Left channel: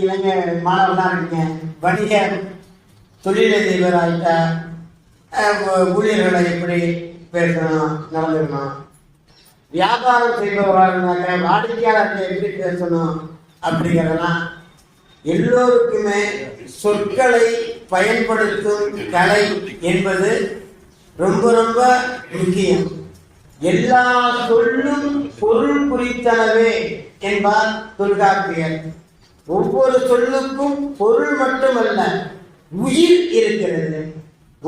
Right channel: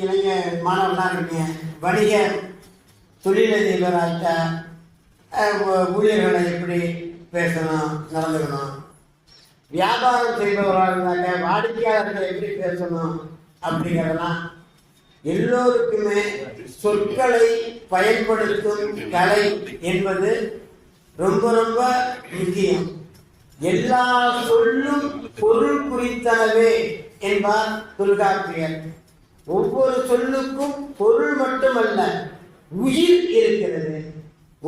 இளைஞர் மாணவர்களாக இருக்கீங்க, வணிக தொழிலதிபர் ஆகிட்டா ஊழியர்களை எப்படி பேசணும், நடந்துக்கணும், வியாபாரம் செய்பவராக இருந்தாங்க வாடிக்கையாளர்களை எப்படி பேசணும் அப்படிங்கிறதெல்லாம் எல்லோருக்குமே சொற்களை பயன்படுத்தும் கலை என்பது ரொம்ப ரொம்ப முக்கியம். எல்லா சொல்லும் பொருள் குறித்தளவே என்பார் தொல்காப்பியர். ஒவ்வொரு சொல்லுக்கும் பொருள் மட்டுமல்ல, உயிர் இருக்கிறது.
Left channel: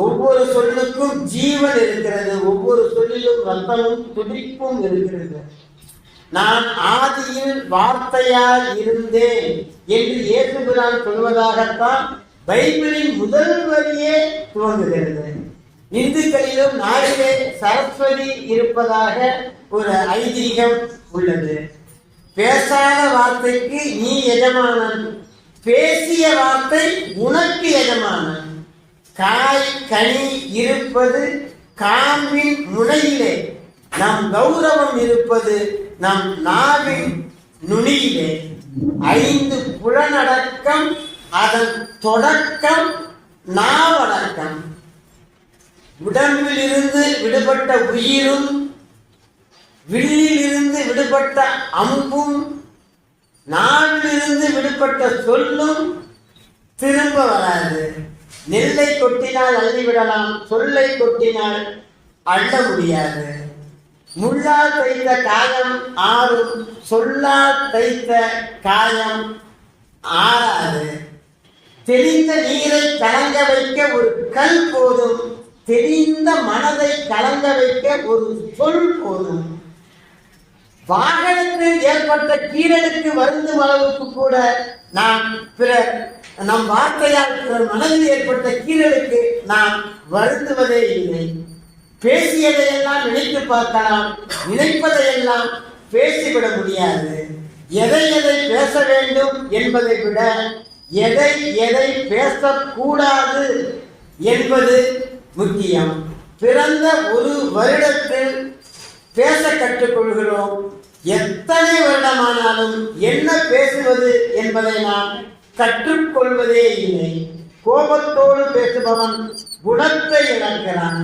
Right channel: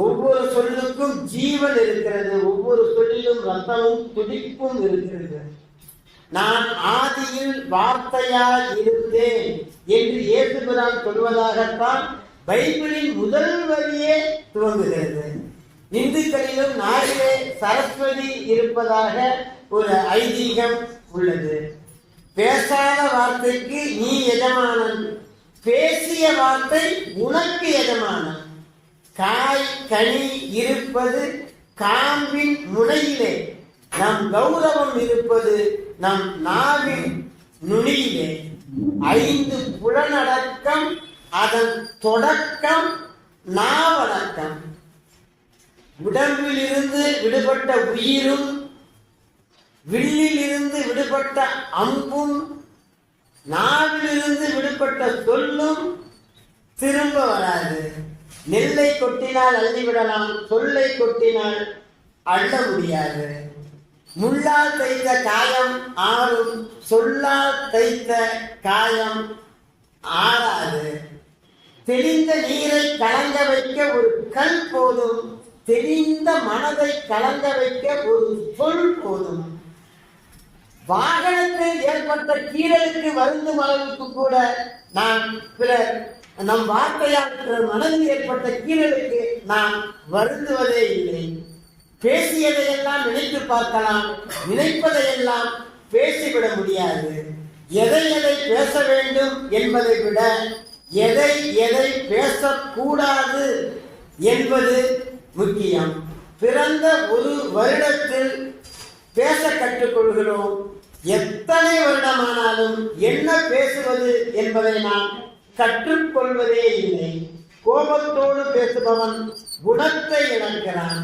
ஒவ்வொரு சொல்லுக்கும் ஜீவன் இருக்கிறது. ஒவ்வொரு சொல்லிலும் ரத்தமும் துடிப்பும் இருக்கிறது. நான் ஆதியில் வார்த்தையால் இருந்தேன் என்று இயேசுபிரான் சொல்வதாகத்தான் பைபிளின் முதல் வரியே துவங்குகிறது. இந்துக்களிலும் நாளிலே சரஸ்வதி இருப்பதாக ஒரு ஐதீகம் உள்ளது. பேசாத வார்த்தைக்கு நீ எஜமானன், பேசிய வார்த்தை உனக்கு எஜமானன். காய் கனி இருப்பது காம்பின் முனையிலே, நம் கௌரவம் இருப்பது நம் நாவின் நுனியிலே. 5 புலனடக்கம், அதன் தொடக்கம் நாவடக்கம். உடம்பில் இருந்து விடுபட்ட உயிரும் வில்லில் இருந்து விடுபட்ட அம்பும் நாவிலிருந்து விடுபட்ட சொல்லும் திரும்ப வராது. நெல்லை கொட்டினால் அள்ளிவிடலாம், சொல்லை கொட்டினால் அள்ள முடியாது. முள்ளால் தைத்த காயம் ஆறும், சொல்லால் தைத்த காயம் ஆறாது. தெளிந்த நீரை கலங்க வைக்க ஒரு கல் போதும், தெளிந்த மனதை கலங்க வைக்க ஒரு சொல் போதும். வாகனத்தில் ஏற்பட்ட கீழலுக்கு வருந்தும் அளவுக்கு கூட நாம் நம் வார்த்தையால் பிறர் மனதில் ஏற்பட்ட கீழலுக்கு நாம் வருந்துவதே இல்லை. பேசியதையெல்லாம் நினைத்து பார்க்கலாம், நினைப்பதையெல்லாம் பேசிவிட முடியாது. எதை எதை பேச வேண்டும் என்பதை விட எதை எதை பேசக்கூடாது என்பது முக்கியம். பிறந்த ஒரு வருடத்தில் பேச கற்றுக்கொள்கிறோம். எத்தனை வருடமானாலும் என்ன பேசுவது என்பதை நாம் கற்றுக்கொள்வதே இல்லை. கோபத்தோடு பேசுபவன் குணத்தை இழக்கிறான்.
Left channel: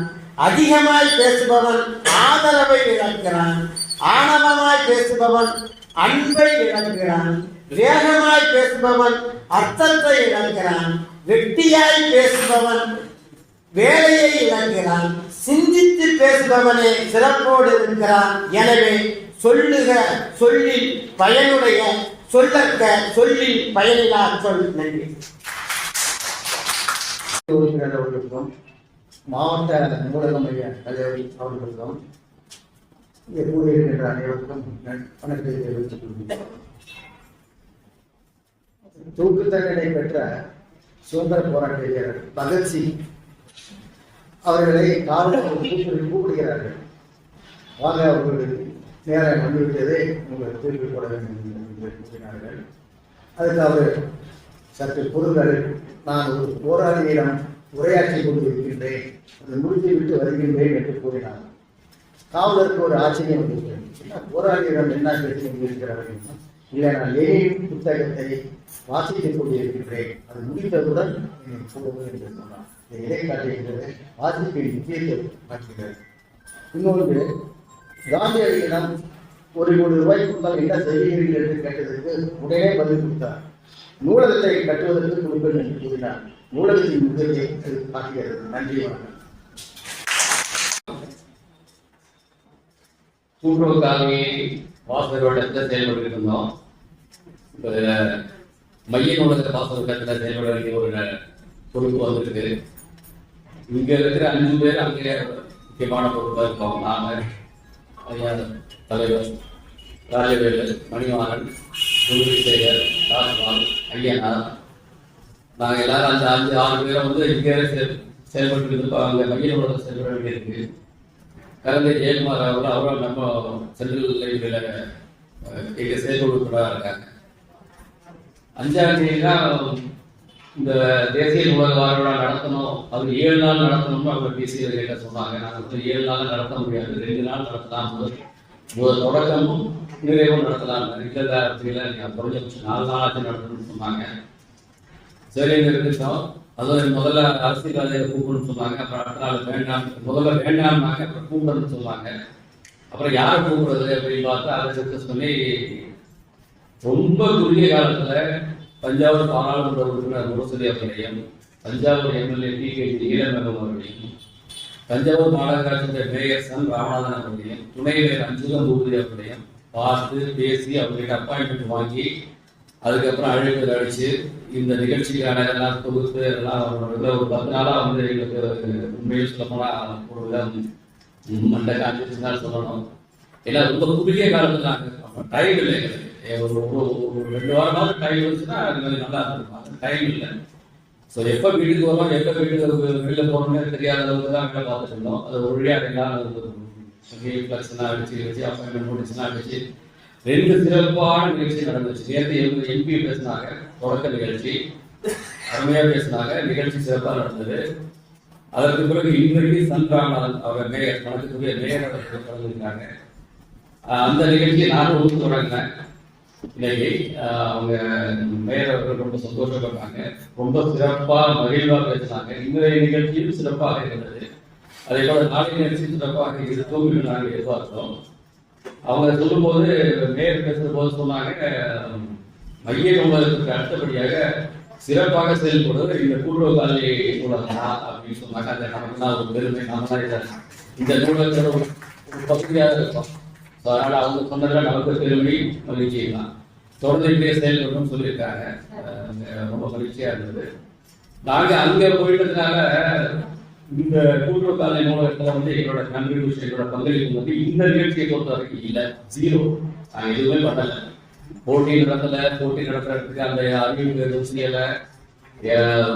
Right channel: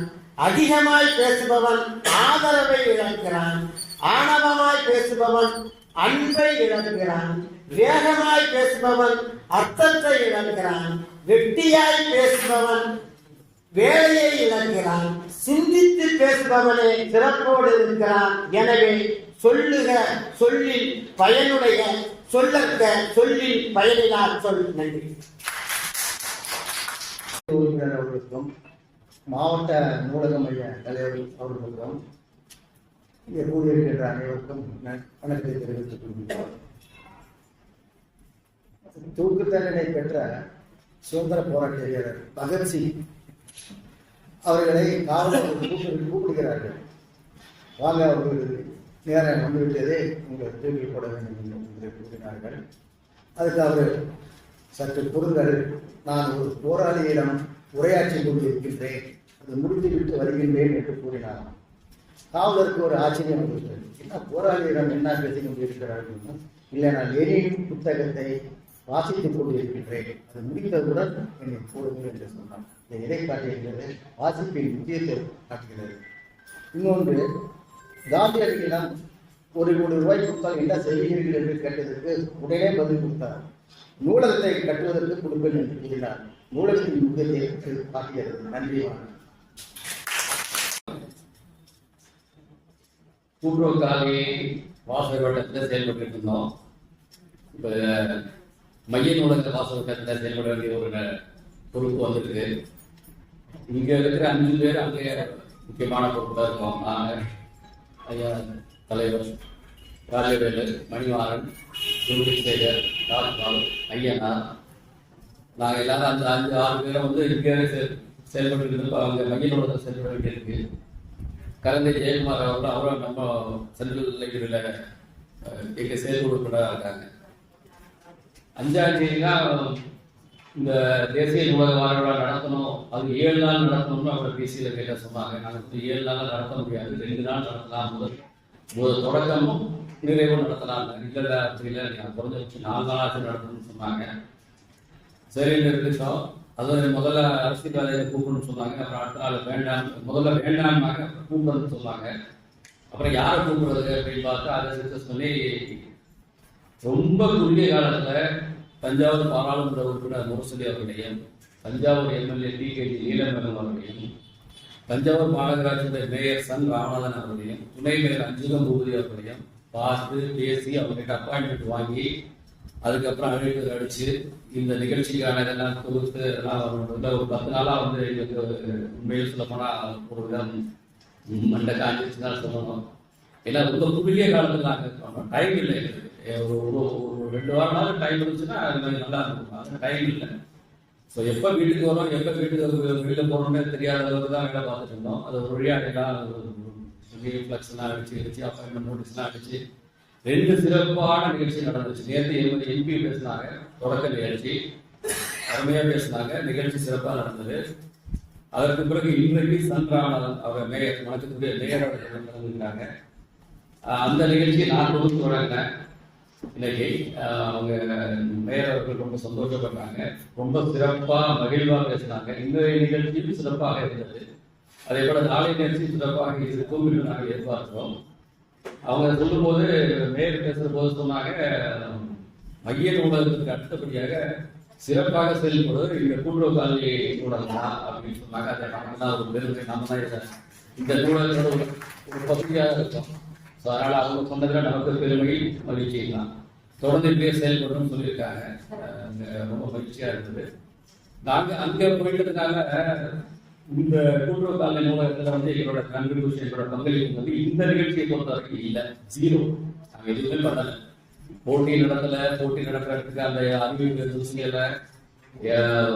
அதிகமாய் பேசுபவன் ஆதரவை இழக்கிறான். ஆணவமாய் பேசுபவன் அன்பை இழக்கிறான். வேகமாய் பேசுபவன் அர்த்தத்தை இழக்கிறான். வெட்டியாய் பேசுபவன் வேலையை இழக்கிறான். சிந்தித்து பேசுபவனே சிறப்போடு இருக்கிறான். எனவே சொல்லுக சொல்லில் பயனுடைய, சொல்லற்க சொல்லில் பயனிலா சொல். நன்றி. அவர்களுக்கும் மாவட்ட ஊடக மைய தலைவர் அவர்களுக்கும் இங்கே கூறியிருக்கின்ற அனைவருக்கும் வணக்கத்தை தெரிவித்துக் கொள்கிறேன். தூக்கு தண்டனை பெற்ற சுதந்திர போராட்ட வீரர் பகத்சிங் அவர்களை காவலர்கள் கூப்பிடுகிறார்கள். வாங்க, அவர்களுக்கு நேரம் வந்துவிட்டதை உங்களுக்கு திருப்பி போட வேண்டும் என்று கூறினார்கள். அதுக்கு அவர் சற்று பொருங்கள், நான் ஒரு போராளியிடம் உரையாற்றி கொண்டிருக்கின்றேன், அதை முடித்துவிட்டு வருகின்றேன் என்று கூறினார். காவலருக்கு ஒரு ஆச்சரியம் வந்துவிட்டது. போராளியிடம் என்ன பேசிக் கொண்டிருக்கிறார்கள்? இல்லை, நான் லேனின் புத்தகத்தை வாசித்துக் கொண்டிருக்கின்றேன், அது முடித்தவுடன் என்னை கூடவே என்று சொன்னார். இதை காட்டுகின்றது, வாசிப்பின் முக்கியத்துவம் காட்டுகிறது. இன்னொன்று, காந்தியடிகளிடம் ₹1 கோடி கொடுத்தால் என்ன செய்வீர்கள் என்று கேட்டதற்கு உடனே பதில் கொடுத்தார். நூலகத்தை கட்டுவதற்கு கொடுப்பேன் என்று கூறினார். நூலகத்தின் முக்கியத்தை காட்டுகிறது. நன்றி. கூட்டுறவு காலனியை வாசகரோட செயல்பட்டு இருந்தோம். இப்போ மைய நூலகத்தை வாசகத்தில் செயல்பட வேண்டிய ஒரு பொறுப்பு வந்திருக்கு. இங்க இருக்கிற 5 பேர் அங்கே முக்கியமான பொறுப்பாக இருக்கோம். நாங்கள் ஐயா தலைவர் ராஜவேலு, மணிவாரன், குருவிசேகர், ராஜ்குமார், ஐயனார், நாங்கள் எல்லாரும் அந்த 5-6 பேரை வந்து இங்கே செயல்பட்டு அங்கே மைய நூலகத்தை செயல்பட வேண்டியிருக்கு. கலந்த ஜெயக்குமார் அவரும் நம்ம சென்ட்ரல் லைப்ரரியில் இங்கே செயல்படுத்தா இருக்காங்க. 5ஆம் தேதி தான் இந்த தேசிய நூலக வார விழா நடத்தணும். அது 7 நாள் நடத்தணும்னு அவங்க பிசிஆர் கிட்ட சொன்னாங்க. நாங்கள் வந்து 7 நாள் நடத்த முடியாது, 2 நாள் நடத்தலாம். முதல் தொடக்கமும் நிறைவும் நடத்தலாம். இல்லை இல்லை நீங்கள் குறைஞ்சபட்சம் 4 நாளாச்சும் நடத்தணும்னு சொன்னாங்க. சரி இருக்கட்டும். அது முதல்ல அரசியல்வாதிகளை கூப்பிடணும்னு சொன்னாங்க. அப்புறம் அடுத்த நாள் வேண்டாம், முதல்ல வேண்டாம்னாங்க, அப்புறம் கூப்பிடணும்னு சொன்னாங்க. அப்புறம் யார் கூப்பிடுறது அப்படின்னு பார்த்தா அதை சக்சஸ் பண்ணி ரொம்ப குறுகிய காலத்தில் தஞ்சாவூர் பாராளுமன்ற உறுப்பினர் முரசொலி அவர்களையும், தஞ்சாவூர் எம்எல்ஏ டிகேஜி ஈழமேகம் அவர்களையும், தஞ்சாவூர் மாநகராட்சியுடைய மேயர் சன் ராமநாதன் அவர்களையும், துணை மேயர் அஞ்சுகம் பூபதி அவர்களையும் பார்த்து பேசி அவர்கிட்ட அப்பாயின்மெண்ட் வாங்கி அதுக்கப்புறம் அழைப்பு அழைச்சு இந்த நிகழ்ச்சிக்கான எல்லாம் தொகுத்து எல்லாம் ஒரு 10 நாளாக வந்து எங்களுக்கு உண்மையில் சொல்ல போனால் ஒரு விதம் மண்டை காஞ்சிச்சுன்னு தான் சொல்லணும். ஏன்னா ரொம்ப குறுகிய காலத்தில் நாங்கள் டைம் இல்லை, ஒரு 2 வாரமாக டைம் இருந்துச்சுன்னா நல்லா இருக்கும். அந்த டைம் இல்லை. ஸோ எப்போ வீட்டுக்கு வரோம், எப்போ வீட்டுக்கு வெளியில் போகிறோம்னு தெரியாத அளவுக்கு தான் வேலை பார்த்துட்டு இருந்தோம். அது ஒரு வழியாக எல்லாம் ஃப்ளக்ஸ்லாம் அடிச்சு வச்சு அப்பாயின்மெண்ட் நோட்டீஸ்லாம் அடிச்சு 2 சிறப்பான நிகழ்ச்சி நடந்துச்சு. நேற்று எம்பி பேசினாங்க, தொடக்க நிகழ்ச்சி அருமையாக பேசினாங்க, நிகழ்ச்சி சிறப்பாக நடந்தது. அதற்கு பிறகு இன்றைக்கு சன் ராமநாதன் அவர் மேயர் மனத்துக்குரிய மேயர் கலந்துருக்காங்க. அந்த நிகழ்ச்சியை நானும் ஒத்து தொடங்கினேன். இன்னைக்கு அவங்க மேயர் அவர்கள் ரொம்ப சந்தோஷப்படுறாங்க, ரொம்ப சிறப்பாக மகிழ்வாக பேசினாங்க. இன்றைய நிகழ்ச்சியும் சிறப்பாக இருந்தது. அதே போல நாளைய நிகழ்ச்சியும் சிறப்பாக இருக்கும் நாங்கள் எதிர்பார்க்கிறோம். அவங்க சொல்லும்போது மேயர் பேசுற போது சொன்னாங்க, மைய நூலகத்துக்கு அடுத்தபடியாக சிறப்பாக செயல்படுவது இந்த கூட்டுறவு காலனி நூலகம் அப்படின்னு சொன்னாங்க. அந்த நமக்கு ஒரு பெருமை, நம்ம தான் இந்த நூலகத்தோட ஒரு பகுதியாக இருக்கும். ஸோ அதனால் அவங்க சொன்னதை நமக்கு பெருமை, மகிழ்ச்சி தான். தொடர்ந்து இப்படியே செயல்படணும்னு சொல்லியிருக்காங்க. ரொம்ப மகிழ்ச்சியாக இருந்தது. நாங்கள் அங்கே போயிட்டதுனால இந்த கூட்டுறவு காலனி நூலகத்தில் வந்து எங்களோட கன்ட்ரிபியூஷன், எங்களோட பங்களிப்பு வந்து இந்த நிகழ்ச்சியை பொறுத்த வரைக்கும் இல்லை, 0. நாங்கள் எதுவுமே பண்ணலை. போட்டி நடத்துறதுக்கு அந்த அறிவிப்பு எதுவும் செய்யலை,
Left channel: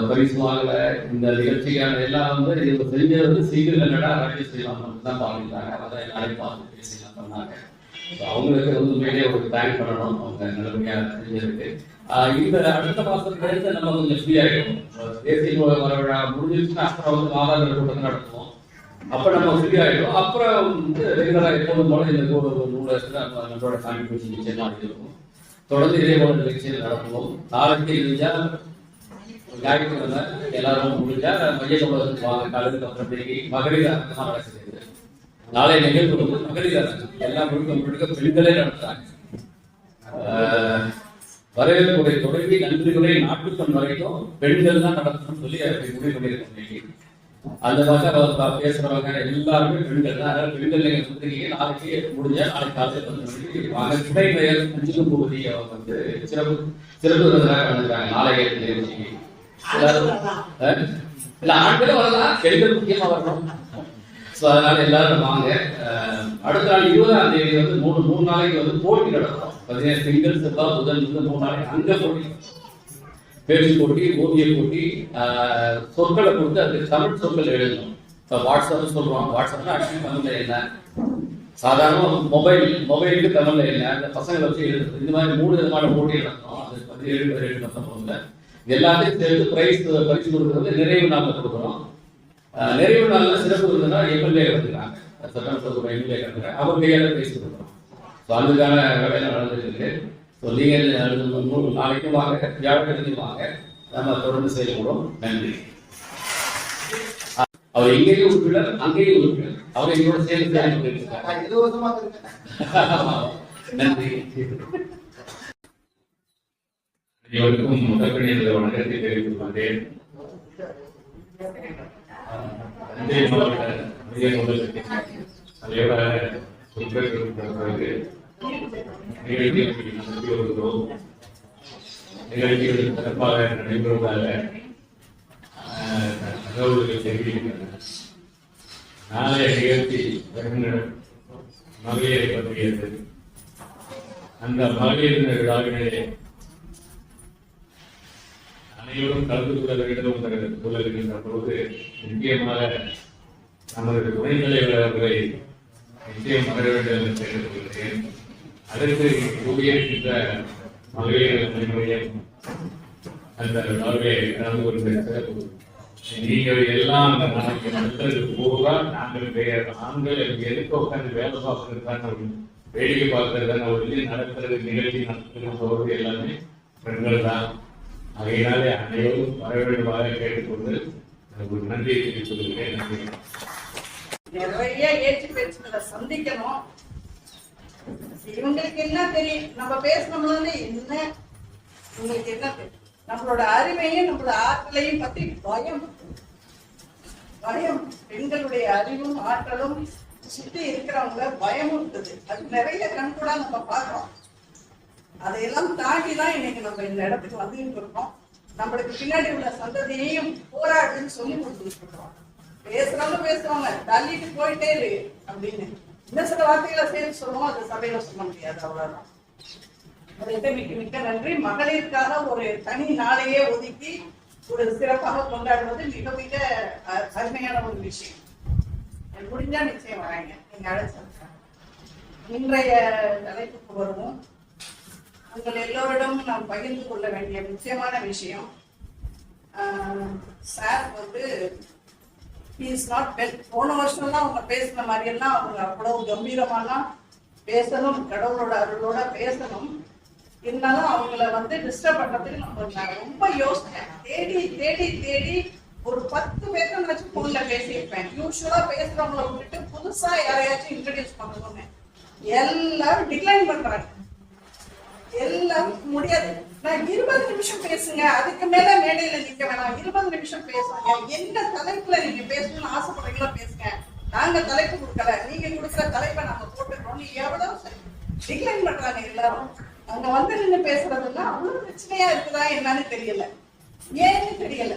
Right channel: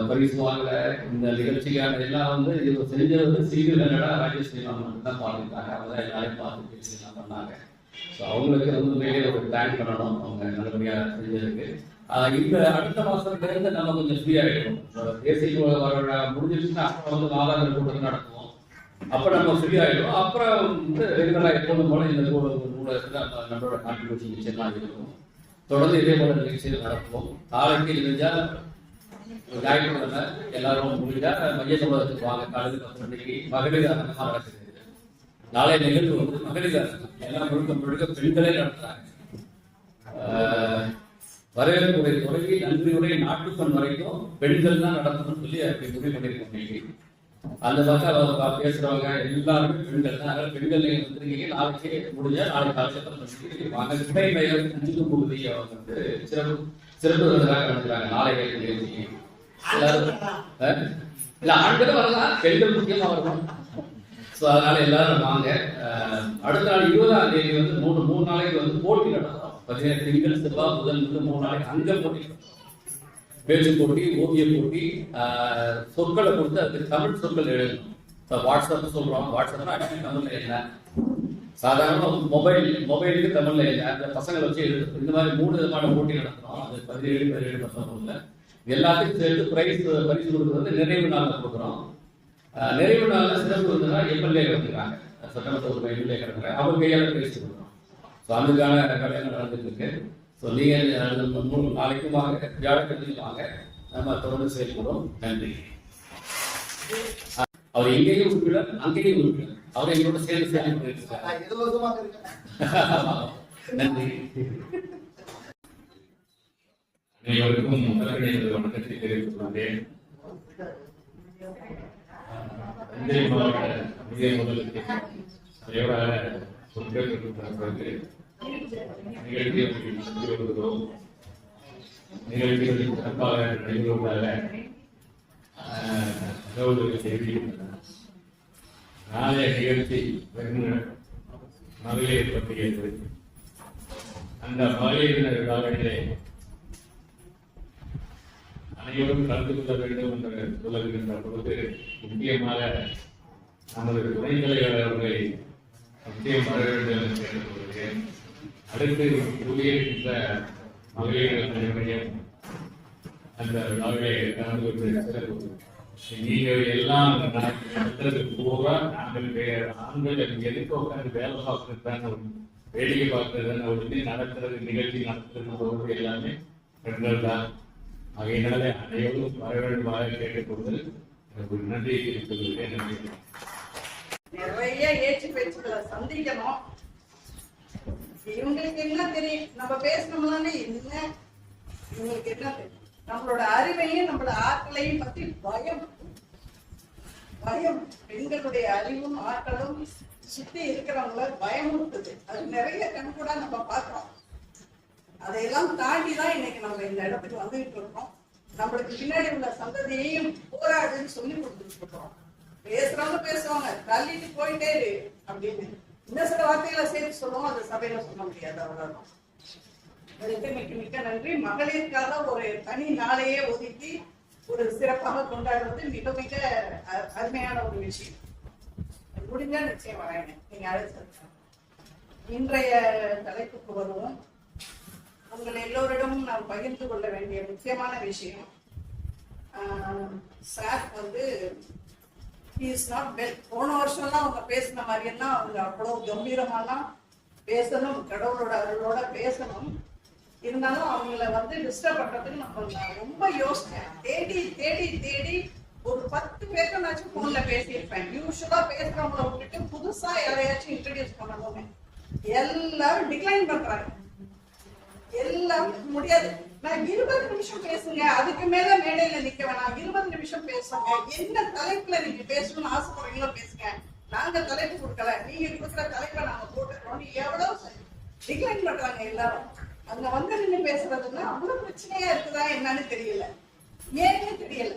பரிசு வாங்கலை. இந்த நிகழ்ச்சிக்கான எல்லாம் வந்து இது செஞ்சது சீக்கிரம் என்னடா அரேஞ்ச் செய்யலாம் தான் பார்த்துட்டாங்க. அதான் எல்லாரையும் பார்த்து பேசிலாம் பண்ணாங்க. ஸோ அவங்களுக்கு வந்து உண்மையிலே ஒரு தேங்க் பண்ணணும், அவங்க நல்லபடியாக செஞ்சிருக்கு. இந்த அடுத்த மாதத்துலேருந்து நம்ம கொஞ்சம் ஃப்ரீ ஆகிடும். தேசிய நூலக விழா முடிஞ்சிருச்சுன்னா அப்புறம் வந்து மாதாந்திர கூட்டம் நடத்துவோம். அப்போ நம்ம ஃப்ரீ ஆகிடும். அப்புறம் வந்து ரெகுலராக எப்போதும் போல இந்த நூலகத்தில் நம்மளோட கான்ட்ரிபியூஷன் நிச்சயம் இருக்கும். தொடர்ந்து இதே போல நிகழ்ச்சிகள் நடத்துவோம். நாளைக்கு இருந்தால் ஞாயிற்றுக்கிழமை எல்லாரும் முடிஞ்சா மைய நூலகத்துக்கு வாங்க. காலத்துக்கு அப்புறமேக்கு மகளிர் அரங்கமாக நடக்குது. நாளைய நிகழ்வு வந்து மகளிர் அரங்கம், எல்லாம் முழுக்க பெண்களே நடத்துறாங்க. வரவேற்புரை தொடங்கி நன்றியுரை நாட்டுப்பண் வரைக்கும் பெண்கள் தான் நடத்தணும்னு சொல்லி அப்படி முடிவு பண்ணியிருக்கோம். அந்த மாதிரி பேசுறவங்க எல்லாருமே பெண்கள் தான். அதனால பெண்கள் நீங்க சொல்றீங்க, நாளைக்கு முடிஞ்சா நாளைக்கு காலையில் 10 மணிக்கு வாங்க. துணை பெயர் அஞ்சுகம் பூபதி அவங்க வந்து சிறப்பு விருதுகளாக கலந்துருக்காங்க நாளைய நிகழ்ச்சிக்கு. இல்ல ஆண்களும் வரலாம், பெண்கள் முக்கியமா வரணும். ஸோ அதனால எல்லாரும் வாங்க. அடுத்த நாள் 20ஆம் தேதி வந்து மூணு நாளைக்கு வந்து போட்டி நடத்துறோம். 17 திங்கள் செவ்வாய் புதன் 3 நாளைக்கு அங்க போட்டி, பேச்சு போட்டி, ஓவிய போட்டி, சொற்களை கொடுத்து அதுக்கு தமிழ் சொற்கள் எழுதணும். இப்போ வாட்ஸ்அப் சொல்றோம், வாட்ஸ்அப்னா ஆக்சுவலி தமிழ்ல இல்லை, சாதாரண மொபைலுக்கு தமிழ்ல இல்லை. அந்த பசங்களை வச்சு எழுதுறது. இந்த மாதிரி 3 விதமான போட்டி நடத்துறோம். அது 17, 18, 19 எல்லாத்தையும் சேர்த்து பரிசு கொடுக்குறது நிறைவு நாளில் கொடுக்குறோம். நிறைவு நாளில் சிறப்பு விருதுனா எம்எல்ஏ வந்துருக்காங்க, சட்டமன்ற எம்எல்ஏ வந்துருக்காங்க, அவங்க கையால் பேசி கொடுக்குறோம். ஸோ அதுக்கான வேலையில் நடந்துட்டு இருக்கு. ஸோ நீங்கள் நாளைக்கும் வாங்க, வியாழக்கிழமையும் வாங்க, நம்ம தொடர்ந்து செயல்படுறோம். நன்றி. அவர் எங்கேயும் உறுப்பினர், அங்கேயும் உறுப்பினர், அவர் எங்களோட சேர்ந்து செயல்பட்டு நன்றி. அனைவருக்கும் முதற்கணி வணக்கத்தை தெரிவித்துக் கொண்டேன். தஞ்சை மாவட்ட மைய நூலகத்தின் தலைவராக பிறகு நிகழ்ச்சிகள் நடத்தி வருகிறோம். நிகழ்ச்சிகள் சிறப்பாக நடைபெறுவதாக தகவல்கள் தெரிவிக்கின்றன. நாளைய நிகழ்ச்சி மகளிரை பற்றியது. அந்த மகளிர் விழாவிலே அனைவரும் கலந்து கொள்ள வேண்டும் என்று சொல்லிருக்கின்ற பொழுது முக்கியமாக நமது துணைத் தலைவர் அவர்களை நிச்சயம் வர வேண்டும் என்று கேட்டுக்கொள்கிறேன். அதற்கு கூடியிருக்கின்ற மகளிர் அனைவரையும் அந்த விழாவிலே கலந்து கொண்டு நீங்கள் எல்லாம் நல்லது பூரா நாங்கள் எதுக்கு உட்காந்து வேலை பார்க்கறதுதான் வேடிக்கை பார்க்கறதுன்னு ஒரு நடத்துறது நிகழ்ச்சி நடத்துறது போகிறது எல்லாமே பெண்கள் தான். ஆகையினாலே அனைவரும் வர வேண்டுமாக கேட்டுக்கொண்டு ஒரு நன்றியை தெரிவித்துக் கொள்கிறேன். நிறைய ஏற்று பேச்சுக்களை சந்திக்கணும். இவங்களுக்கு என்ன தெரியும்? நம்ம பேசணும்னாலே என்ன இவங்களுக்கு என்ன தெரியும்? நம்மளோட அறிவையும் நம்மளோட ஆற்றலையும் பத்தி பயம். பெண்களுடைய அறிவும் ஆற்றலும் சுத்தி இருக்கிறவங்க பயமும் இருக்குது. அது நிறைய கண்கூடா நம்ம பார்க்கிறோம். அதையெல்லாம் தாண்டிதான் இன்னைக்கு நம்ம இந்த இடத்துக்கு வந்துகிட்டு இருக்கோம். நம்மளுக்கு பின்னாடி உள்ள சந்ததியையும் போராடுன்னு சொல்லி கொடுத்துட்டு இருக்கோம். பேசுறவங்க பேசுவாங்க, தள்ளிட்டு போயிட்டே இரு அப்படின்னு. இன்னும் சில வார்த்தைகளை சேர்த்து சொல்லுவோம், அது சபையில சொல்ல முடியாது. அவ்வளவுதான். அதுக்கு மிக்க நன்றி. மகளிருக்காக ஒரு தனி நாளையே ஒதுக்கி ஒரு சிறப்பாக கொண்டாடுவது மிக மிக அருமையான ஒரு விஷயம். முடிஞ்சா நிச்சயம் வராங்க, நீங்க அழைச்சா. இன்றைய தலைப்புக்கு வருவோம். உங்கள் எல்லோரிடமும் நாம் பகிர்ந்து கொள்ள வேண்டிய முக்கியமான விஷயம், சார் வந்து போன வருஷம்லாம் அவங்க பேசின மாதிரி எல்லாம் அவங்க அவ்வளவு கம்பீரமாலாம் பேசணும், கடவுளோட அருளோட பேசணும். இருந்தாலும் அவங்கள வந்து டிஸ்டர்ப் பண்றதுக்கு நான் ரொம்ப யோசிச்சேன். தேடி தேடி தேடி ஒரு 10 பேருக்குனாச்சும் போன்ல பேசியிருப்பேன். யூஸ்வலா பேசுறவங்கள விட்டுட்டு புதுசா யாரையாச்சும் இன்ட்ரடியூஸ் பண்ணணும்னு எல்லாரும் டிக்ளைன் பண்றாங்க. எல்லாருக்கும் முடியாது. நான் 20 நிமிஷம் பேசுங்க, அதுக்கு மேல மேடையில நிக்க வேணாம், 20 நிமிஷம் பேசுங்க, என்ன தலைப்புல நீங்க பேசணும்னு ஆசைப்படுறீங்களோ பேசுங்க, நாங்க தலைப்பு கொடுக்கல, நீங்க கொடுக்குற தலைப்பை நாங்க போட்டுக்கிறோம். எவ்வளவு டிக்ளைன் பண்றாங்க எல்லாரும். அங்க வந்து நின்று பேசுறதுன்னா அவ்வளவு பிரச்சனையா இருக்குதா என்னன்னு தெரியல, ஏன்னு தெரியல.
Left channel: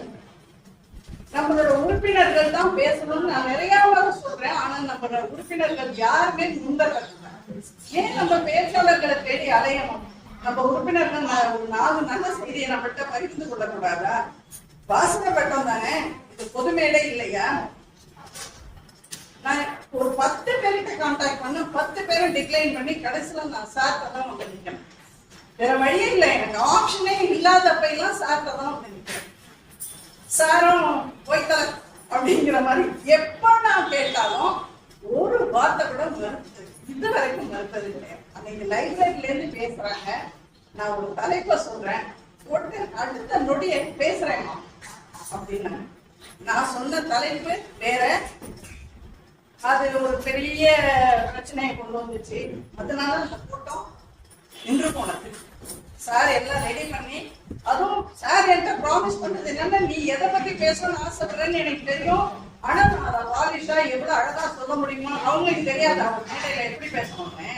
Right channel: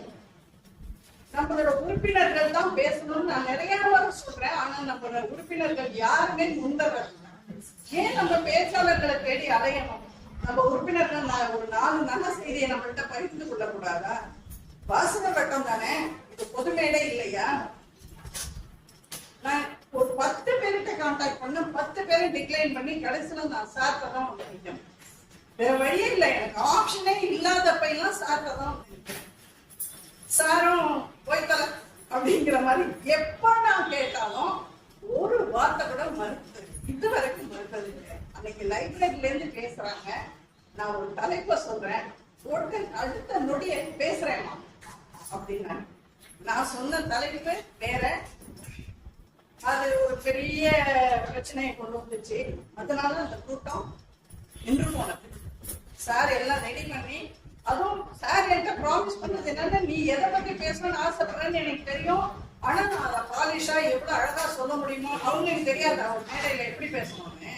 நம்மளோட உறுப்பினர்கள் தான் பேசணும்னு நான் நிறைய முறை சொல்றேன். ஆனா நம்ம உறுப்பினர்கள் யாருமே முன்வர. ஏன் நம்ம பேச்சாளர்களை தேடி அலையணும்? நம்ம உறுப்பினர்கள் ஒரு 4 நல்ல செய்தியை நம்மள்கிட்ட பகிர்ந்து கொள்ளக்கூடாதா? வாசக கட்டம் தானே இது, பொது மேடை இல்லையா? நான் ஒரு 10 பேர்கிட்ட கான்டாக்ட் பண்ண 10 பேரும் டிக்ளைன் பண்ணி கடைசியில நான் சார்ட்ட தான் வந்து நிற்கிறேன். வேற வழியே இல்லை, எனக்கு ஆப்ஷனே இல்லாதப்ப எல்லாம் சார்ட்ட தான் வந்து நிற்கிறேன். சாரும் போய்த்தல அப்படிங்கிற மாதிரி எப்ப நான் கேட்டாலும் ஒரு வார்த்தை கூட மறுப்பது, இது வரைக்கும் மறுப்பது கிடையாது. அன்னைக்கு லைப்ரரியில இருந்து பேசுறாங்க, நான் ஒரு தலைப்பை சொல்றேன், போட்டு அடுத்த நொடியை பேசுறேன் அப்படின்னா நான் சொன்ன தலைப்பு வேற. அது ஒரு பெரிய பிரச்சனையை கொண்டு வந்துச்சு. அதனால அந்த கூட்டம் நின்று போனது. சார் எல்லாம் ரெடி பண்ணி, அதுவும் சார் என்கிட்ட ப்ராமிஸ் பண்ணது என்னன்னா, நீ எதை பத்தி பேசணும்னு ஆசைப்படுறேன்னு எனக்கு தெரியும், ஆனா நான் அதை பாலிஷா எவ்வளவு அழகா சொல்ல முடியுமோ அவங்களுக்கு தெரியாது. அவங்க மேடையில எப்படி பேசணும்னு,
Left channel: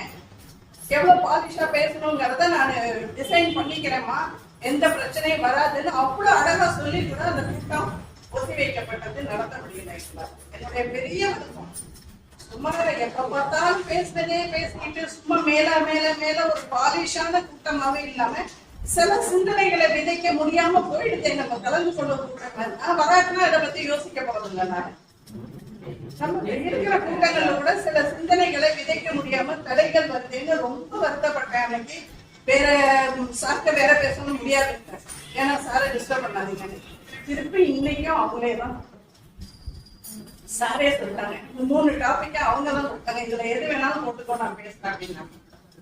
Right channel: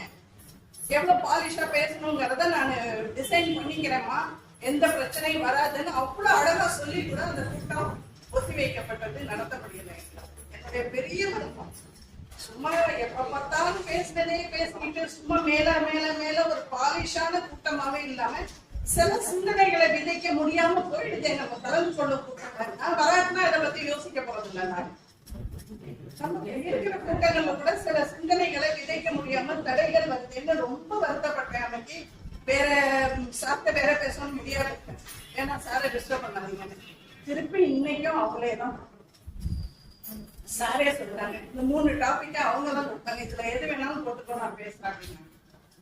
எவ்வளவு பாலிஷா பேசணுங்கிறத நான் டிசைன் பண்ணிக்கிறேம்மா, எந்த பிரச்சனையும் வராதுன்னு அவ்வளவு அழகா சொல்லி கூட அந்த கூட்டம் ஒத்தி வைக்கப்பட்டது, நடத்த முடியல. என்னுடைய பெரிய விருப்பம். சும்மா எப்ப பார்த்தாலும் பேசுனதே பேசிக்கிட்டு சும்மா மேல மேல மேல ஒரு பாலிஷான கூட்டமாவே இல்லாம சில சிந்தனைகளை விதைக்க முடியாம போயிடுது. நம்ம கலந்து கொள்ள கூட்டம் நான் வராட்டுனா இதை பத்தி யோசிக்க போறதில்லை. நான் நம்ம இருக்கிற கூட்டங்கள்ல கூட சில சிந்தனைகளை விதைக்க முடியாம தடைகள் வருதுன்னு ரொம்ப வருத்தப்பட்டேன். அன்னைக்கு வேற சார்ட்ட வேற பேசணும் முடியாது, ஏன்னா சாரை டிஸ்டர்ப் பண்ணாதீங்க. திருப்பி இன்னைக்கும் அவங்களே தான் சாரே சொல்லிட்டாங்க, இந்த 3 டாபிக்கா அவங்க தான் கொடுத்தாங்க, இதுல எது வேணாலும் போட்டுக்கோ நான் பேசுறேன் அப்படின்னா.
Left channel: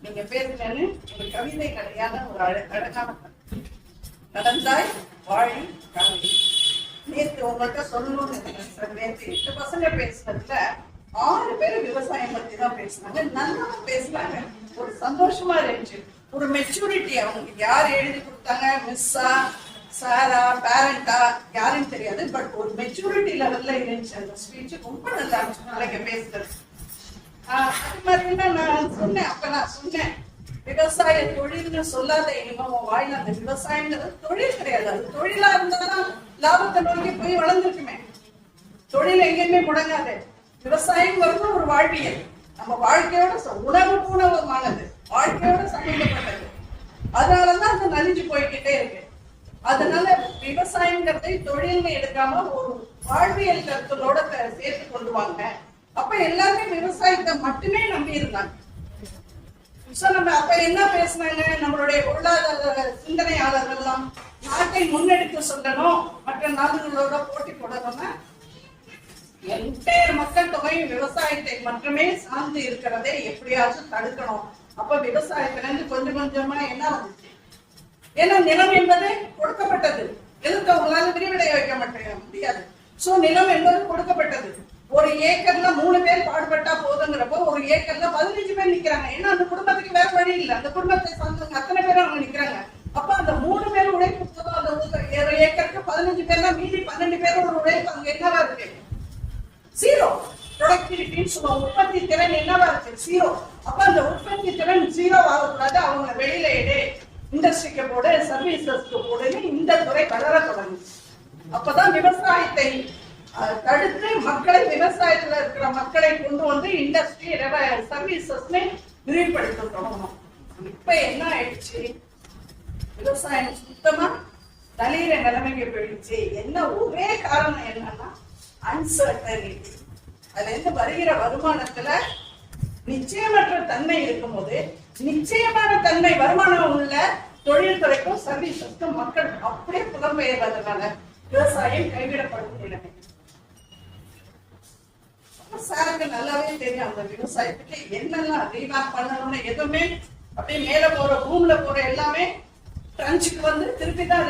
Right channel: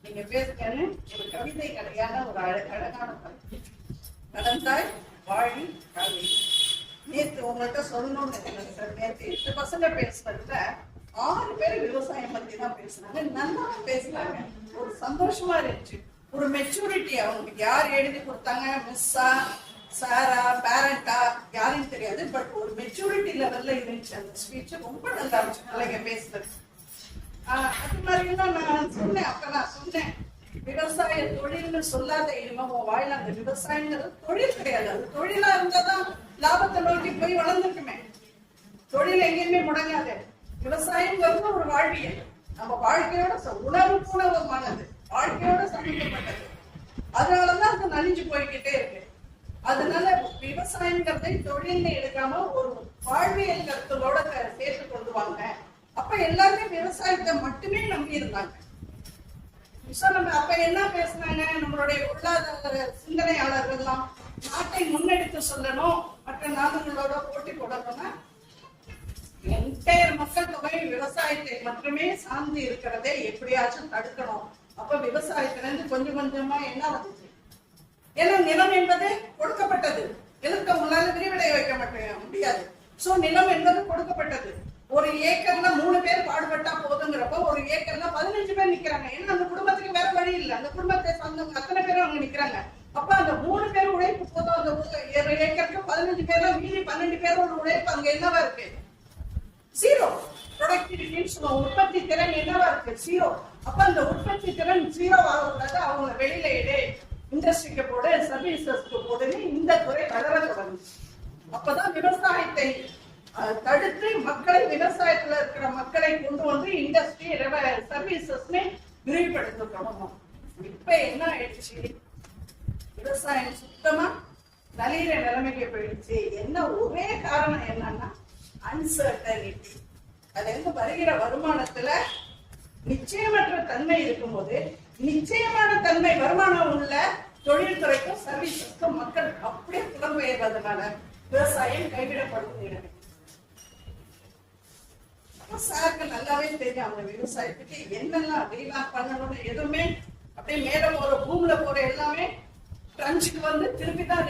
நீங்க பேசுறேன்னு ஒரு கவிதை கதையான ஒரு அழகான நடந்தாய் வாழி கவி. நேற்று உங்கள்கிட்ட சொல்லணும்னு நினைக்கிறேன் சார். நேற்று 8 பசங்க பேசுனதுல 6 பேர் விவசாயம் பத்தி தான் பேசினாங்க. நல்லா பேசினாங்க, ஒரு சந்தோஷமா இருந்துச்சு. ஒரு மெச்சூரிட்டி அவங்களுக்கு. யார் எழுதி கொடுத்தாங்க, மிஸ்ஸா சாரா பேரண்டா யாருன்னு தெரியாது, பட் ஒரு மெச்சூரிட்டி லெவல்ல இருந்துச்சு அந்த ஸ்பீச். ரொம்ப நல்லா இருந்துச்சு பிள்ளைங்க பேசுறது. அது மாதிரி நான் சொன்னேன், அப்ப நான் சொன்னேன், விவசாய தொழில்னு சொல்லாத இனிமே உன் வாயில அந்த விவசாயங்கிறது தொழில் கிடையாது. அது தொழிலா இருந்தாலும் லாபத்தை நோக்கி போய் வளர்ந்துருக்குமே. தொழில் எங்கேயுமே முடங்காது. விவசாயங்கிறது ஒரு வாழ்வியல், நம்ம வாழ்க்கையோட உணவு பூணவமானது, வாழ்க்கையோட சம்பந்தப்பட்டது. அதனாலதான் அது நலிஞ்சு போய்கிட்டே இருக்கு. அதனால விவசாயங்கிறதை தொழில்னு எடுக்காம ஒரு வாழ்வியல் கருத்தலோட சேர்த்து கொண்டு வாங்க. அப்ப எல்லாருமே விவசாயத்தை மட்டுமே நம்பி இருந்தாங்க. நம்ம அப்ப என்ன பேசினாங்க, நம்மளுடைய பொருளாதார சிந்தனையாளர்கள் எல்லாம் நாட்டை முன்னெடுத்து சொல்லணும், மற்ற நாடுகளோட போட்டி போடணும்னா என்டையர் மக்கள் தொகை விவசாயத்தை மட்டுமே சார்ந்து இருக்கிறதை எப்படியாச்சும் தடுக்கணும். அப்ப விவசாயத்துல இருந்து கொஞ்சம் கொஞ்சமா என்ன வந்துச்சு? ஏன்னா நிலம் என்பது கொடுக்கப்பட்டது, எதிர்த்தவங்களால விரிவடைய வைக்க முடியாது. சோ நிலம் என்பது கொடுக்கப்பட்டது. ஒரு ஏக்கர்ல 3 பேர் பாடுபட்டா போதுங்கிறப்போ ஒரு ஏக்கர்ல 15 பேர் நிக்கிறாங்க. ஏன்னா அந்த குடும்பத்துக்கு வேற வழி இல்லை, அந்த குடும்பத்தை சார்ந்தவங்க அத்தனை பேரும் அவங்க நிக்கிறாங்க. அப்ப அந்த 3 பேர் உழைப்பு போதும். அந்த ஏக்கருக்கு 15 பேர்னா மீதி 12 பேரோட உழைப்பு அங்க என்னவா இருக்கு? ஜீரோ. ப்ரொடக்டிவிட்டின்னு சொல்லுவோம், உற்பத்தி திறன் என்னவா இருக்கு? ஜீரோ. அப்ப அந்த உற்பத்தி திறன் ஜீரோ ஆகக்கூடாது. அவங்க வெளியில எடு, இண்டஸ்ட்ரிக்கு போடு, சர்வீசஸ்க்கு போடுன்னு இந்த துறை வளர தொடங்குச்சு. அப்பதான் விவசாயத்தை தடுத்து மக்களை, விவசாயத்துல இருக்கிற மக்களை கொண்டு வந்து இண்டஸ்ட்ரி சர்வீசஸ்ல விரிவுபடுத்த தொடங்கணும். இப்ப என்ன ஆயிடுச்சு? விவசாயம் சுத்தமா நலிகிற நிலைமைக்கு போயிடுச்சு. என்ன ஒரே காரணம் என்னன்னா அன்சர்டனிட்டி. அதுல இருந்து வருகிற வருமானத்துல நிச்சயமற்ற தன்மை இருக்கும்போது நிச்சயமான தன்மை வருமானம் உள்ள தொழில்துறைக்கும் சர்வீஸுக்கும் மக்கள் அப்படியே புலம்பெயர்வதனால விவசாயம் கைவிடப்படும் நிலைமை. சாருக்கு நல்லாவே தெரியும் அந்த விவசாயத்துக்கு என்னெல்லாம் ரீவாக் பண்ணணும்னு. எதுவுமே அப்படியே மேல போற பூமியில போற எல்லாமே ட்ரன்ச்சுக்கு வந்து திருப்பி தான்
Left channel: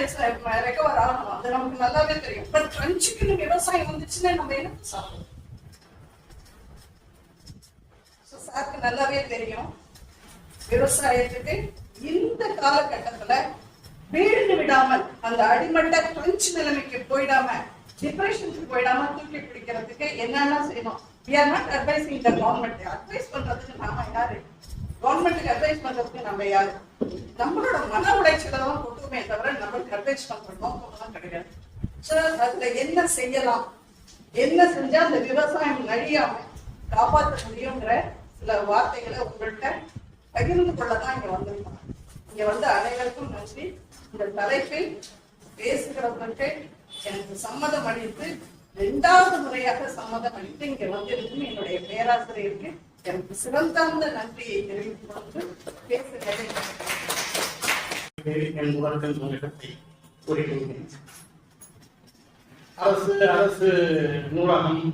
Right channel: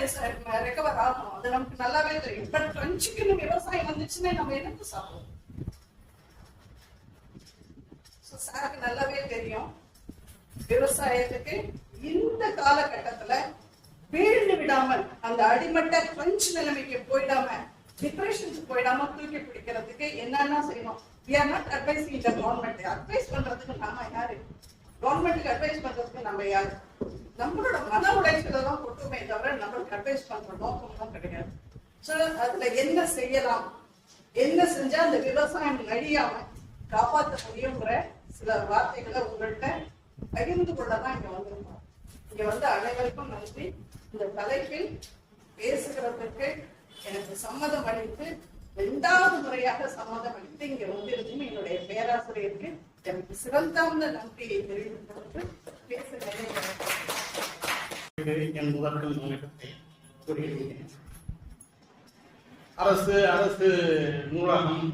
ரெக்கவர் ஆகணும். அது நமக்கு நல்லாவே தெரியும். பட் ட்ரன்ச்சுக்கு விவசாயம் வந்துச்சுன்னா நம்ம எனக்கு சாப்பிடுவோம். சாருக்கு நல்லாவே தெரியும் விவசாயத்துக்கு இந்த காலகட்டத்துல வீழ்ந்து விடாமல், அந்த அடிமட்ட ட்ரன்ச் நிலைமைக்கு போயிடாம, டிப்ரெஷனுக்கு போயிடாம தூக்கி பிடிக்கிறதுக்கு என்னென்ன செய்யணும்? We are not advising the government. Advice பண்றதுக்கு நாம யாரு? கவர்மெண்ட்டுக்கு அட்வைஸ் பண்றதுக்கு நம்ம யாரு? நம்மளோட மன உளைச்சலை தான் கொட்டுமே தவிர நம்மளுக்கு அட்வைஸ் பண்ற நோக்கம் கிடையாது. சோ அதுல என்ன செய்யலாம், என்ன செஞ்சா அந்த விவசாயம் நடிகாம காப்பாற்ற முடியுங்கிற சில வார்த்தைகளை உங்கள்கிட்ட பகிர்ந்து கொள்ளதான் இங்க வந்திருக்கோம். இங்க வந்து அனைவருக்கும் நன்றி. இந்த தலைப்பில் பேசுகிறவர்களுக்கு எனக்கு சம்மதம் அளித்து 2வது முறையாக சம்மதம் அளித்து இங்க வந்திருக்கும் என்னுடைய பேராசிரியருக்கு எனக்கு சிறந்தார்ந்த நன்றியை தெரிவித்துக் கொண்டு பேசுகிறேன். அரசு நூலகம்,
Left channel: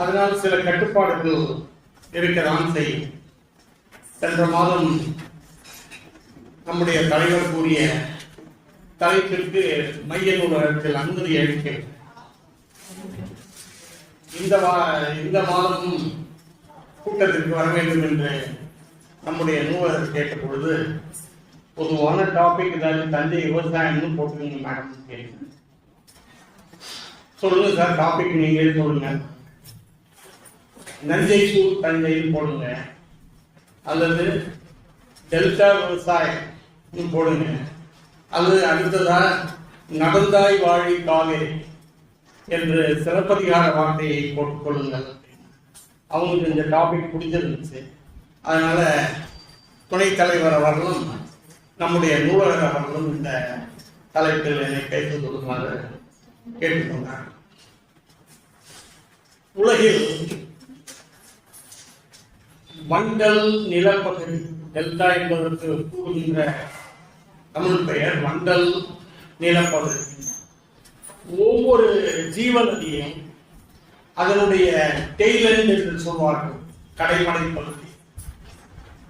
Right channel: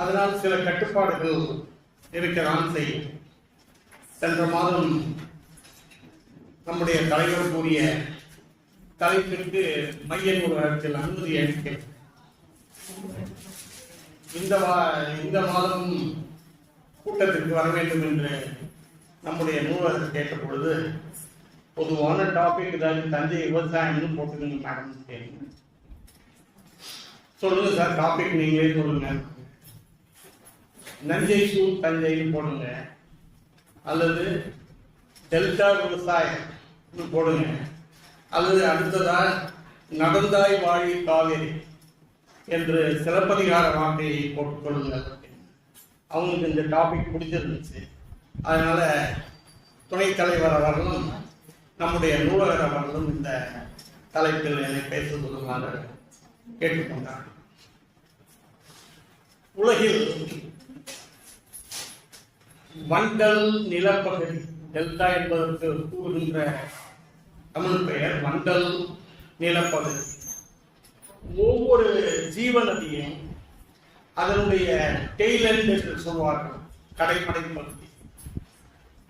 அதனால் சில கட்டுப்பாடுகள் இருக்கதான் செய்யும். சென்ற மாதம் நம்முடைய தலைவர் கூறிய தலைப்பிற்கு மைய நூலகத்தில் அனுமதி அளிக்கிறது. இந்த மாதமும் கூட்டத்திற்கு வர வேண்டும் என்று நம்முடைய நூலகர் கேட்ட பொழுது பொதுவான டாபிக் ஏதாவது தஞ்சை விவசாயம்னு போட்டுருங்க மேடம் கேள்வி. சொல்லுங்க சார், டாபிக் நீங்களே சொல்லுங்க. நஞ்சை சூழ் தஞ்சைன்னு போடுங்க, அல்லது டெல்டா விவசாயம் போடுங்க, அல்லது அடுத்ததா நடந்தாய் வாழி காவேரி என்று சிலப்பதிகார வார்த்தையை போட்டுக் கொள்ளுங்கள். அவங்களுக்கு இந்த டாபிக் பிடிச்சிருந்துச்சு. அதனால துணைத் தலைவர் அவர்களும் நம்முடைய நூலகர் அவர்களும் இந்த தலைப்பில் பேசிக் கொள்ளுமாறு கேட்டுக்கொண்டார். உலகில் மண்டல் நிலப்பகுதி, டெல்டா என்பதற்கு கூறுகின்ற தமிழ் பெயர் மண்டல் நிலப்பகுதி. ஒவ்வொரு ஜீவநதியும் அதனுடைய டெய்லண்ட் என்று சொல்வார்கள், கடைமடை பகுதி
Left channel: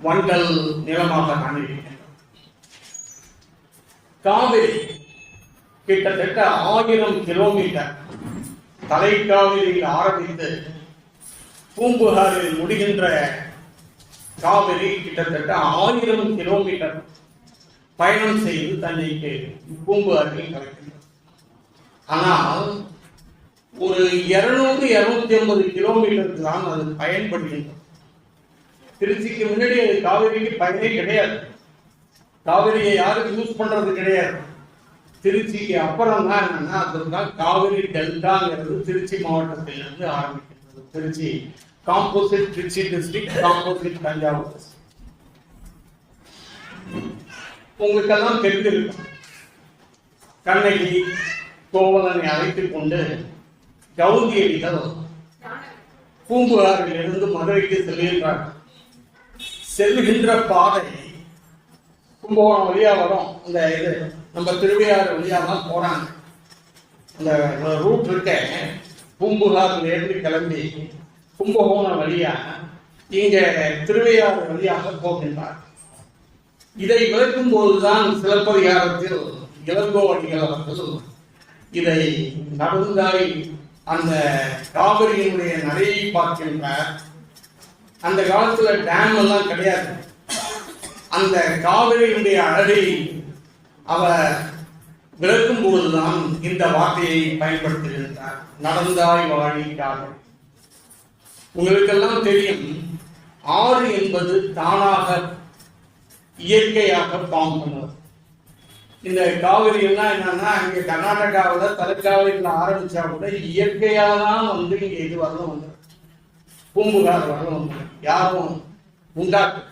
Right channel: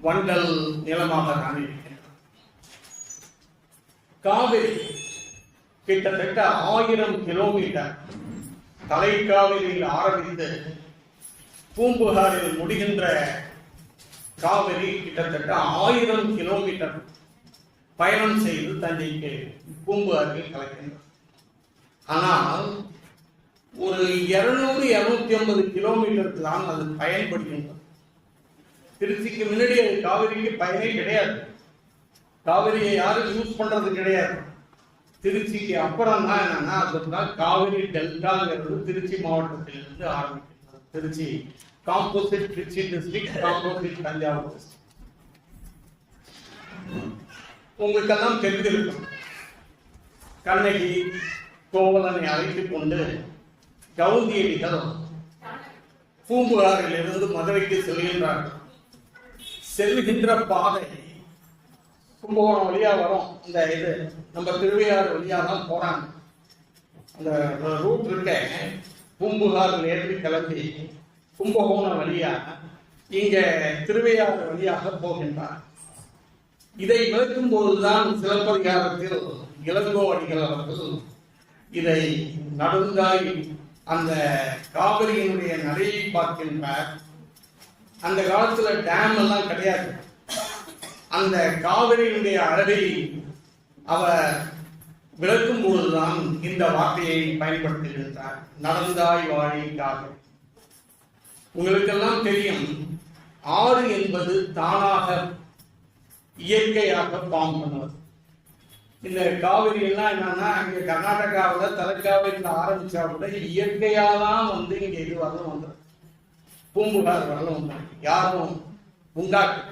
மண்டல் நிலமாக காண்பிக்கின்றன. காவிரி கிட்டத்தட்ட 1000 கிலோமீட்டர் தலைக்காவிரியில் ஆரம்பித்து பூம்புகாரில் முடிகின்ற காவிரி கிட்டத்தட்ட 1000 கிலோமீட்டர் பயணம் செய்து தஞ்சைக்கு பூம்புகாரில் கலக்கின்றன. ஆனால் ஒரு 200-250 கிலோமீட்டருக்கு தான் அது பயன்படுகின்றது. திருச்சிக்கு முன்னாடி காவிரிக்கு பயனே கிடையாது. காவிரியை யாரும் யூஸ் பண்றது கிடையாது. திருச்சிக்கு அப்புறம் தான் என்னன்னா அதுதான் காவிரி டெல்டாங்கிறது திருச்சி மாவட்டத்திலிருந்து ஆரம்பிக்கிறது. Tiruchi composite Tiruchi district, composite Thanjavur district. உங்களுக்கெல்லாம் தெரிந்திருக்கும், கண்ணகி கோவலனை அழைத்துக் கொண்டு கவுந்தியடிகள் பூம்புகாரில் இருந்து மதுரைக்கு செல்கின்றார்கள். செல்கின்ற பாதை கும்பகோணம் வழியா வரும். இந்த இது நம்ம திருவையாறு வழியா தான் போறாங்க. அந்த ரூட் இருக்க பூம்புகார்ல இருந்து கிளம்பி கும்பகோணம் வழியா இங்க திருவையாறு வழியாக போகின்றார். இதை விளக்கும் போதுதான் சிலப்பதிகாரத்தில் இளங்கோவடிகள் அவர்கள் இதை நடுந்தாய் அந்த காவிரியினுடைய நடையை பார்க்கின்றார். அந்த காலத்துல டேம் எல்லாம் கிடையாது. அந்த காவிரியினுடைய அழகை அவர் விளக்கும் பொழுதுதான் இந்த வார்த்தையை பயன்படுத்துகின்றார். நடந்தாய் வாழி காவிரி. உங்களுக்கெல்லாம் தெரியும், ஆறு என்பது தானாக இயற்கையாக ஃபார்ம் பண்ணுவது. இந்த காவிரி எல்லாம் என்னன்னா இங்க கர்நாடகாவில் தலைக்காவிரியில் ஆரம்பிச்சா கூட இயற்கையா தான் வந்து இங்க இது வரணும் வந்து பூம்புகார் வரணும் யாரும் உண்டாக்கு.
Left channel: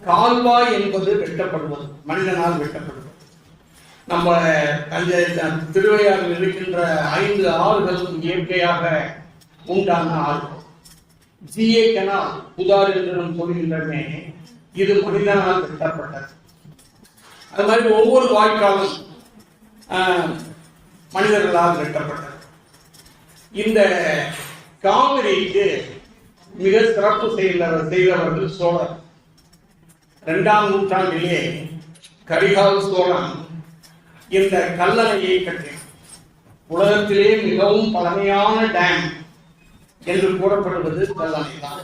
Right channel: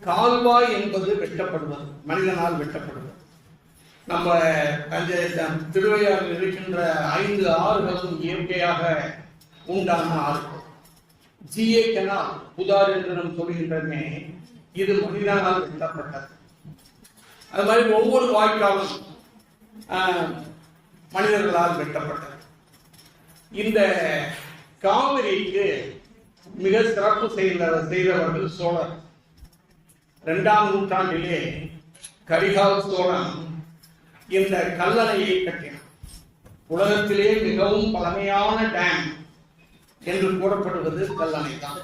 கால்வாய் என்பது வெட்டப்படுவது, மனிதனால் வெட்டப்படுவது. நம்ம திருவையாறில் இருக்கின்ற 5 ஆறுகளும் இயற்கையாக உண்டான ஆறு. ஜிஏ கெனால் புதார் என்று நாம் சொல்கின்றமே, இது மனிதனால் வெட்டப்பட்டது. அது மாதிரி ஒவ்வொரு வாய்க்காலும் மனிதர்களால் வெட்டப்பட்டது. இந்த காவிரிக்கு மிக சிறப்பு செய்தவர்கள் சோழர். 2ஆம் நூற்றாண்டிலே கரிகால சோழன் இந்த கல்லணையை கட்டினார். உலகத்திலே மிகவும் பழமையான டேம் என்று கூறப்படுவது கல்லணை தான்.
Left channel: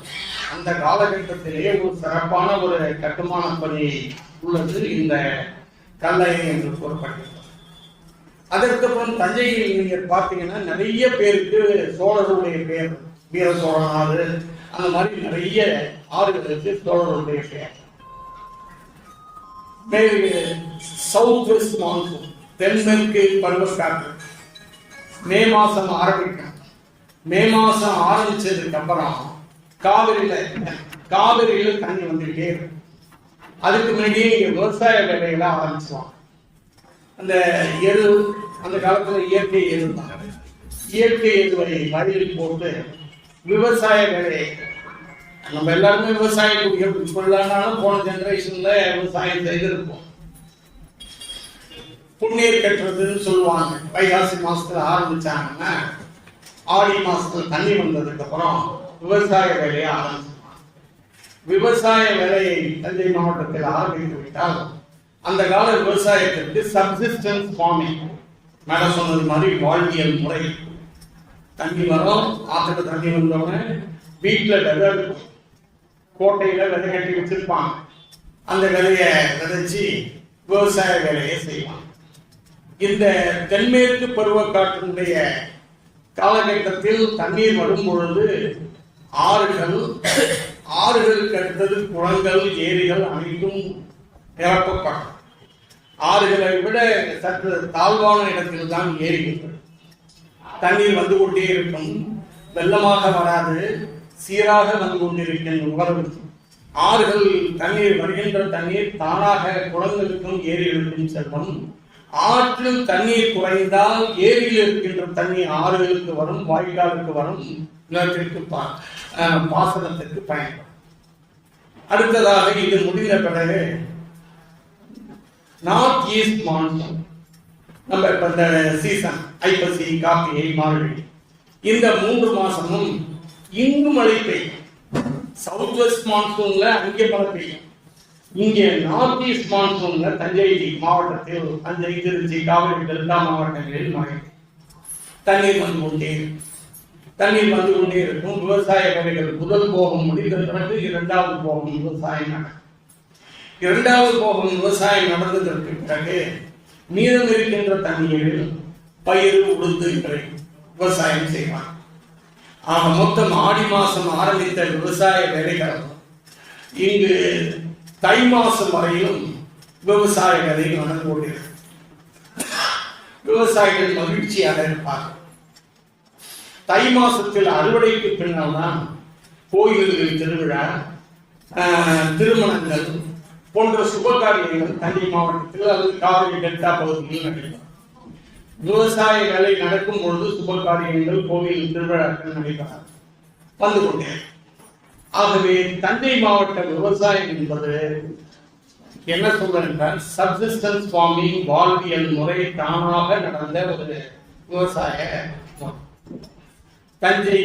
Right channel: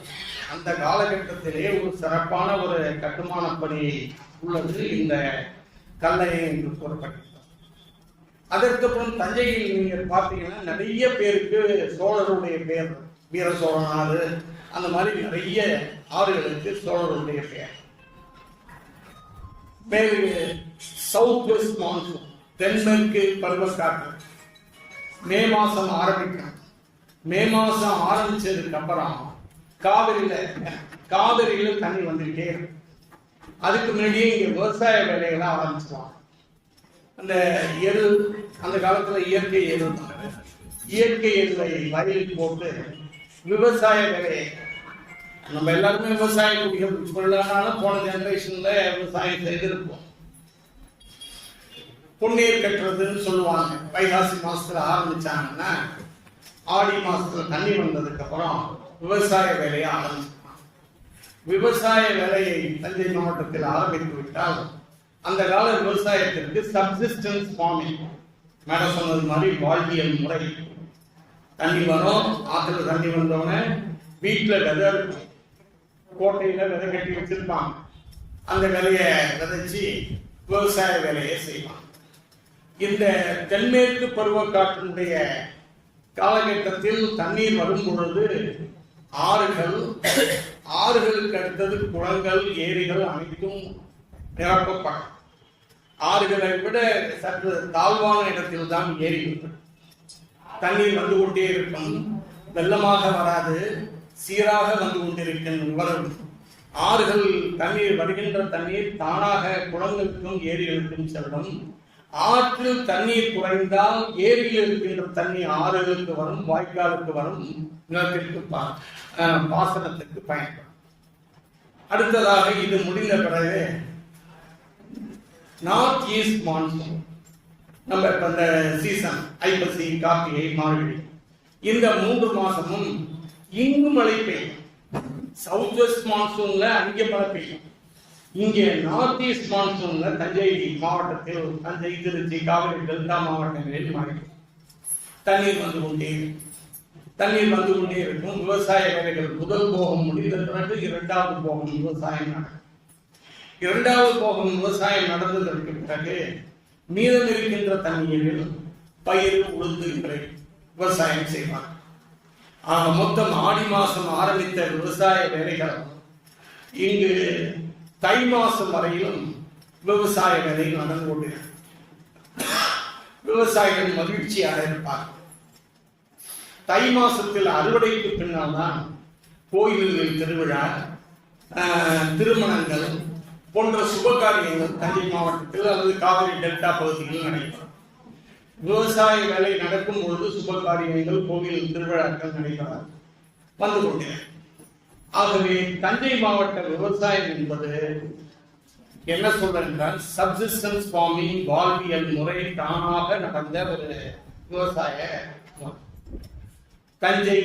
அந்த காலகட்டத்திலே ஒரு சிறப்பான ஒரு கட்டுமான பணி உள்ளது இந்த கல்லணை என்று கூறப்படுகிறது. அதற்கப்புறம் தஞ்சையில் நீங்கள் பார்த்தீங்கன்னா நிறைய பேருக்கு சோழருடைய பெயர், வீர சோழன் ஆறு, அந்த மாதிரி நிறைய ஆறுகளுக்கு சோழருடைய பெயர். சவுத் வெஸ்ட் மான்சூன், தென்மேற்கு பருவக்காற்று மே மாசம் ஆரம்பிக்கும். மே மாசம் ஆரம்பிச்சதுக்கு அப்புறம் காவிரியில தண்ணி வந்துகிட்டே இருக்கும். அதுக்கு முன்னாடியே இங்க விவசாய வேலைகளை ஆரம்பிச்சுவாங்க. அந்த எரு, அந்த காலத்துல இயற்கை எரு, இயற்கை எருவை வயலில் போட்டு விவசாய வேலை. நம்ம எல்லாருமே விவசாயக்கூடிய இப்பொழுதானாலும் போன ஜெனரேஷன்ல விவசாயம் செய்திருப்போம். புண்ணீர் கட்டுறதுன்னு சொல்லுவாங்க. வைகாசி மாசத்துல ஆரம்பிச்சாங்கன்னா ஆடி மாசத்துல தண்ணி வந்ததுக்கு அப்புறம் விவசாய வேலையை ஆரம்பிச்சிருப்பாங்க. விவசாய வேலையை தஞ்சை மாவட்டத்தில் ஆரம்பித்து விட்டால் அந்த கால விவசாயத்திற்கு சப்சிஸ்டன்ஸ் ஃபார்மிங், மேல சொன்னது மாதிரி வாழ்வியல் முறை. தண்ணி வரும், ஆற்றுல தண்ணி வந்தோடனே வீட்டுல விதை இருக்கும், கோட்டையில விதை கட்டி வச்சிருப்பாங்க. அந்த விதையை விதைச்சு விவசாய வேலையை செய்வாங்க. இந்த தென்மேற்கு பருவக்காற்றினுடைய காலகட்டத்தில் தண்ணீர் வரும் பொழுது ஆறுகளுக்கு அடுத்தது குளங்கள், ஏரிகள் அனைத்தும் நிரப்பப்படும். ஆறுகளை விட சற்று தாழ்வான இடத்தில் தான் ஏரிகள். தண்ணீர் வந்து கொண்டே இருக்கும், வெள்ளமாக வராது, சீராக வந்து கொண்டிருக்கின்ற ஆறுகள் தண்ணீர் வருகின்ற தண்ணீர் தானாக குளங்களுக்கும் ஏரிகளுக்கும் செல்லும். ஆற்றில் தண்ணீர் குறைந்தால் ஏரியில் இருக்கின்ற தண்ணீர் ஆறுகளுக்கு வரும், வாய்க்காலுக்கு வரும், நிலத்திற்கு பாசனத்திற்கு பயன்படும். அடுத்ததாக இது முடிந்த பிறகு நார்த் ஈஸ்ட் மான்சூன். நம்ம இப்ப இந்த சீசன் ஐப்பசி, கார்த்திகை, மார்கழி, இந்த 3 மாசமும் இங்கு மழை பெய்யும். சவுத் வெஸ்ட் மான்சூன்ல அங்கே மழை பெய்யும். இங்கே நார்த் ஈஸ்ட் மான்சூன்ல தஞ்சை மாவட்டத்தில், தஞ்சை, திருச்சி, காவிரி டெல்டா மாவட்டங்களில் மழை. தண்ணீர் வந்து கொண்டே இருக்கும். தண்ணீர் வந்து கொண்டே இருக்கும். விவசாய வேலைகள் முதல் போகம் முடிந்த பிறகு 2வது போகம் விவசாயம் நடக்கும். 2வது போகம் விவசாயம் நடந்ததற்கு பிறகு மீதம் இருக்கின்ற தண்ணீரில் பயிர், உளுந்து விவசாயம் செய்வார். மொத்தம் ஆடி மாசம் ஆரம்பித்த விவசாய வேலைகள் இங்கு தை மாசம் வரையிலும் விவசாய வேலை நடந்து கொண்டிருக்கிறது. விவசாயிகள் மகிழ்ச்சியாக இருப்பார். தை மாசத்தில் அறுவடைக்கு பின்னால் தான் கோயில்களில் திருவிழா, திருமணங்கள் போன்ற சுபகாரியங்கள் தஞ்சை மாவட்டத்தில் அல்லது காவிரி டெல்டா பகுதியில் நடைபெறும். விவசாய வேலை நடக்கும் பொழுது சுபகாரியங்கள், கோவில் திருவிழாக்கள் நடைபெறாது வந்து கொண்டே. ஆகவே தஞ்சை மாவட்ட விவசாயம் என்பது என்ன சொல்றால் சப்சிஸ்டன்ஸ் ஃபார்மிங், வாழ்வியல் முறை தானாக நடந்த ஒரு விவசாய. தஞ்சை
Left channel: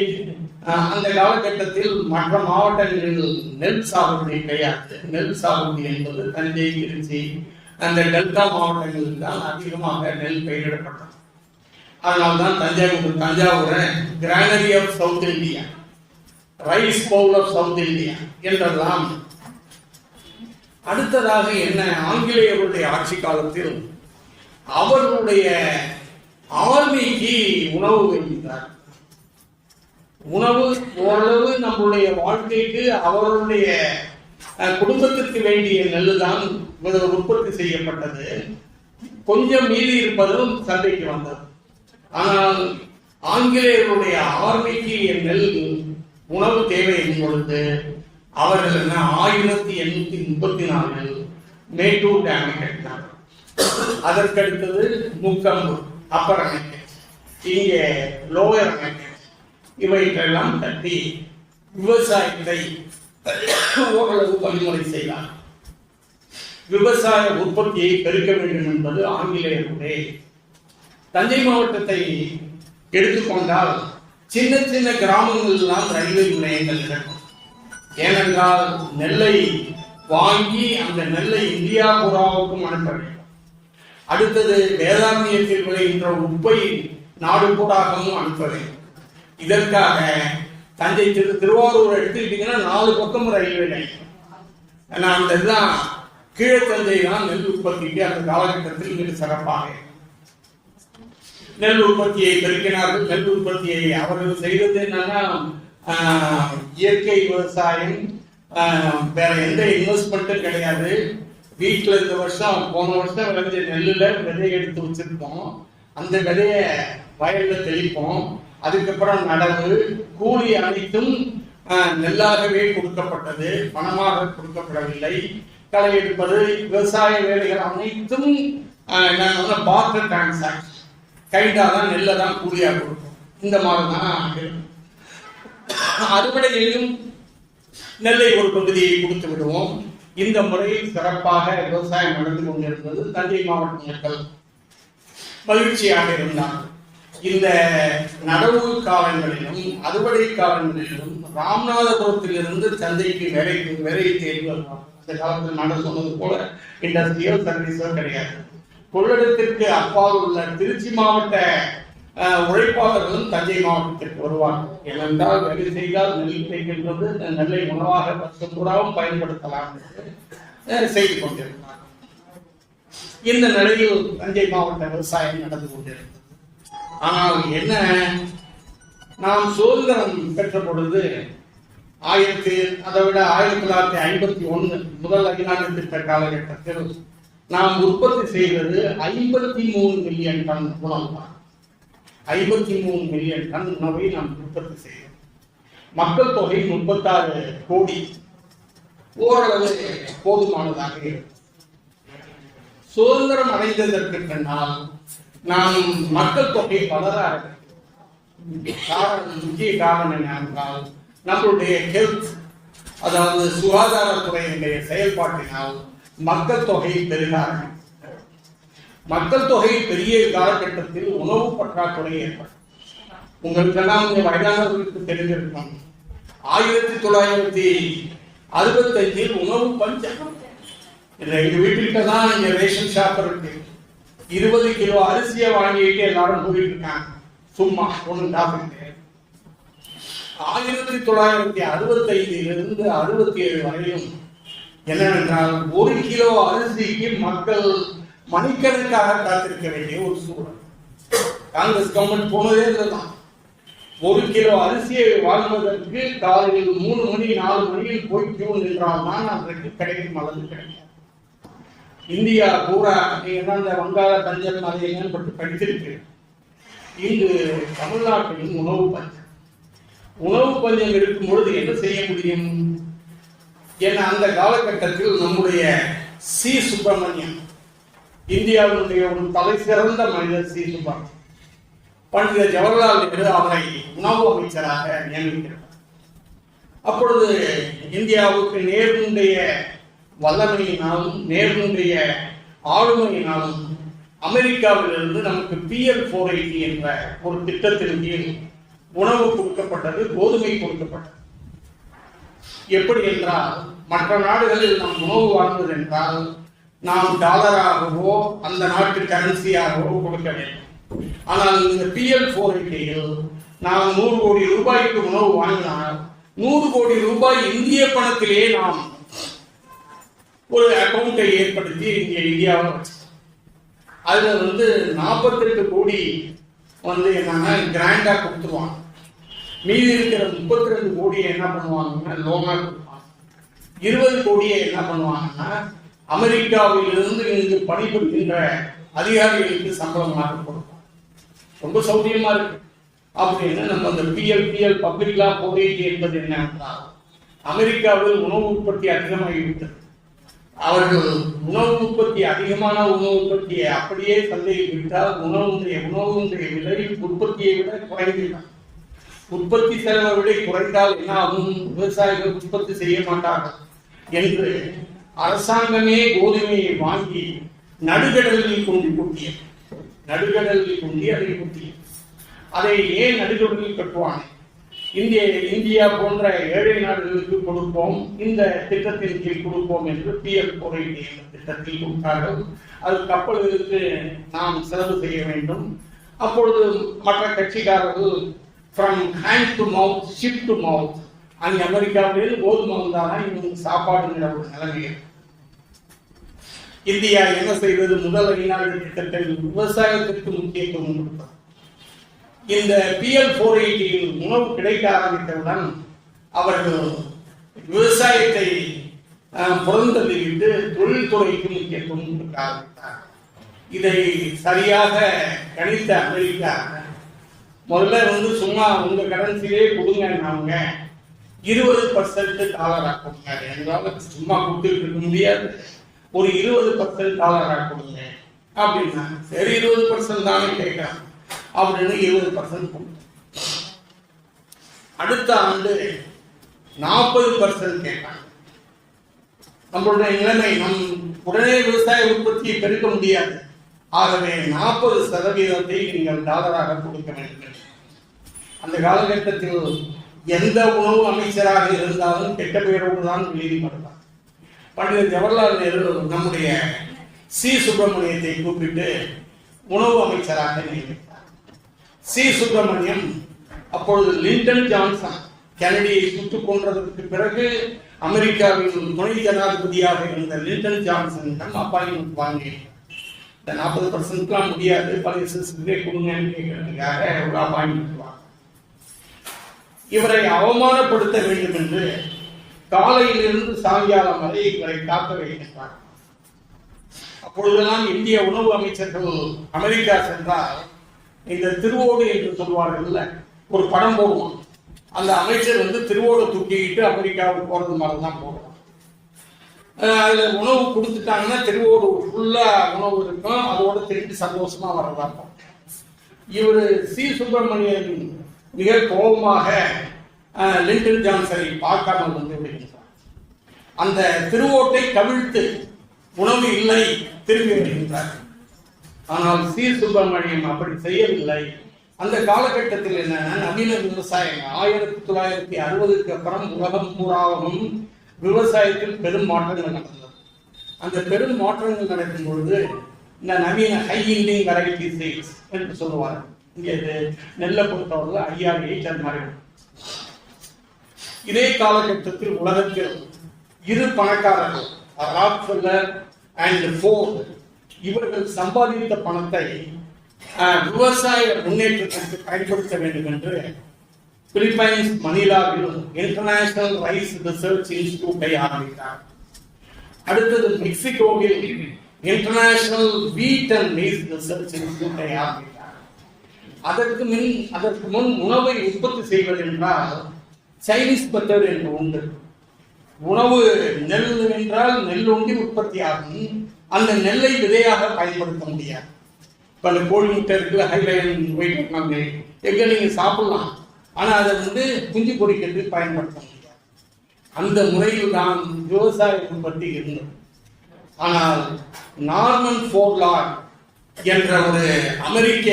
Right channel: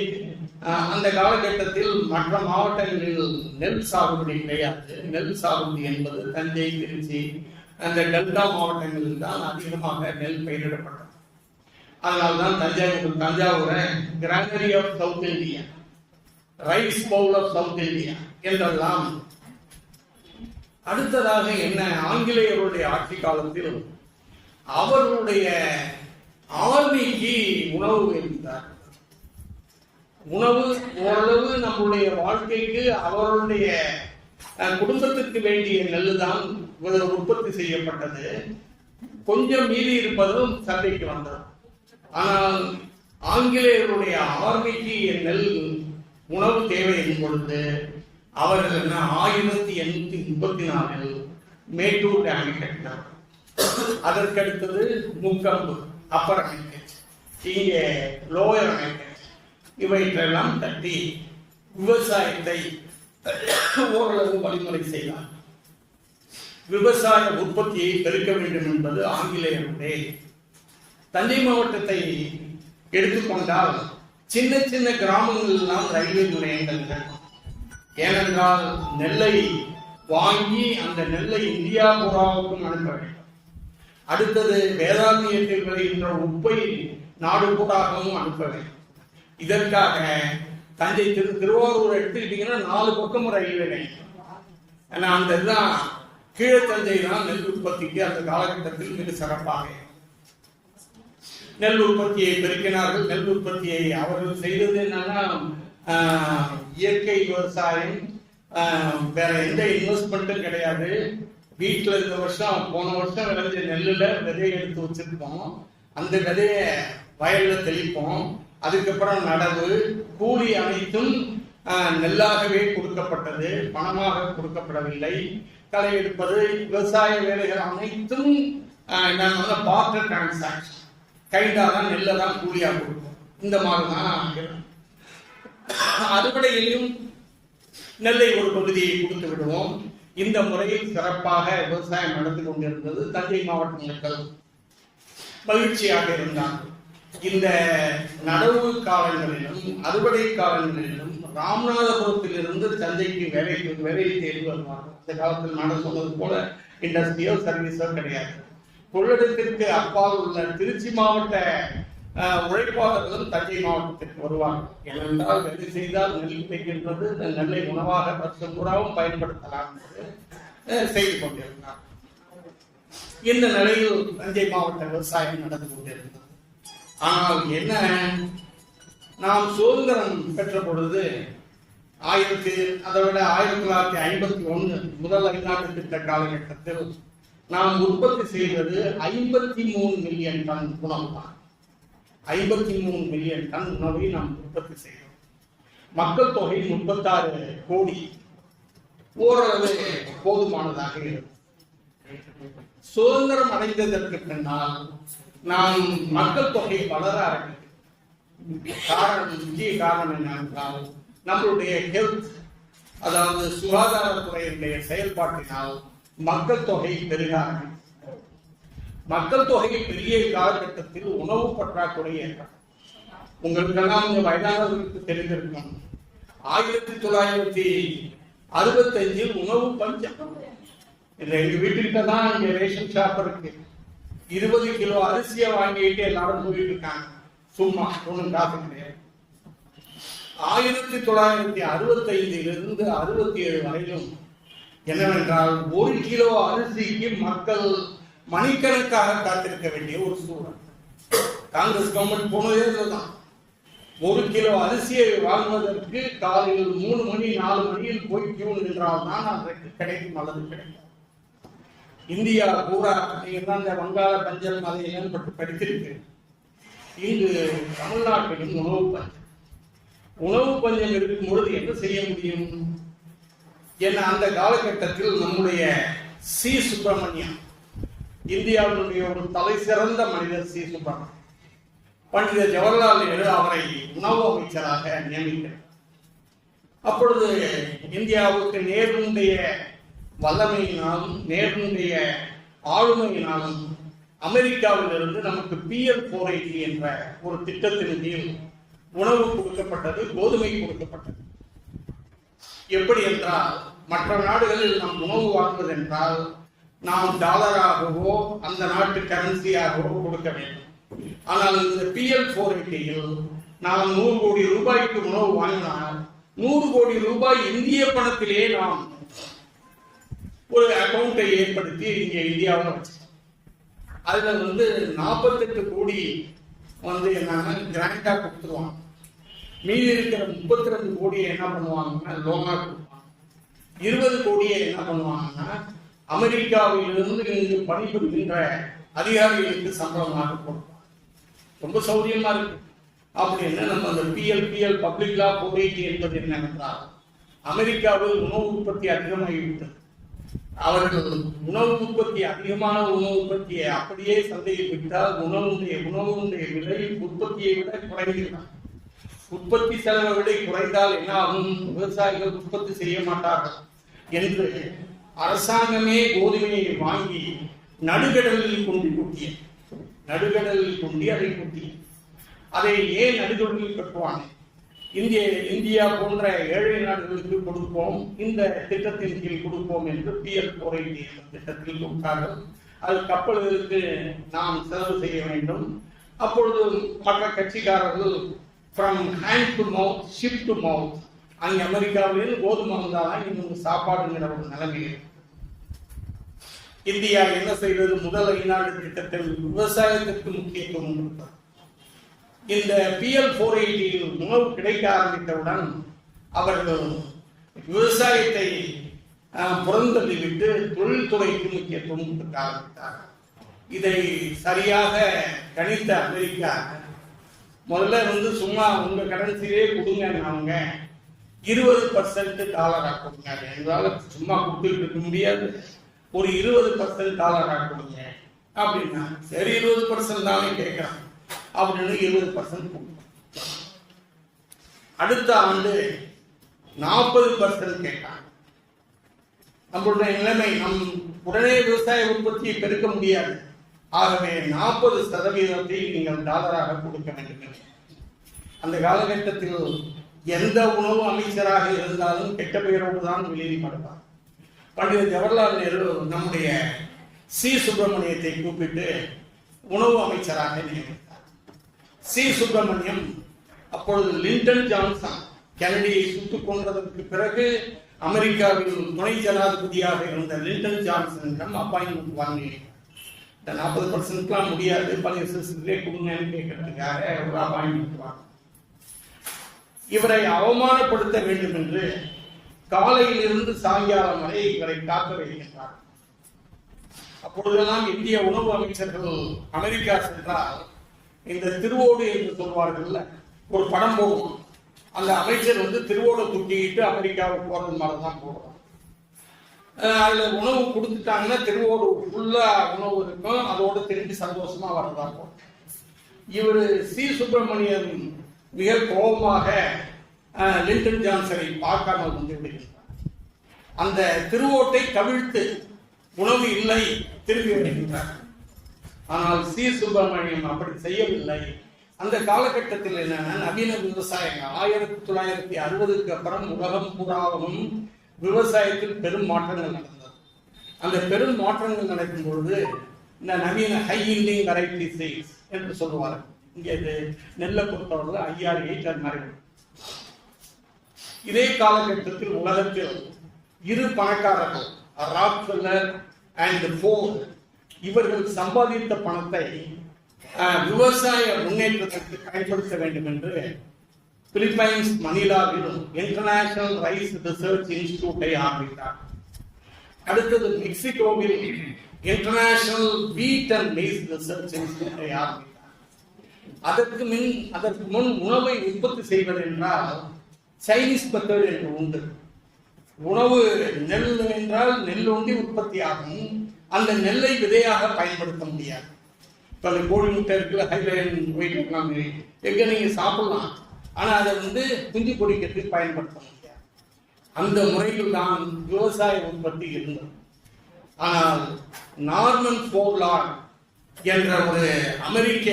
அந்த காலகட்டத்தில் மற்ற மாவட்டங்களில் நெல் சாகுபடி கிடையாது. நெல் சாகுபடி என்பது தஞ்சை, திருச்சி அந்த டெல்டா மாவட்டங்களில் தான் அதிகமாக நெல் பயிரிடப்பட்டது. அதனால்தான் தஞ்சாவூரை granary of South India, rice bowl of South India என்றெல்லாம். அடுத்ததாக என்ன, ஆங்கிலேயருடைய ஆட்சி காலத்தில் அவர்களுடைய ஆர்மிக்கு உணவு வைத்தார். உணவு ஓரளவு நம்முடைய வாழ்க்கைக்கு அவருடைய குடும்பத்திற்கு வேண்டிய நெல் தான் உற்பத்தி செய்யப்பட்டது. கொஞ்சம் மீறி இருப்பதும் சந்தைக்கு வந்தது. ஆனால் ஆங்கிலேயருடைய ஆர்மிக்கு நெல் உணவு தேவையின் பொழுது அவர்கள் 1834 மேட்டூர் டேமை கட்டினார். அதற்கடுத்தது முக்கம்பு, அப்பர் அணைக்கட், இங்கே லோயர் அணைக்கட், இவைகளெல்லாம் கட்டி விவசாயத்தை ஓரளவு வழிமுறை செய்தார். விவசாய உற்பத்தியை பெருக்க வேண்டும் என்பது ஆங்கிலேயருடைய. தஞ்சை மாவட்டத்தை எடுத்துக்கொண்டால் சின்ன சின்ன கிராமங்கள் எல்லாம் ரயில்வே நிலையங்கள் இருக்கும். ஏனென்றால் நெல்லை வாங்கி அந்த நெல்லை இந்தியா பூராவுக்கும் அனுப்ப வேண்டும். அடுத்தது வேதாரண்யத்தில் விளைகின்ற உப்பை நாடு பூராகவும் அனுப்ப வேண்டும். இதற்காக தஞ்சை திருவாரூர் எடுத்துக்கிட்டீங்கன்னா 4 பக்கம் ரயில்வே நிலையம். அந்த இதுதான் கீழத்தஞ்சை தான் நெல் உற்பத்திக்கு அந்த காலகட்டத்தில் மிக சிறப்பாக நெல் உற்பத்தியை பெருக்கினார்கள். நெல் உற்பத்தியை அவர்கள் செய்தது என்னன்னா இயற்கை விவசாயம், வேற எந்த இன்வெஸ்ட்மெண்ட்டும் கிடையாது. வீட்டில் இந்த வருஷம் போன வருஷம் விளைஞ்ச நெல்லில் விதையை எடுத்து வச்சிருக்கோம். அந்த விதையை வயலில் தெளிப்போம். அதுக்கப்புறம் நடவு, கூலி அனைத்தும் நெல்லாகவே கொடுக்கப்பட்டது, பணமாக கொடுக்கப்படவில்லை. களை எடுப்பது, விவசாய வேலைகள் அனைத்தும் பார்ட்டர் டிரான்சாக்ஷன், கைண்டாக தான் நெல்லை தான் கூலியாக கொடுக்கும். இந்த மாதிரி தான் அறுவடையிலும் நெல்லை ஒரு பகுதியை கொடுத்து விடுவோம். இந்த முறையில் சிறப்பாக விவசாயம் நடந்து கொண்டிருந்தது. தஞ்சை மாவட்ட மக்கள் மகிழ்ச்சியாக இருந்தார். இந்த நடவு காலங்களிலும் அறுவடை காலங்களிலும் ராமநாதபுரத்திலிருந்து தஞ்சைக்கு வேலை தேடி வருவார். இந்த காலத்தில் நான் சொன்னது போல இண்டஸ்ட்ரியோ சர்வீஸோ கிடையாது. கொள்ளிடத்திற்கு அப்பால் உள்ள திருச்சி மாவட்ட உழைப்பாளர்களும் தஞ்சை மாவட்டத்திற்கு வருவார்கள். ஏனென்றால் வேலை செய்தால் நெல் கிடைக்கின்றது, இந்த நெல்லை உணவாக வருஷம் பூராவும் பயன்படுத்தலாம் செய்து கொண்டிருந்தார். இந்த நிலையில் தஞ்சை மாவட்ட விவசாயம் நடந்து கொண்டிருந்தது. ஆனால் என்ன, நாம் சுதந்திரம் பெற்ற பொழுது அதை விட 1951 முதல் 5 திட்ட காலகட்டத்தில் நாம் உற்பத்தி செய்வது 53 மில்லியன் டன் உணவு. 53 மில்லியன் டன் உணவை நாம் உற்பத்தி செய்தோம். மக்கள் தொகை 36 கோடி, ஓரளவு போதுமானதாக இருக்கும். சுதந்திரம் அடைந்ததற்கு பின்னால் நாம் மக்கள் தொகை வளராது. முக்கிய காரணம் என்னவென்றால் நம்மளுடைய ஹெல்த், அதாவது சுகாதாரத்துறையினுடைய செயல்பாட்டினால் மக்கள் தொகை பெருகாது. மக்கள் தொகை பெரிய காலகட்டத்தில் உணவு பற்றாக்குறை ஏற்படும். உங்களுக்கெல்லாம் கொஞ்சம் வயதானவர்களுக்கு தெரிந்திருக்கும். 1965 உணவு பஞ்சம். எங்க வீட்டுக்கிட்ட தான் இங்க ரேஷன் ஷாப் இருக்கு. 20 கிலோ அரிசியை வாங்கிட்டு எல்லாரும் போயிட்டு இருக்காங்க. சும்மா ஒண்ணு காசு கிடையாது. 1965 67 வரையிலும் என்னவென்றால் 1 கிலோ அரிசிக்கு மக்கள் மணிக்கணக்காக காத்திருக்க வேண்டிய ஒரு சூழல். காங்கிரஸ் கவர்மெண்ட் போனதே இதுதான். 1 கிலோ அரிசியை வாங்குவதற்கு காலையில் 3 மணி 4 மணியில் போய் கியூ நின்றால்தான் அதற்கு கிடைக்கும் அளவு கிடைக்கும். இந்தியா பூரா நீங்க தான் இந்த வங்காள பஞ்சம் அது என்னன்னு படித்திருக்கிறேன். இங்கு தமிழ்நாட்டிலும் உணவு பஞ்சம் இருக்கும் பொழுது என்ன செய்ய முடியும்? ஏன்னா அந்த காலகட்டத்தில் நம்முடைய சி சுப்பிரமணியம், இந்தியாவினுடைய ஒரு தலை சிறந்த மனிதர் சி சுப்பிரமணியம், பண்டித ஜவஹர்லால் நேரு அவரை உணவு அமைச்சராக நியமிக்கிறார். அப்பொழுது இந்தியாவுக்கு நேருடைய வல்லமையினாலும் நேருடைய உணவு கொடுக்கப்பட்டது, கோதுமை கொடுக்கப்பட்டது. எப்படி என்றால் மற்ற நாடுகளில் நாம் உணவு வாங்குவது என்றால் நாம் டாலராகவோ அந்த நாட்டு கரன்சியாகவோ கொடுக்க வேண்டும். ஆனால் இந்த PL480யில் நாம் 100 கோடி ரூபாய்க்கு உணவு வாங்கினால் 100 கோடி ரூபாய் இந்திய பணத்திலேயே நாம் ஒரு அக்கௌண்டை ஏற்படுத்தி இங்கே இந்தியாவில் வச்சோம். அதுல 48 கோடி என்னன்னா கிராண்டா கொடுத்துருவாங்க. மீதி இருக்கிற 32 கோடியை என்ன பண்ணுவாங்கன்னா லோனா கொடுப்பாங்க. 20 கோடியை என்ன பண்ணுவாங்கன்னா அமெரிக்காவில் இருந்து இங்கு பணிபுரிகின்ற அதிகாரிகளுக்கு சம்பளமாக கொடுப்பாங்க. ரொம்ப சௌரியமா இருக்கு. அப்படின்னு நம்ம அந்த PL பப்ளிக் லா 480 என்பது என்ன, அமெரிக்காவில் உணவு உற்பத்தி அதிகமாகிவிட்டது. அவர்கள் உணவு உற்பத்தி அதிகமான உணவு உற்பத்தியை அப்படியே சந்தையில் விட்டால் உணவுடைய விலை உற்பத்தியை விட குறைந்துவிடும். உற்பத்தி செலவை விட குறைந்தால் என்ன ஆகும்? விவசாயிகள் உற்பத்தி செய்ய மாட்டார்கள் என்று அரசாங்கமே கோதுமையை வாங்கி நடுகடலில் கொண்டு குட்டியது. அதை குட்டியது. அதை ஏன் நடுகடலில் கட்டுவாங்க? இந்தியா போன்ற ஏழை நாடுகளுக்கு கொடுப்போம், இந்த திட்டத்தின் கீழ் கொடுப்போம் என்று PL480 திட்டத்தில் கொடுத்தார்கள். அது கப்பல்களுக்கு நாம் செலவு செய்ய வேண்டும். அப்பொழுது மற்ற கட்சிக்காரர்கள் from hand to mouth, ship to mouth, அங்கே அமெரிக்காவில் கோதுமை வந்தாதான் இவங்க சாப்பாடுங்கிற ஒரு நிலைமை. இந்தியா என்ன செய்வது? முதல் வெளிநாடு திட்டத்தில் விவசாயத்திற்கு முக்கியத்துவம் கொடுத்தார். இந்த PL480 உணவு கிடைக்க ஆரம்பித்தவுடன் அவர்கள் விவசாயத்தை புறந்தள்ளிவிட்டு தொழில்துறைக்கு முக்கியத்துவம் கொடுக்க ஆரம்பித்தார். இதை சரியாக கணித்த அமெரிக்கா முதல்ல சும்மா உங்க கரன்சிலே கொடுங்க, 20% டாலர் ஆக்குங்க. எங்களால் சும்மா கொடுத்துட்டு இருக்க முடியாது, ஒரு 20% டாலர் ஆக்குங்க அப்படின்னா சரி 20% தானே கேட்கலாம் அப்படின்னு 20% கொடுத்தோம். அடுத்த ஆண்டு 40% கேட்டாங்க. நம்மளுடைய நிலைமை, நம் உடனே விவசாய உற்பத்தியை பெருக்க முடியாது. ஆகவே 40% நீங்கள் டாலராக கொடுக்க வேண்டும். அந்த காலகட்டத்தில் எந்த உணவு அமைச்சராக இருந்தாலும் கெட்ட பெயரோடு தான் வெளியிடப்படுவார். பண்டித ஜவஹர்லால் நேரு நம்முடைய சி சுப்பிரமணியத்தை கூப்பிட்டு உணவு அமைச்சராக நியமித்தார். சி சுப்பிரமணியம் அப்பொழுது லிண்டன் ஜான்சன் கெனடியை சுட்டுக் கொன்றதற்கு பிறகு அமெரிக்காவில் துணை ஜனாதிபதியாக இருந்த லிண்டன் ஜான்சனிடம் அப்பாயின்மெண்ட் வாங்கி இந்த 40% முடியாது, பல சிறுசிலே கொடுங்கன்னு கேட்கறதுக்காக ஒரு அப்பாயின்மெண்ட் வாங்க. இவரை அவமானப்படுத்த வேண்டும் என்று காலையிலிருந்து சாயங்காலம் வரை இவரை காக்க வைக்கின்றார். அப்பொழுதெல்லாம் இந்திய உணவு அமைச்சர்கள் அமெரிக்கா சென்றால் இந்த திருவோடு என்று சொல்வார்கள், ஒரு படம் போடுவான். அந்த அமைச்சர் திருவோடு தூக்கிட்டு அமெரிக்காவுக்கு போறது மாதிரிதான் போடுவான். அதுல உணவு கொடுத்துட்டாங்கன்னா திருவோடு ஃபுல்லா உணவு இருக்கும், அதோட திரும்பி சந்தோஷமா வரலாம். இவர் சி சுப்பிரமணியன் மிக கோபமாக லிண்டன் ஜான்சனை பார்க்காமல் வந்து விடுகின்றார். அந்த திருவோட்டை கவிழ்த்து உணவு இல்லை திரும்பி விடுகின்றார். ஆனால் சி சுப்பிரமணியம் அப்படி செய்யவில்லை. அந்த காலகட்டத்தில் என்னன்னா நவீன விவசாயம் 1960க்கு அப்புறம் உலகம் பூராவும் விவசாயத்தில் பெரும் மாற்றங்கள் நடந்தது. அந்த பெரும் மாற்றங்கள் நடக்கும் பொழுது இந்த நவீன ஹை ஈல்டிங் வெரைட்டி சீட்ஸ் என்று சொல்லுவார். இங்கே நெல்லை பொறுத்தவரை IRH அது மாதிரி. இதே காலகட்டத்தில் உலகத்தில் இரு பணக்காரர்கள் ராக்ஃபெல்லர் அண்ட் ஃபோர்ட் இவர்கள் சம்பாதித்த பணத்தை விவசாய முன்னேற்றத்திற்கு பயன்படுத்த வேண்டும் என்று பிலிப்பைன்ஸ் மணிலாவிலும் இன்டர்நேஷனல் ரைஸ் ரிசர்ச் இன்ஸ்டிடியூட்டை ஆரம்பித்தார். அடுத்தது மெக்சிகோவில் international wheat and rice research இன்ஸ்டிடியூட்டை ஆரம்பித்தார். அதற்கு முன் உணவை உற்பத்தி செய்வது என்றால் சைனீஸ் மெத்தட் என்று உண்டு. உணவு நெல் என்றால் நெல் ஒன்றி உற்பத்தி ஆகும். அந்த நெல்லை விதையாக பயன்படுத்த முடியாது. பல கோழி முட்டை இருக்குல்ல, ஹைலைன் போயிட்டு எங்க நீங்க சாப்பிடலாம், ஆனா அதை குஞ்சு பொறிக்கிறதுக்கு பயன்படுத்த முடியாது. அந்த முறையில் தான் விவசாய உற்பத்தி இருந்தது. ஆனால் நார்மன் ஃபோர்லார்ட் என்ற ஒரு அமெரிக்க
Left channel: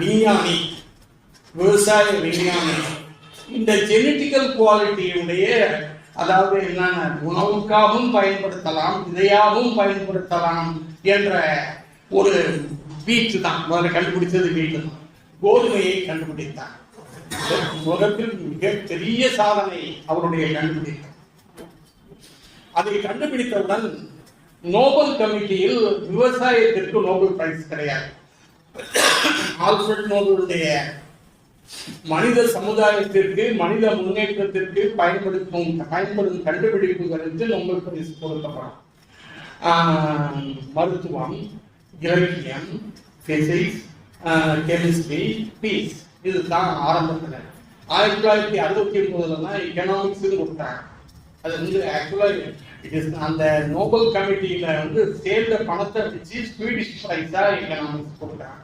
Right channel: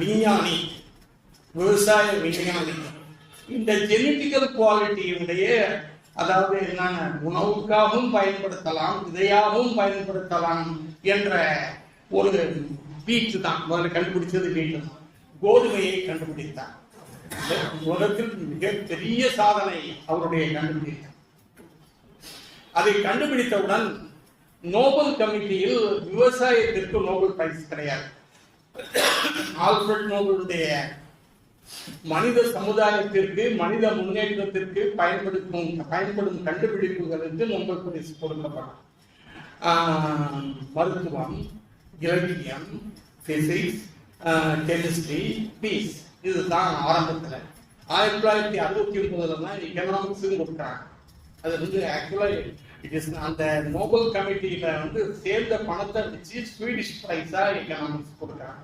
விஞ்ஞானி விவசாய விஞ்ஞானி இந்த ஜெனட்டிக்கல் குவாலிட்டியுடைய, அதாவது என்னென்ன உணவுக்காகவும் பயன்படுத்தலாம், இதையாகவும் பயன்படுத்தலாம் என்ற ஒரு வீட்டு தான் முதல்ல கண்டுபிடிச்சது. வீட்டு தான் கோதுமையை கண்டுபிடித்தார். உலகத்தில் மிகப்பெரிய சாதனை அவருடைய கண்டுபிடித்தார். அதை கண்டுபிடித்தவுடன் நோபல் கமிட்டியில் விவசாயத்திற்கு நோபல் பிரைஸ் கிடையாது. ஆல்ஃபிரட் நோபலுடைய மனித சமுதாயத்திற்கு, மனித முன்னேற்றத்திற்கு பயன்படும் கண்டுபிடிப்புகளுக்கு நோபல் பரிசு கொடுக்கப்படும். மருத்துவம், இலக்கியம், பிசிக்ஸ், கெமிஸ்ட்ரி, பீஸ், இதுதான் ஆரம்பத்தில். 1969 தான் எக்கனாமிக்ஸ் கொடுத்தாங்க. அது வந்து ஆக்சுவலா அந்த நோபல் கமிட்டியில வந்து சேர்ந்த பணத்தை வச்சு ஸ்வீடிஷ் பிரைஸா எக்கனாமிக்ஸ் கொடுக்குறாங்க.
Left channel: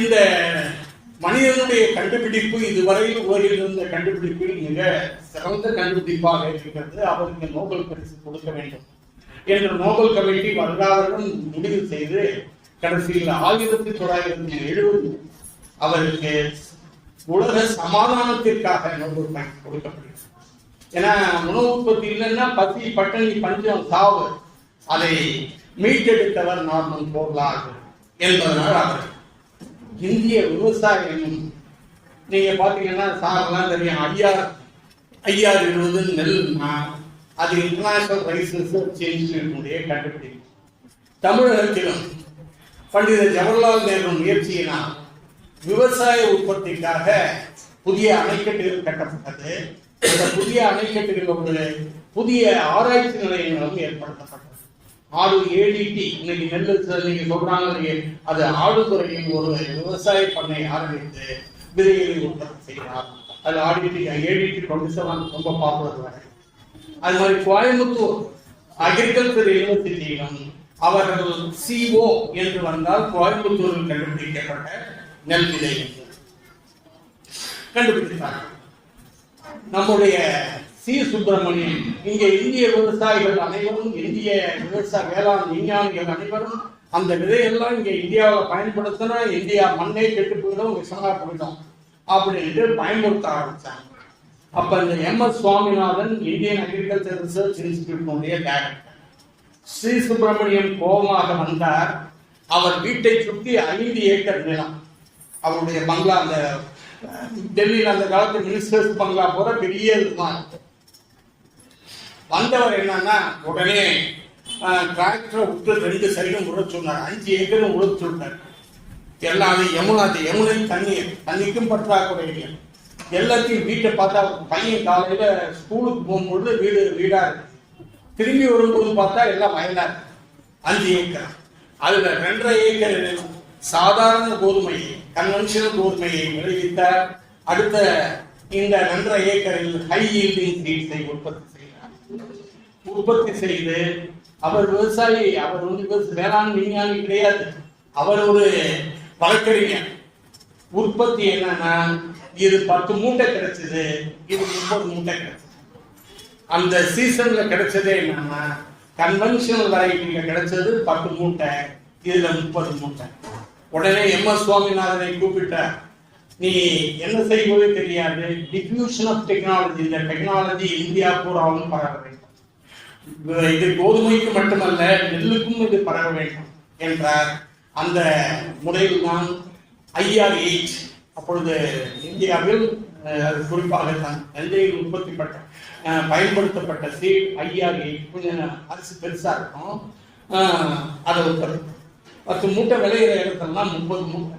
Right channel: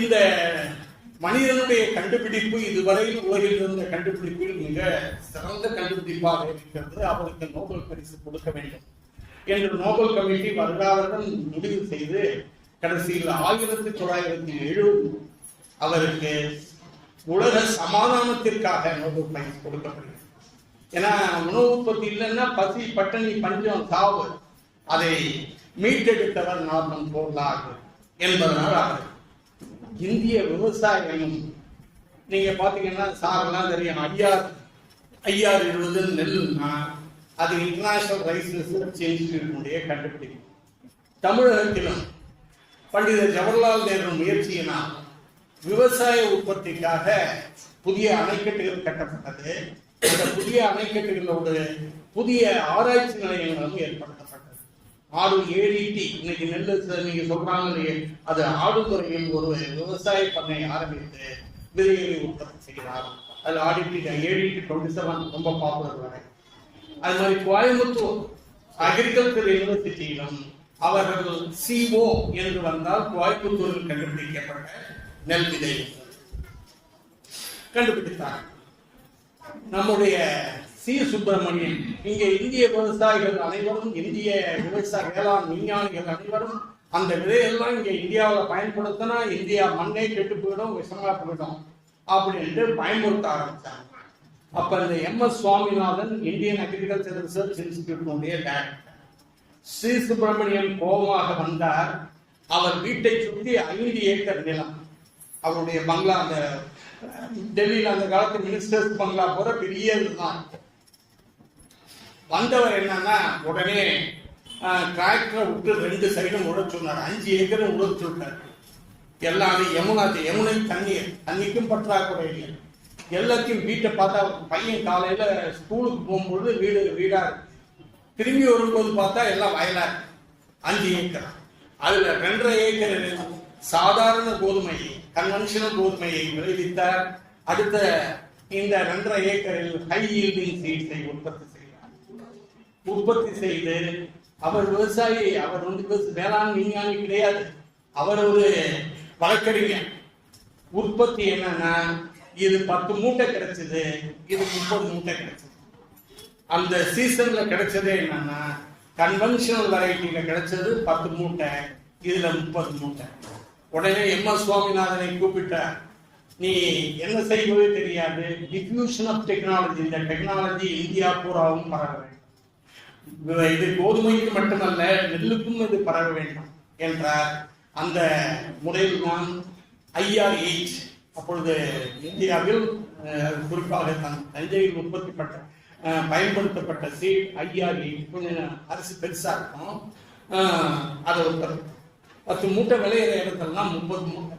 இந்த மனிதனுடைய கண்டுபிடிப்பு இதுவரை உலகில் இருந்த கண்டுபிடிப்பில் மிக சிறந்த கண்டுபிடிப்பாக இருக்கிறது, அவருக்கு நோபல் பரிசு கொடுக்க வேண்டும் என்று நோபல் கமிட்டி வருடாவுடன் முடிவு செய்து கடைசியில் 1970 அவருக்கு உலக சமாதானத்திற்காக நோபல் பரிசு கொடுக்கப்பட்டது. ஏன்னா உணவு உற்பத்தி இல்லைன்னா பசி, பட்டினி, பஞ்சம், சாவு, அதை மீட்டெடுத்தவர் நார்மன் போர்லார் என்பதனால் அவர் இந்திய விவசாயம் நீங்க பாத்தீங்கன்னா சாரெல்லாம் தெரியும். ஐஆர் 20 நெல்னா அது இன்டர்நேஷனல் ரைஸ் ரிசர்ச் இன்ஸ்டிடியூட்டினுடைய கண்டுபிடிப்பு. தமிழகத்திலும் பண்டித ஜவஹர்லால் நேரு முயற்சியினால் விவசாய உற்பத்திக்காக புதிய அணைக்கட்டுகள் கட்டப்பட்டது. அந்த புதிய அணைக்கட்டுகளோடு புதிய ஆராய்ச்சி நிலையங்களும் ஏற்படுத்தப்பட்டது. ADT இன்னைக்கு நெல் நீங்க சொல்றாங்க, அது ஆடுதுறையில் ஒரு விவசாய பண்ணை ஆரம்பித்து விதைகளை உற்பத்தி செய்கிறார். அது ADT 27 ரொம்ப பாப்புலர். அது மாதிரி கோயம்புத்தூர் அக்ரிகல்ச்சர் யூனிவர்சிட்டியிலும் அவர்கள் CO என்று வந்தால் கோயம்புத்தூரில் கண்டுபிடிக்கப்பட்ட நெல் விதை கண்டுபிடித்தார்கள். நம்முடைய சுப்பிரமணியம், இங்க இந்திய விவசாயிகள் அனைவரும், இந்திய விவசாய வேளாண் விஞ்ஞானிகள் அனைவரும் அந்த விதையெல்லாம் இங்க இந்தியாவில் பயன்படுத்தினா இந்தியா மண்ணை கெட்டு போயிடும், விஷமா போயிடும் அப்படின்ட்டு பயன்படுத்த ஆரம்பிச்சாங்க. அப்ப இந்த MS Swaminathan Indian agriculture research இன்ஸ்டிடியூட்டினுடைய டைரக்டர் சுப்பிரமணியம் கோபமாக வந்தார். அவர் வீட்டை சுற்றி 5 ஏக்கர் நிலம், அவருடைய பங்களா, அந்த டெல்லியில் அந்த காலத்து மினிஸ்டர்ஸ் பங்களா போற பெரிய இதுதான். வந்தவர் என்னன்னா உடனே டிராக்டரை விட்டு 2 சைடும் உழ சொன்னார். 5 ஏக்கரும் உழச்சு விட்டார். எல்லாமே யமுனை தண்ணிக்கும் பற்றாக்குறை இல்லை. எல்லாத்தையும் வீட்டை பார்த்தா பையன் காலையில ஸ்கூலுக்கு போகும்பொழுது வீடா இருக்கு. திரும்பி வரும்போது பார்த்தா எல்லாம் வயலா இருக்கு. 5 ஏக்கர், அதுல 2.5 ஏக்கர் சாதாரண கோதுமையை, கன்வென்ஷனல் கோதுமையை விளைவித்தார். அடுத்த இந்த 2.5 ஏக்கரில் ஹை ஈல்டிங் சீட்ஸை உற்பத்தி செய்து அவர் விவசாயி, அவர் வந்து வேளாண் விஞ்ஞானி கிடையாது, அவர் ஒரு வழக்கறிஞர். உற்பத்தி என்னன்னா இது 10 மூட்டை கிடைச்சது, இது 30 மூட்டை கிடைச்சது. அந்த சீசன்ல கிடைச்சதே என்னன்னா கன்வென்ஷனல் வெரைட்டில கிடைச்சது 10 மூட்டை, இதுல 30 மூட்டை. உடனே MS சுவாமிநாதனை கூப்பிட்டார். நீ என்ன செய்வதே தெரியாது, டிஃப்யூஷன் ஆஃப் டெக்னாலஜி, இந்த டெக்னாலஜி இந்தியா பூராவும் பரவ வேண்டும். இது கோதுமைக்கு மட்டுமல்ல நெல்லுக்கும் இது பரவ வேண்டும் என்றார். அந்த முறையில் தான் IR8 அப்பொழுது இந்தியாவில் குறிப்பாக தஞ்சையில் பயன்படுத்தப்பட்ட சீட் IR8. கொஞ்சம் அரிசி பெருசா இருக்கும், அதை உற்பத்தி 10 மூட்டை விளையிற இடத்துலாம் 30 மூட்டை.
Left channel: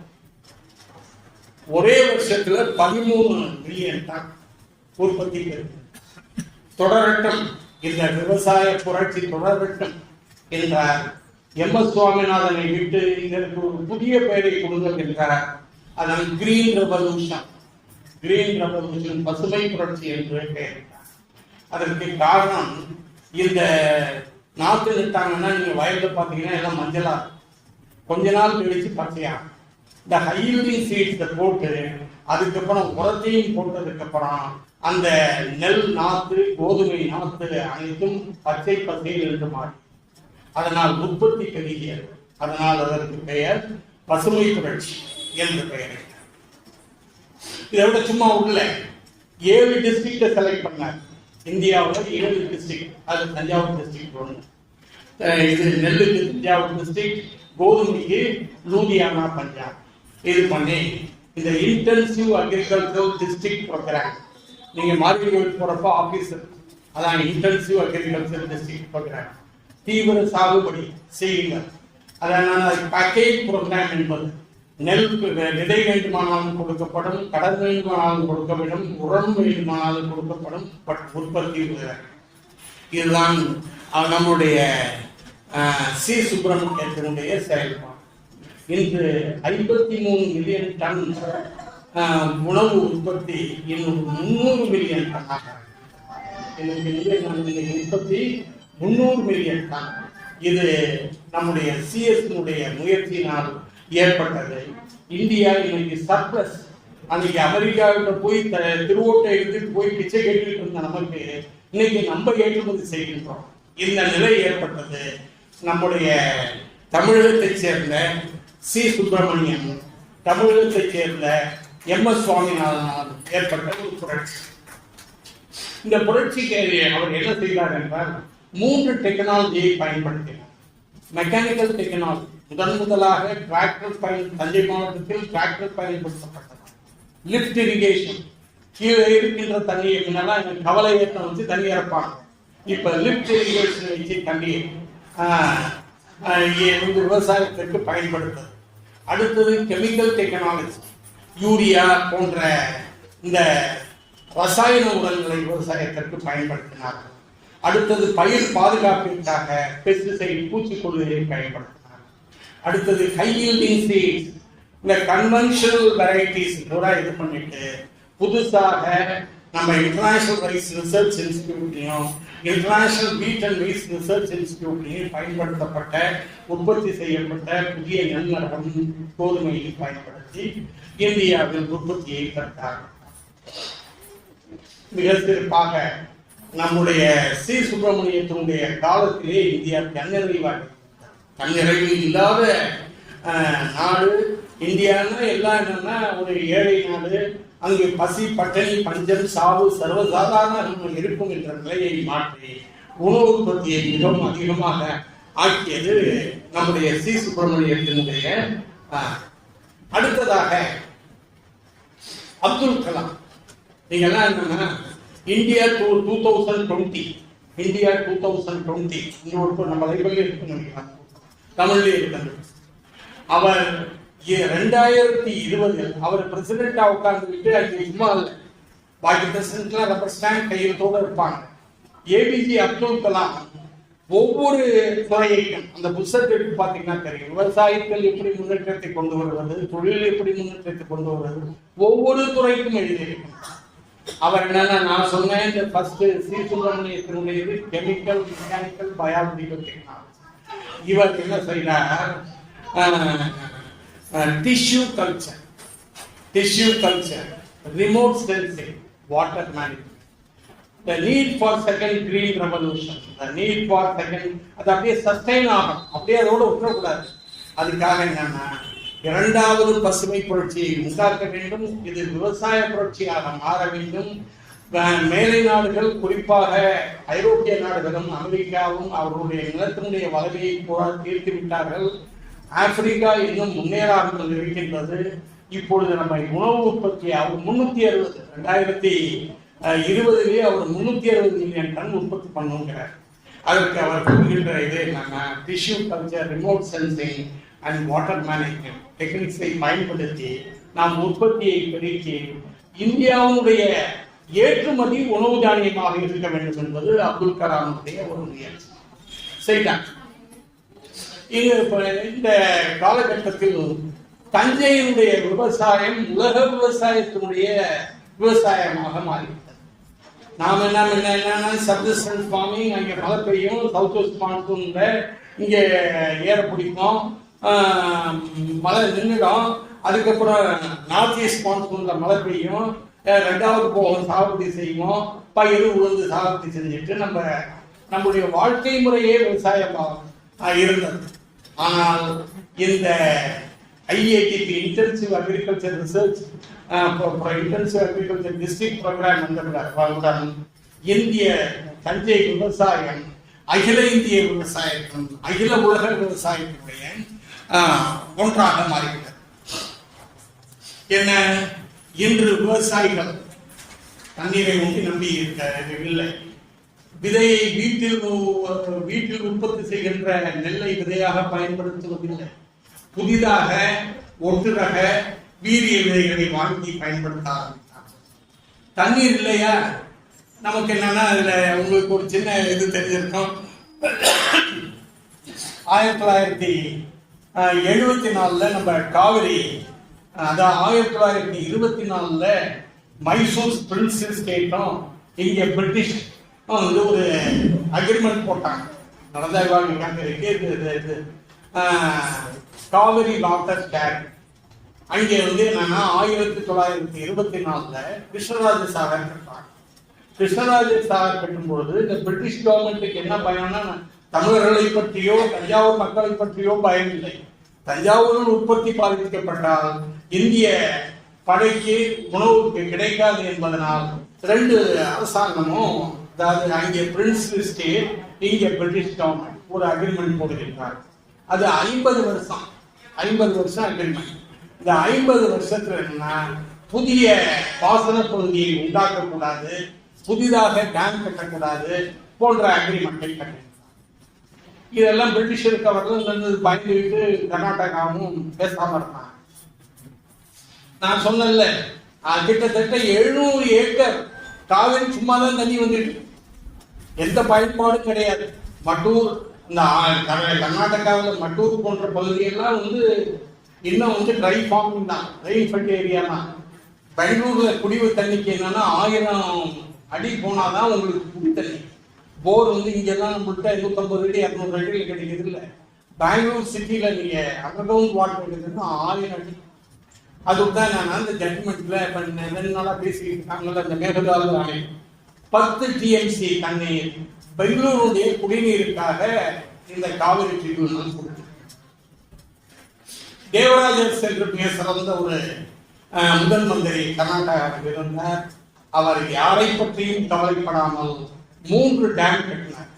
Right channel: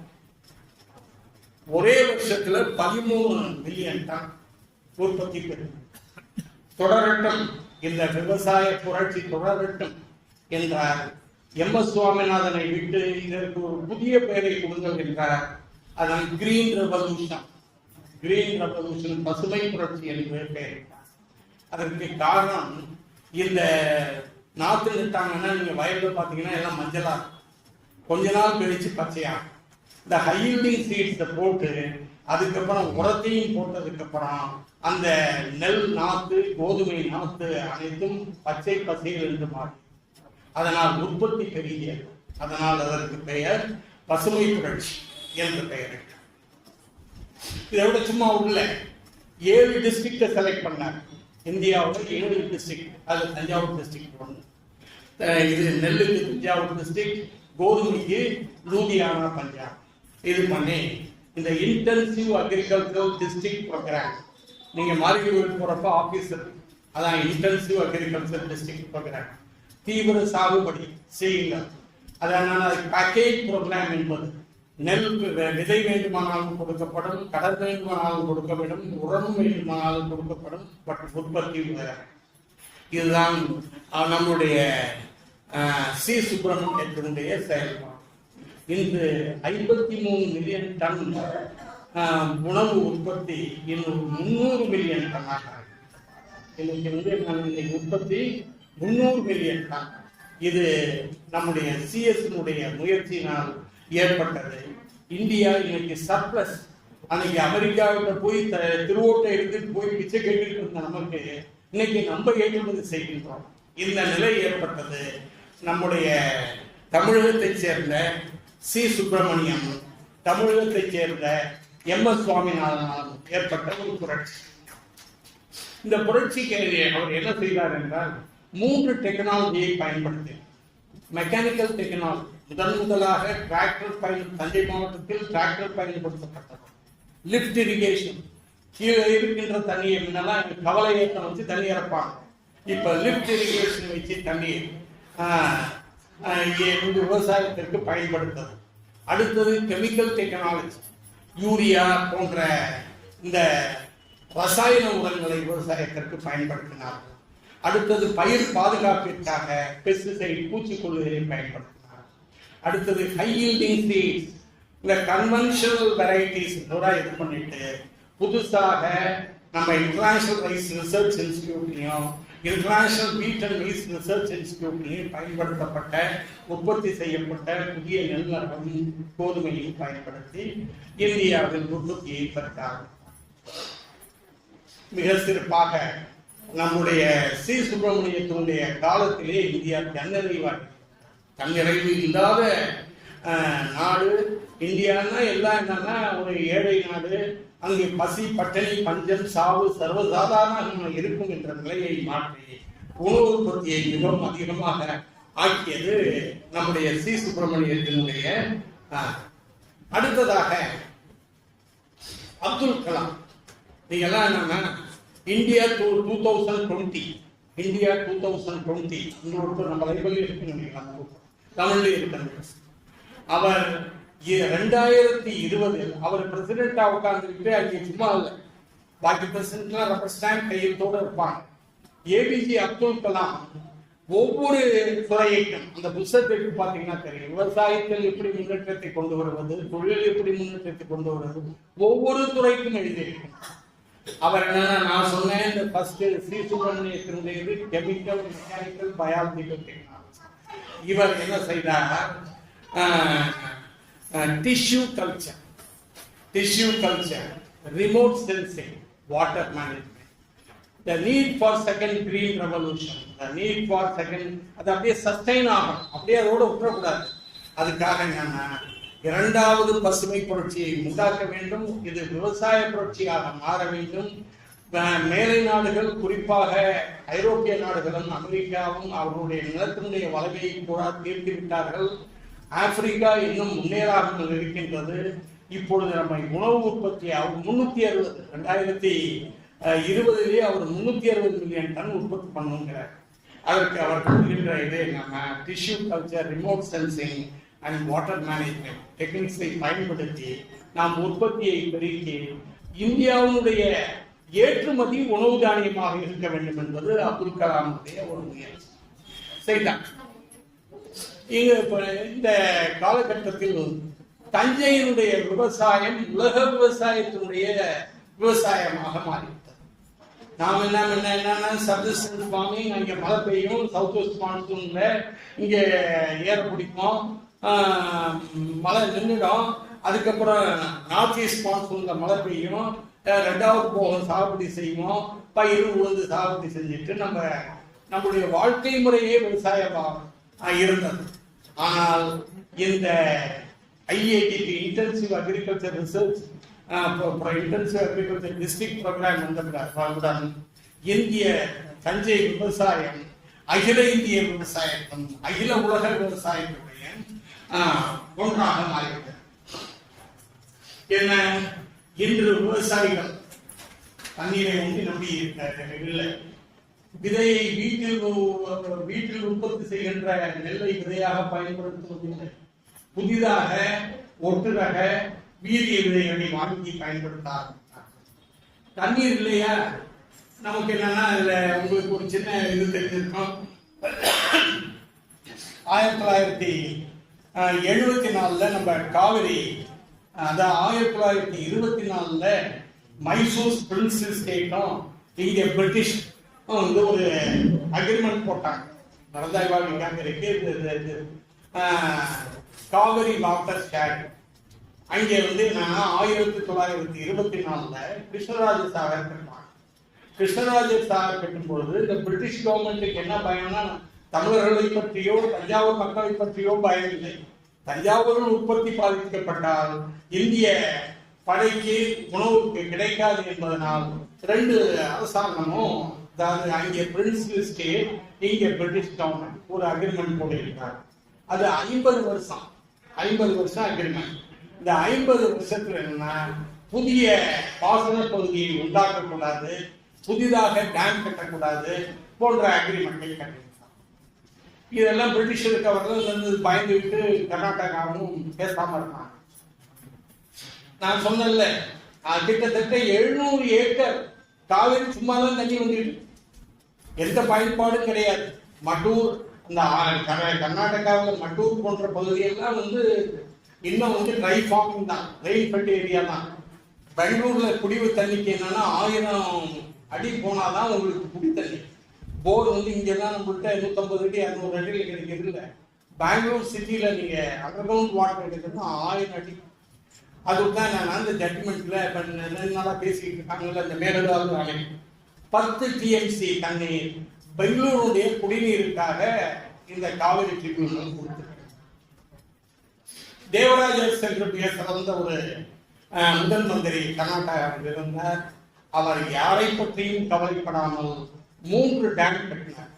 ஒரே வருஷத்துல 13 மில்லியன் டன் உற்பத்தி தொடரட்டும், இந்த விவசாய புரட்சி தொடரட்டும் என்றார். MS சுவாமிநாதனை விட்டு இதற்கு ஒரு புதிய பெயரை கொடுங்கள் என்றார். அதனால் கிரீன் ரெவல்யூஷன், பசுமை புரட்சி என்று பெயரிட்டார். அதற்கு காரணம், இந்த நாற்று நட்டாங்கன்னா நீங்க வயல்ல பாத்தீங்கன்னா எல்லாம் மஞ்சளா, கொஞ்ச நாள் கழிச்சு பச்சையா. இந்த ஹைல்டிங் சீட்ஸ் போட்டு அதுக்கப்புறம் உரத்தையும் போட்டதுக்கு அப்புறம் அந்த நெல் நாற்று, கோதுமை நாற்று அனைத்தும் பச்சை பசையில் இருந்து மாறி, அதனால் உற்பத்தி பெருகியது. அதனால் அதற்கு பெயர் பசுமை புரட்சி என்று பெயரிட்டார். இதை விட சும்மா உள்ள 7 டிஸ்ட்ரிக்டை செலக்ட் பண்ணார். இந்தியாவில் 7 டிஸ்ட்ரிக்ட், அது தஞ்சாவூர் டிஸ்ட்ரிக்ட் ஒன்று, இது நெல்லுக்கு தஞ்சாவூர் டிஸ்ட்ரிக்ட், கோதுமைக்கு லூதியானா பஞ்சாப். இது பண்ணி இந்த இன்டென்சிவ் அக்ரிகல்ச்சர் டிஸ்ட்ரிக்ட் ப்ரோக்ராம், நீங்க மார்க்கெட் போறப்ப ஆபீசர், அதான் இன்டென்சிவ் அக்ரிகல்ச்சர் டிஸ்ட்ரிக்ட் ப்ரோக்ராம், தீவிர சாகுபடி செய்யுங்க. அதான் பேக்கேஜ் ப்ரோக்ராம் என்பது நெல் விதை வேண்டுமானாலும் கொடுக்கப்படும், கடன் வேண்டுமானாலும் கொடுக்கப்படும், உரம் வேண்டுமானாலும் கொடுக்கப்படும், பட் உற்பத்தி வேற. இதுதான் நம்முடைய சி சுப்பிரமணியத்தினுடைய செயல்பாடு. இன்று 53 மில்லியன் டன் உணவு உற்பத்தி இன்னும் 300 மில்லியன் டன்னாக உற்பத்தி 300 மில்லியன் டன். இது நம்முடைய சிஎஸ்னுடைய முயற்சியினால் ஏற்பட்டது. இந்தியா இன்னைக்கு சர்ப்ளஸ். அன்னைக்கு அமெரிக்காவுக்கு போய் திருவோட்டை எடுத்துட்டு போய் பிச்சை கேட்டுட்டு இருந்த நமக்கு இன்னைக்கு நம்ம ஏற்றுமதி செய்கின்றோம். இந்த நிலை ஏற்பட்டது நம்முடைய தமிழகத்தை சேர்ந்த சி சுப்பிரமணியன், தமிழகத்தை சேர்ந்த MS சுவாமிநாதன் ஏற்பட்ட ஒரு புரட்சி. இந்த புரட்சிக்கு அவர் என்ன செய்தார் என்றால் 3 டெக்னாலஜியை பயன்படுத்தினார். மெக்கானிக்கல் டெக்னாலஜி, முதலாக டிராக்டர் தஞ்சை மாவட்டத்தில் டிராக்டர் பயன்படுத்தப்பட்டது. லிப்ட் இரிகேஷன், கீழே இருக்கின்ற தண்ணியை முன்னெல்லாம் கவலை வச்சு தண்ணி இறப்பாங்க. இப்ப லிப்ட் இரிகேஷன் வச்சு தண்ணியை விவசாயத்திற்கு பயன்படுத்துறது. அடுத்தது கெமிக்கல் டெக்னாலஜி, யூரியா போன்ற இந்த ரசாயன உரங்களை விவசாயத்திற்கு பயன்படுத்தினார். அடுத்தது பயிர் பாதுகாப்பிற்காக பெஸ்டிசைட், பூச்சிக்கொல்லிகளை பயன்படுத்தினார். அடுத்தது ஹை யீல்டிங் சீட்ஸ், இந்த கன்வென்ஷனல் வெரைட்டிஸ் கூட இது பண்ணிட்டு புதுசாக நம்ம இன்டர்நேஷனல் ரைஸ் ரிசர்ச் இன்ஸ்டிடியூட்லையும் international wheat and rice research இன்ஸ்டிடியூட்லையும் பயன்படுத்தப்பட்ட உற்பத்தி செய்யப்பட்ட புதிய நெல்மரகம் கோதுமையை பயன்படுத்தி இந்தியாவில் உற்பத்தியை பெற்றார். மிக சிறப்பாக நம்முடைய சி சுப்பிரமணியத்தினுடைய காலத்திலே இந்தியா தன்னிறைவு இல்லாத நாடு. இந்தியான்னா எல்லாம் என்னன்னா ஒரு ஏழை நாடு, அங்கு பசி பட்டினி பஞ்சம் சாவு சர்வசாதாரண இருக்கும் என்ற நிலையை மாற்றி உணவு உற்பத்தியை மிகவும் அதிகமாக ஆக்கியது நம்முடைய சி சுப்பிரமணியத்தினுடைய. அடுத்ததாக அப்துல் கலாம். நீங்க எல்லாம் என்னன்னா இந்தியா 2020 இந்தியா 2020 இன்னொரு நம்ம லைப்ரரி இருக்கு, தமிழ்ல இருக்கு. அவர் 2020 அவர் பிரசிடென்டா உட்கார்ந்துக்கிட்டு அங்கே சும்மா இல்லை, பாக்கி பிரசிடென்ட்லாம் ரப்பர் ஸ்டாம்ப் கையெழுத்தோட இருப்பாங்க. ஏபிஜே அப்துல் கலாம் ஒவ்வொரு துறையையும் அந்த புத்தகத்திற்கு பார்த்தீங்கன்னா தெரியும், விவசாயத்தில் எப்படி முன்னேற்றத்தை கொண்டு வருவது, தொழில் எப்படி முன்னேற்றத்தை கொண்டு வருவது, ஒவ்வொரு துறைக்கும் எழுதியிருக்கும். அவர் என்னன்னா நான் சொன்னேன், இந்த ஃபர்ஸ்ட் சி சுப்பிரமணியத்தினுடைய கெமிக்கல், மெக்கானிக்கல், பயாலஜிக்கல் டெக்னாலஜி. இவர் என்ன செய்தார், tissue culture, remote sensing, water management, the need for second green revolution, the need for second, அது அப்படியே சஸ்டைன் ஆகும், அப்படியே அதோட விட்டுறக்கூடாது. அதுக்காக என்னன்னா இரண்டாவது பசுமை புரட்சியை உண்டாக்க வேண்டும். இது விவசாய புரட்சியாக மாற வேண்டும். மேலை நாடுகள், குறிப்பாக ஐரோப்பிய நாடுகளும் அமெரிக்காவும் அவர்களுடைய நிலத்தினுடைய வளர்ச்சியை தீர்த்து விட்டார்கள். ஆப்பிரிக்கா இன்னும் முன்னேறாமல் இருக்கின்றது. இப்பொழுது நம்ம உணவு உற்பத்தி அவர் 360 2020 அவர் 360 மில்லியன் டன் உற்பத்தி பண்ணுங்கிறார். அதுக்கு அவர் கூறுகின்ற இது என்னன்னா tissue culture, remote sensing and water management டெக்னிக்ஸை பயன்படுத்தி நாம் உற்பத்தியை பெருக்கி இந்தியாவுடைய ஏற்றுமதி உணவு தானியமாக இருக்க வேண்டும் என்பது அப்துல் கலாமுடைய ஒரு முயற்சி செய்தார். இந்த காலகட்டத்தில் தஞ்சையினுடைய விவசாயம் உலக விவசாயத்தினுடைய விவசாயமாக மாறிவிட்டது. நாம் என்னன்னா சப்சிஸ்டன்ஸ் ஃபார்மிங், அங்கே மழை பெய்யும், சவுத் வெஸ்ட் மான்சூன்ல இங்கே ஏற பிடிக்கும், மழை நின்றுடும், அதுக்கப்புறம் நார்த் ஈஸ்ட் மான்சூன்ல மழை பெய்யும், ரெண்டாவது போகும் சாகுபடி செய்வோம், பயிர் உளுந்து சாகுபடி செஞ்சுட்டு நம்முடைய வாழ்க்கை முறையே விவசாயமாக இருந்தது. ஆனால் இந்த IATP intensive agriculture research intensive agriculture district programme வந்தவுடன் இந்திய தஞ்சை விவசாயம் அகில இந்திய விவசாயத்தும் அகில உலக விவசாயத்துடைய ஒன்றாக மாறிவிட்டது. என்ன, இன்று விவசாயிகள் தண்ணீரை நம்பி இல்லை. விதையை வீட்டில் உற்பத்தி செய்கின்ற நெல்லை விதையாக பயன்படுத்துவதில்லை. புதிதாக ஒட்டு ரக வீரிய விதைகளை வாங்கி பயன்படுத்த ஆரம்பித்தார்கள். தண்ணீர் இல்லையா, நமக்கு என்னன்னா இதுல உங்களுக்கு ஒரு சின்ன இது தெரிஞ்சிருக்கும். 1974 நம்ம காவிரி, அதாவது 1924 மைசூர் பிரின்சஸ் ஸ்டேட்டும் இங்க பிரிட்டிஷ் வந்து ஒரு அக்ரிமெண்ட் போட்டாங்க. நடந்தாய்வாங்க காவிரி வாட்டர் ஸ்டாட். அங்கே வந்து என்னன்னா 1924 கிருஷ்ணராஜ சாகர் கட்டுறாங்க. கிருஷ்ணராஜ சாகர் கட்டும்போது இந்த பிரிட்டிஷ் கவர்மெண்ட்டுக்கு என்ன பயம்னா, தமிழர்களை பற்றியோ தஞ்சாவூர் மக்களை பற்றியோ பயம் இல்லை. தஞ்சாவூரில் உற்பத்தி பாதிக்கப்பட்டால் இந்திய படைக்கு உணவுக்கு கிடைக்காது என்பதனால் ரெண்டு அரசாங்கமும், அதாவது அங்கே பிரின்ஸ் ஸ்டேட் இங்கே பிரிட்டிஷ் கவர்மெண்ட் ஒரு அக்ரிமெண்ட் போடுகின்றார். அது 50 வருஷம் அக்ரிமெண்ட். இந்த 50 வருஷத்துல என்னன்னா, புதிய பாசன பகுதியை உண்டாக்கக்கூடாது, புதிதாக டேம் கட்டக்கூடாது போன்ற அக்ரிமெண்டை கட்டினார். இதெல்லாம் பிரிட்டிஷருக்கு அவர்கள் பயந்துவிட்டு கர்நாடகாவும் பேசாம இருந்தாங்க. நான் சொன்னேன்ல, கிட்டத்தட்ட 700 ஏக்கர் காவிரி சும்மாதான் தண்ணி வந்துட்டு, எந்த பயன்பாடும் கிடையாது. மட்டூர், இந்த கர்நாடகாவில் மட்டூர் போன்ற பகுதியெல்லாம் வந்து இன்னும் வந்து ட்ரை ஃபார்மிங் தான், ரெயின் ஃபெட் ஏரியா தான். பெங்களூர்ல குடிவு தண்ணிக்கு என்னன்னா 1000 அடி போனாதான் உங்களுக்கு குடி தண்ணி. போர் வந்து இங்கெல்லாம் நம்மள்கிட்ட 150 அடி 200 அடியில் கிடைக்குது இல்லை. பெங்களூர் சிட்டியில நீங்க அண்டர் கிரவுண்ட் வாட்டர் கிடைக்குதுன்னா 1000 அடி. அதுதான் நான் அந்த ஜட்மெண்ட்ல 2 நாளா பேசிட்டு இருக்காங்கல்ல, அந்த மேகதாது அணை 10 TMC தண்ணீர் பெங்களூருடைய குடிநீருக்காக இந்த காவிரி ட்ரிபியூனல் கொடுத்திருக்கு. தேவராஜர் சென்று சிறந்த ஒரு முதல் மந்திரி கர்நாடகாவில் இருந்தார். அவர் யாரை பற்றியும் கவலைப்படாமல் 3 டேம் கட்டினார்.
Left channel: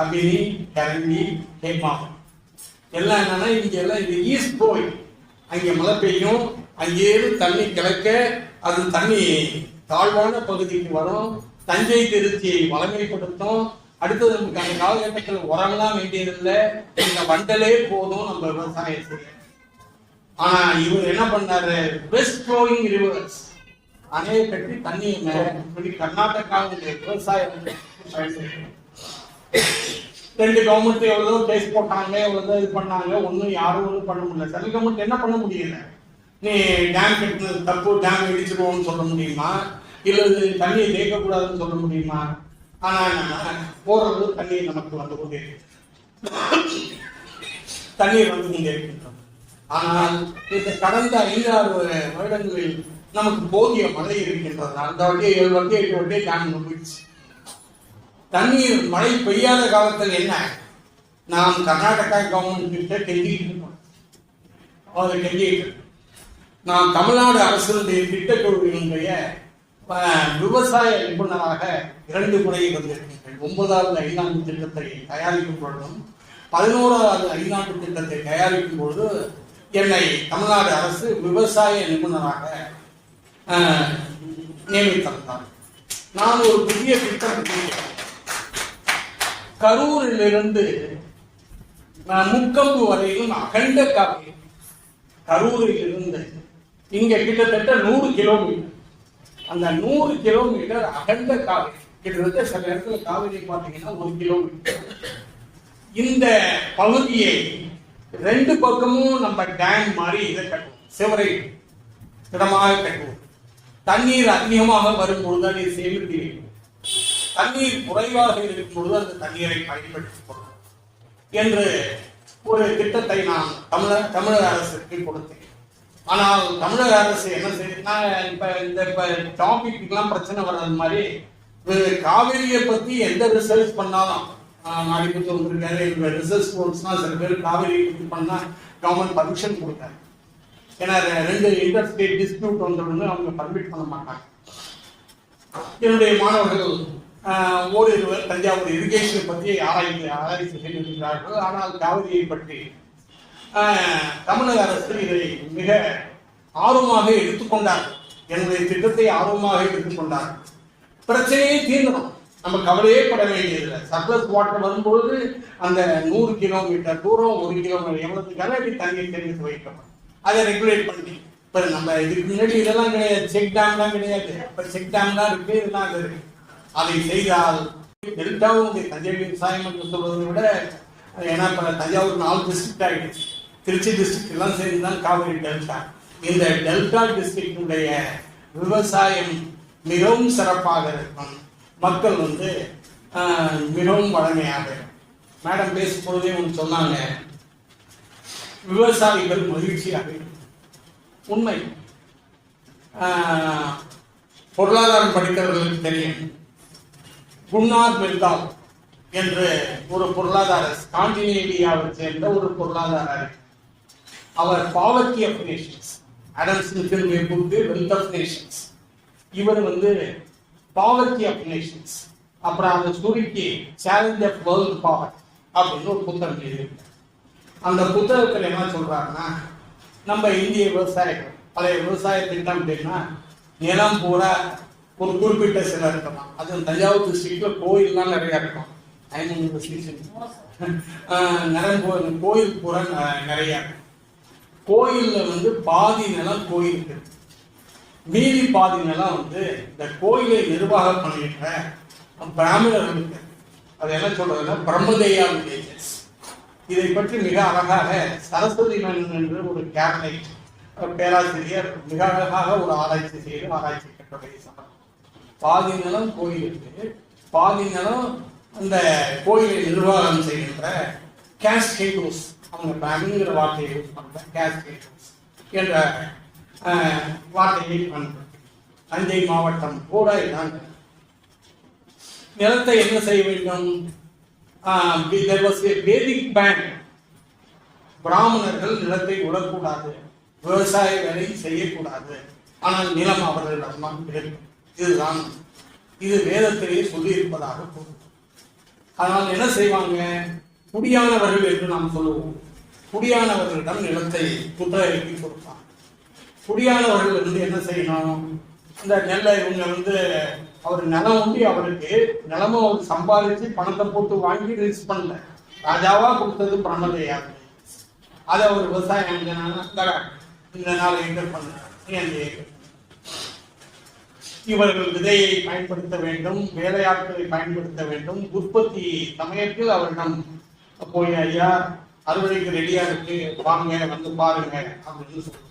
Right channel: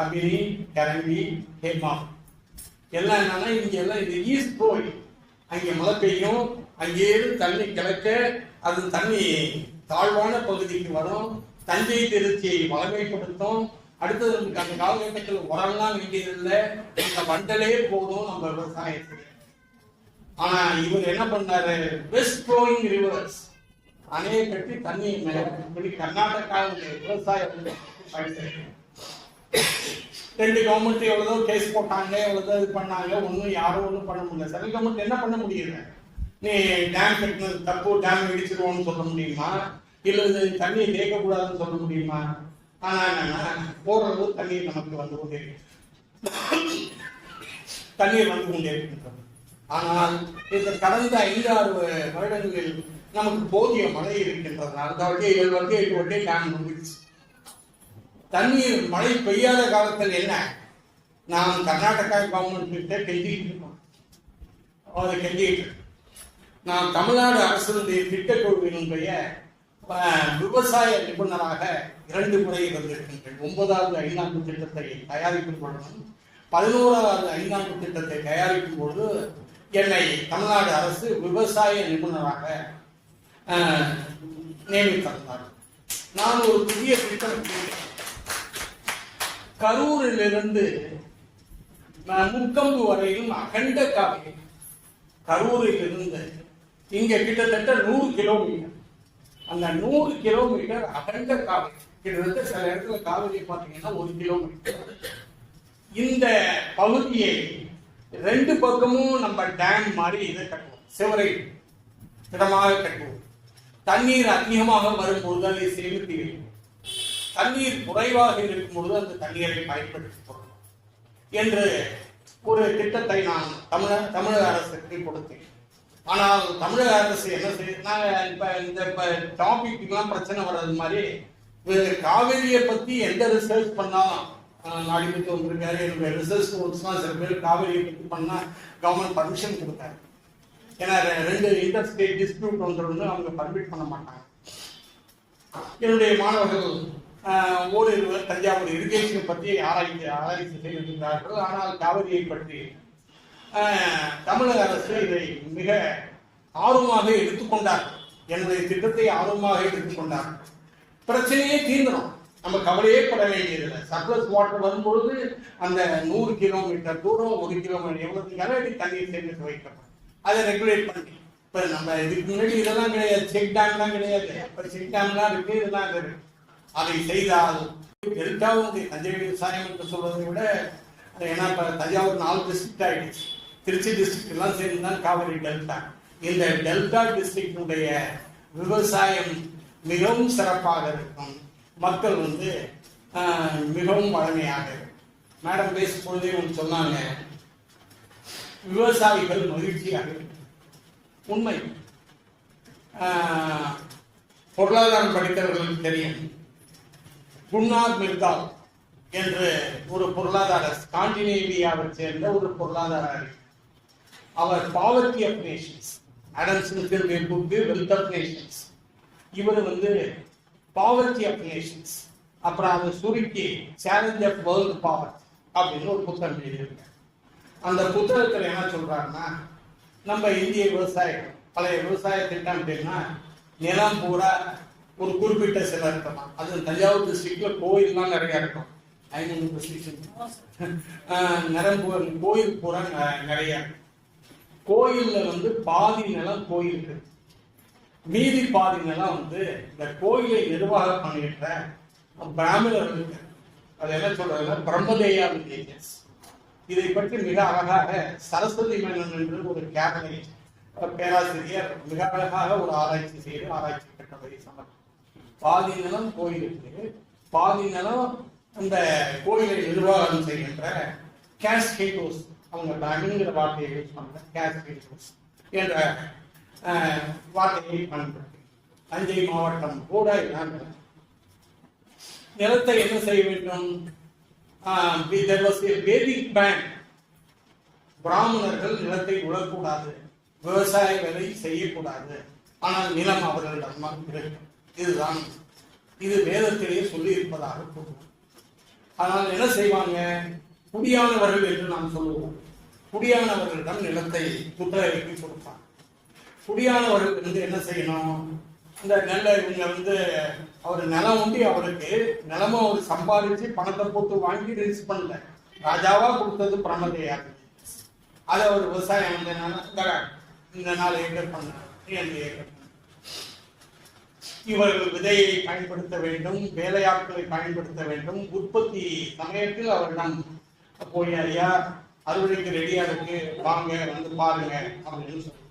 அபினி, கரங்கி, ஹேமா. எல்லாம் என்னன்னா, இங்க எல்லாம் இது ஈஸ்ட் போய் அங்கே மழை பெய்யும், அங்கேயிருந்து தண்ணி கிழக்க, அது தண்ணி தாழ்வான பகுதிக்கு வரும், தஞ்சை திருச்சியை வளமைப்படுத்தும். அடுத்தது நமக்கு அந்த காலகட்டத்தில் உரம்லாம் வேண்டியதில்லை, இந்த வண்டலே போதும் நம்ம விவசாயம் செய்ய. ஆனா இவர் என்ன பண்ணாரு, பெஸ்ட் ஃப்ளோயிங் ரிவர்ஸ் அணையை கட்டி தண்ணியை மேலே கர்நாடகாவுடைய விவசாயம். 2 கவர்மெண்ட் எவ்வளோ கேஸ் போட்டாங்க, எவ்வளோ இது பண்ணாங்க, ஒன்றும் யாரும் ஒன்றும் பண்ண முடியல. சென்ட்ரல் கவர்மெண்ட் என்ன பண்ண முடியல, நீ டேம் கட்டினது தப்பு, டேம் இடிச்சிடுவோம்னு சொல்ல முடியுமா, இல்லை தண்ணியை தேக்கக்கூடாதுன்னு சொல்ல முடியுமா? ஆனா என்னன்னா, ஓரளவு தண்ணீர் நமக்கு வந்து கொண்டே தண்ணீர் வந்து கொண்டே இருக்கின்றோம். ஆனால் இந்த கடந்த 5-6 வருடங்களில் நமக்கு போதிய மழை இருக்கின்றதுனால அந்த வகை 7 வகை 8 வகை டேம் நம்பிடுச்சு. தண்ணீர் மழை பெய்யாத காலத்தில் என்ன, நாம் கர்நாடகா கவர்மெண்ட் கிட்ட கெஞ்சிட்டு நாம் தமிழ்நாடு அரசுடைய திட்டக்குழுவினுடைய விவசாய நிபுணராக 2 முறை இருந்திருக்கின்றேன். 9வது ஐந்தாண்டு திட்டத்தை தயாரிக்கும் பொழுதும் 11வது ஐந்தாண்டு திட்டத்தை தயாரிக்கும் பொழுது என்னை தமிழ்நாடு அரசு விவசாய நிபுணராக நியமித்திருந்தார். நான் ஒரு புதிய திட்டம் கரூரிலிருந்து முக்கம்பு வரையிலும் அகண்ட காவிரி, கரூரில் இருந்து இங்க கிட்டத்தட்ட 100 கிலோமீட்டர். அந்த 100 கிலோமீட்டர் அகண்ட காவிரி, கிட்டத்தட்ட சில இடத்துல காவிரி பார்த்தீங்கன்னா 1 கிலோமீட்டர். இந்த பகுதியை 2 பக்கமும் நம்ம டேம் மாதிரி இதை கட்டுவோம், சிவரை திடமாக கட்டுவோம். தண்ணீர் அதிகமாக வரும்போது அதை சேமிப்பீர்கள், தண்ணீர் குறைவாக இருக்கும்பொழுது அந்த தண்ணீரை பயன்படுத்திக் என்று ஒரு திட்டத்தை நான் தமிழக அரசுக்கு கொடுத்தேன். ஆனால் தமிழக அரசு என்ன செய்யுதுன்னா, இந்த டாபிக்லாம் பிரச்சனை வர்றது மாதிரி காவிரியை பத்தி எந்த ரிசர்ச் பண்ணாலும் நாளைக்கு வந்திருக்காரு ரிசர்ச் ஸ்டூடெண்ட்ஸ்லாம் சில பேர் காவிரியை பத்தி பண்ணா கவர்மெண்ட் பர்மிஷன் கொடுத்தாரு. ஏன்னா 2 இன்டர்ஸ்டேட் டிஸ்பியூட் வந்துடும், அவங்க பர்மிட் பண்ண மாட்டாங்க. என்னுடைய மாணவர்கள் ஓரிருவர் தஞ்சாவூர் இரிகேஷன் பற்றி ஆராய்ச்சி செய்திருக்கிறார்கள். ஆனால் காவிரியை பற்றி தமிழக அரசு இதை மிக ஆர்வமாக எடுத்துக்கொண்டார். என்னுடைய திட்டத்தை ஆர்வமாக எடுத்துக்கொண்டார். பிரச்சனையே தீர்ந்தோம், நம்ம கவலையே பட வேண்டியதில்லை. சர்ப்ளஸ் வாட்டர் வரும்பொழுது அந்த 100 கிலோமீட்டர் தூரம் 1 கிலோமீட்டர் எவ்வளவு கனஅடி தண்ணீர் சேமித்து வைக்கணும், அதை ரெகுலேட் பண்ணி. இப்போ நம்ம இதுக்கு முன்னாடி இதெல்லாம் கிடையாது, செக் டேம்லாம் கிடையாது. இப்போ செக் டேம்லாம் இருக்கு, இதெல்லாம் இருக்கு. அதை செய்தால் டெல்டாவும் தஞ்சை விவசாயம் என்று சொல்வதை விட, ஏன்னா இப்போ தஞ்சாவூர் 4 டிஸ்ட்ரிக்ட் ஆகிடுச்சு, திருச்சி டிஸ்ட்ரிக்ட் எல்லாம் சேர்ந்து தான் காவிரி டெல்டா. இந்த டெல்டா டிஸ்ட்ரிக்டுடைய விவசாயம் மிகவும் சிறப்பாக இருக்கும். மக்கள் மிகவும் வளமையாக. மேடம் பேசும்பொழுதே ஒன்று சொன்னாங்க, விவசாயிகள் மகிழ்ச்சியாக. உண்மை. பொருளாதாரம் படிக்கிறவர்களுக்கு தெரியும். குன்னார் மெல்டால் என்று ஒரு பொருளாதார ஸ்காண்டினேவியாவை சேர்ந்த ஒரு பொருளாதார, அவர் பாவர்ட்டி ஆஃப் நேஷன்ஸ், ஆடம் ஸ்மித்தினுடைய புக்கு வெல்த் ஆஃப் நேஷன்ஸ். இவர் பாவர்ட்டி ஆஃப் நேஷன்ஸ், அப்புறம் அந்த சுருக்கி சேலஞ்ச் ஆஃப் வேர்ல்ட் பவர் அப்படின்னு ஒரு புத்தகம் எழுதியிருக்கார். அந்த புத்தகத்தில் என்ன சொல்றாருன்னா, நம்ம இந்திய விவசாயிகள் பழைய விவசாய திட்டம் அப்படின்னா நிலம் பூரா ஒரு குறிப்பிட்ட சில இருக்கலாம். அது தஞ்சாவூர் டிஸ்ட்ரிக்ட்ல கோயில்லாம் நிறைய இருக்கும். 500 கோயில் பூரா நிறைய. கோயில்ல பாதி நிலம் கோயிலுக்கு, மீதி பாதி நிலம் இந்த கோயிலை நிர்வாகம் பண்ணிட்ட பிராமணர்களுக்கு. அது என்ன சொல்றதுன்னா பிரம்மதேயா வில்லேஜஸ். இதை பற்றி மிக அழகாக சரஸ்வதி மேனன் என்று ஒரு கேபினட் பேராசிரியர் மிக அழகாக ஒரு ஆராய்ச்சி செய்து ஆராய்ச்சி கட்டுரை சமர்ப்பம். பாதி நிலம் கோயிலுக்கு, பாதி நிலம் இந்த கோயிலை நிர்வாகம் செய்கின்ற கேஸ்கேட்டோஸ், அவங்க பிராமின்கிற வார்த்தையை யூஸ் பண்ற கேஸ்கேட்டோஸ் என்ற வார்த்தையை பயன்படுத்தி தஞ்சை மாவட்டம் கூட இதான். நிலத்தை என்ன செய்ய வேண்டும்? there was a Vedic ban. பிராமணர்கள் நிலத்தை விடக்கூடாது, விவசாய வேலை செய்யக்கூடாது. ஆனால் நிலம் அவர்களிடம் இதுதான், இது வேதத்திலே சொல்லி இருப்பதாக கூறுவோம். ஆனால் என்ன செய்வாங்க? குடியானவர்கள் என்று நாம் சொல்லுவோம். குடியானவர்களிடம் நிலத்தை குத்தகைக்கு கொடுப்பாங்க. குடியானவர்கள் என்ன செய்யணும்? இந்த நெல்லை இவங்க அவர் நிலம் உண்டி, அவருக்கு நிலமும் அவர் சம்பாதிச்சு பணத்தை போட்டு வாங்கி ரிலீஸ் பண்ணல, ராஜாவா கொடுத்தது பிரம்மதேயா. அதை அவர் விவசாயம் இந்த 4 ஏக்கர் பண்ண 2 ஏக்கர். இவர்கள் விதையை பயன்படுத்த வேண்டும், வேலையாட்களை பயன்படுத்த வேண்டும். உற்பத்தி சமயத்தில் அவரிடம் போய், ஐயா அறுவடைக்கு ரெடியா இருக்கு, வாங்க பாருங்க அப்படின்னு சொல்லுவாங்க.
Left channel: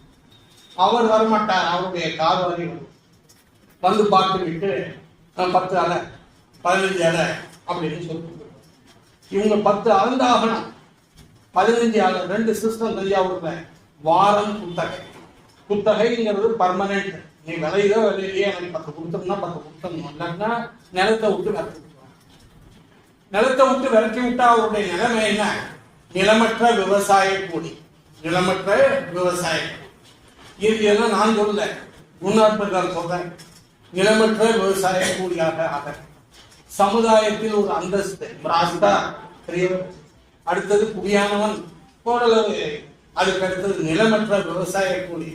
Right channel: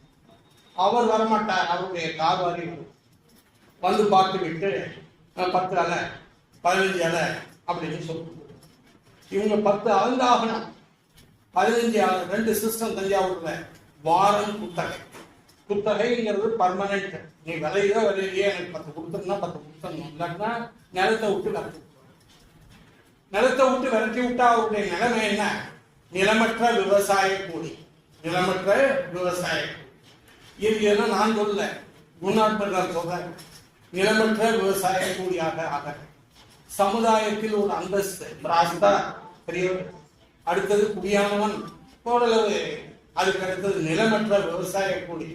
அவர் வரமாட்டார், அவருடைய கார் வரை பார்த்து விட்டு 10 அலை 15 அலை அப்படின்னு சொல்லிட்டு இவங்க 10 அளந்தாகணும். 15 அலை 2 சிஸ்டம் தஞ்சாவூர்ல. வாரம் குத்தகைங்கிறது பர்மனன்ட். நீ விலையிலேயே எனக்கு 10 கொடுத்தோம்னா 10 கொடுத்தணும், இல்லைன்னா நிலத்தை விட்டு விரட்டி விட்டா அவருடைய நிலைமை என்ன? நிலமற்ற விவசாய கூலி. நிலமற்ற விவசாய இதெல்லாம் நான் சொல்ல, முன்னாள் சொல்றேன். நிலமற்ற விவசாய கூலியாக ஆக சமுதாயத்தில் ஒரு அந்தஸ்து ராஸ்தா பெரியவர், அடுத்தது குடியானவன் ஓரளவு, அதுக்கு அடுத்தது நிலமற்ற விவசாய கூலி.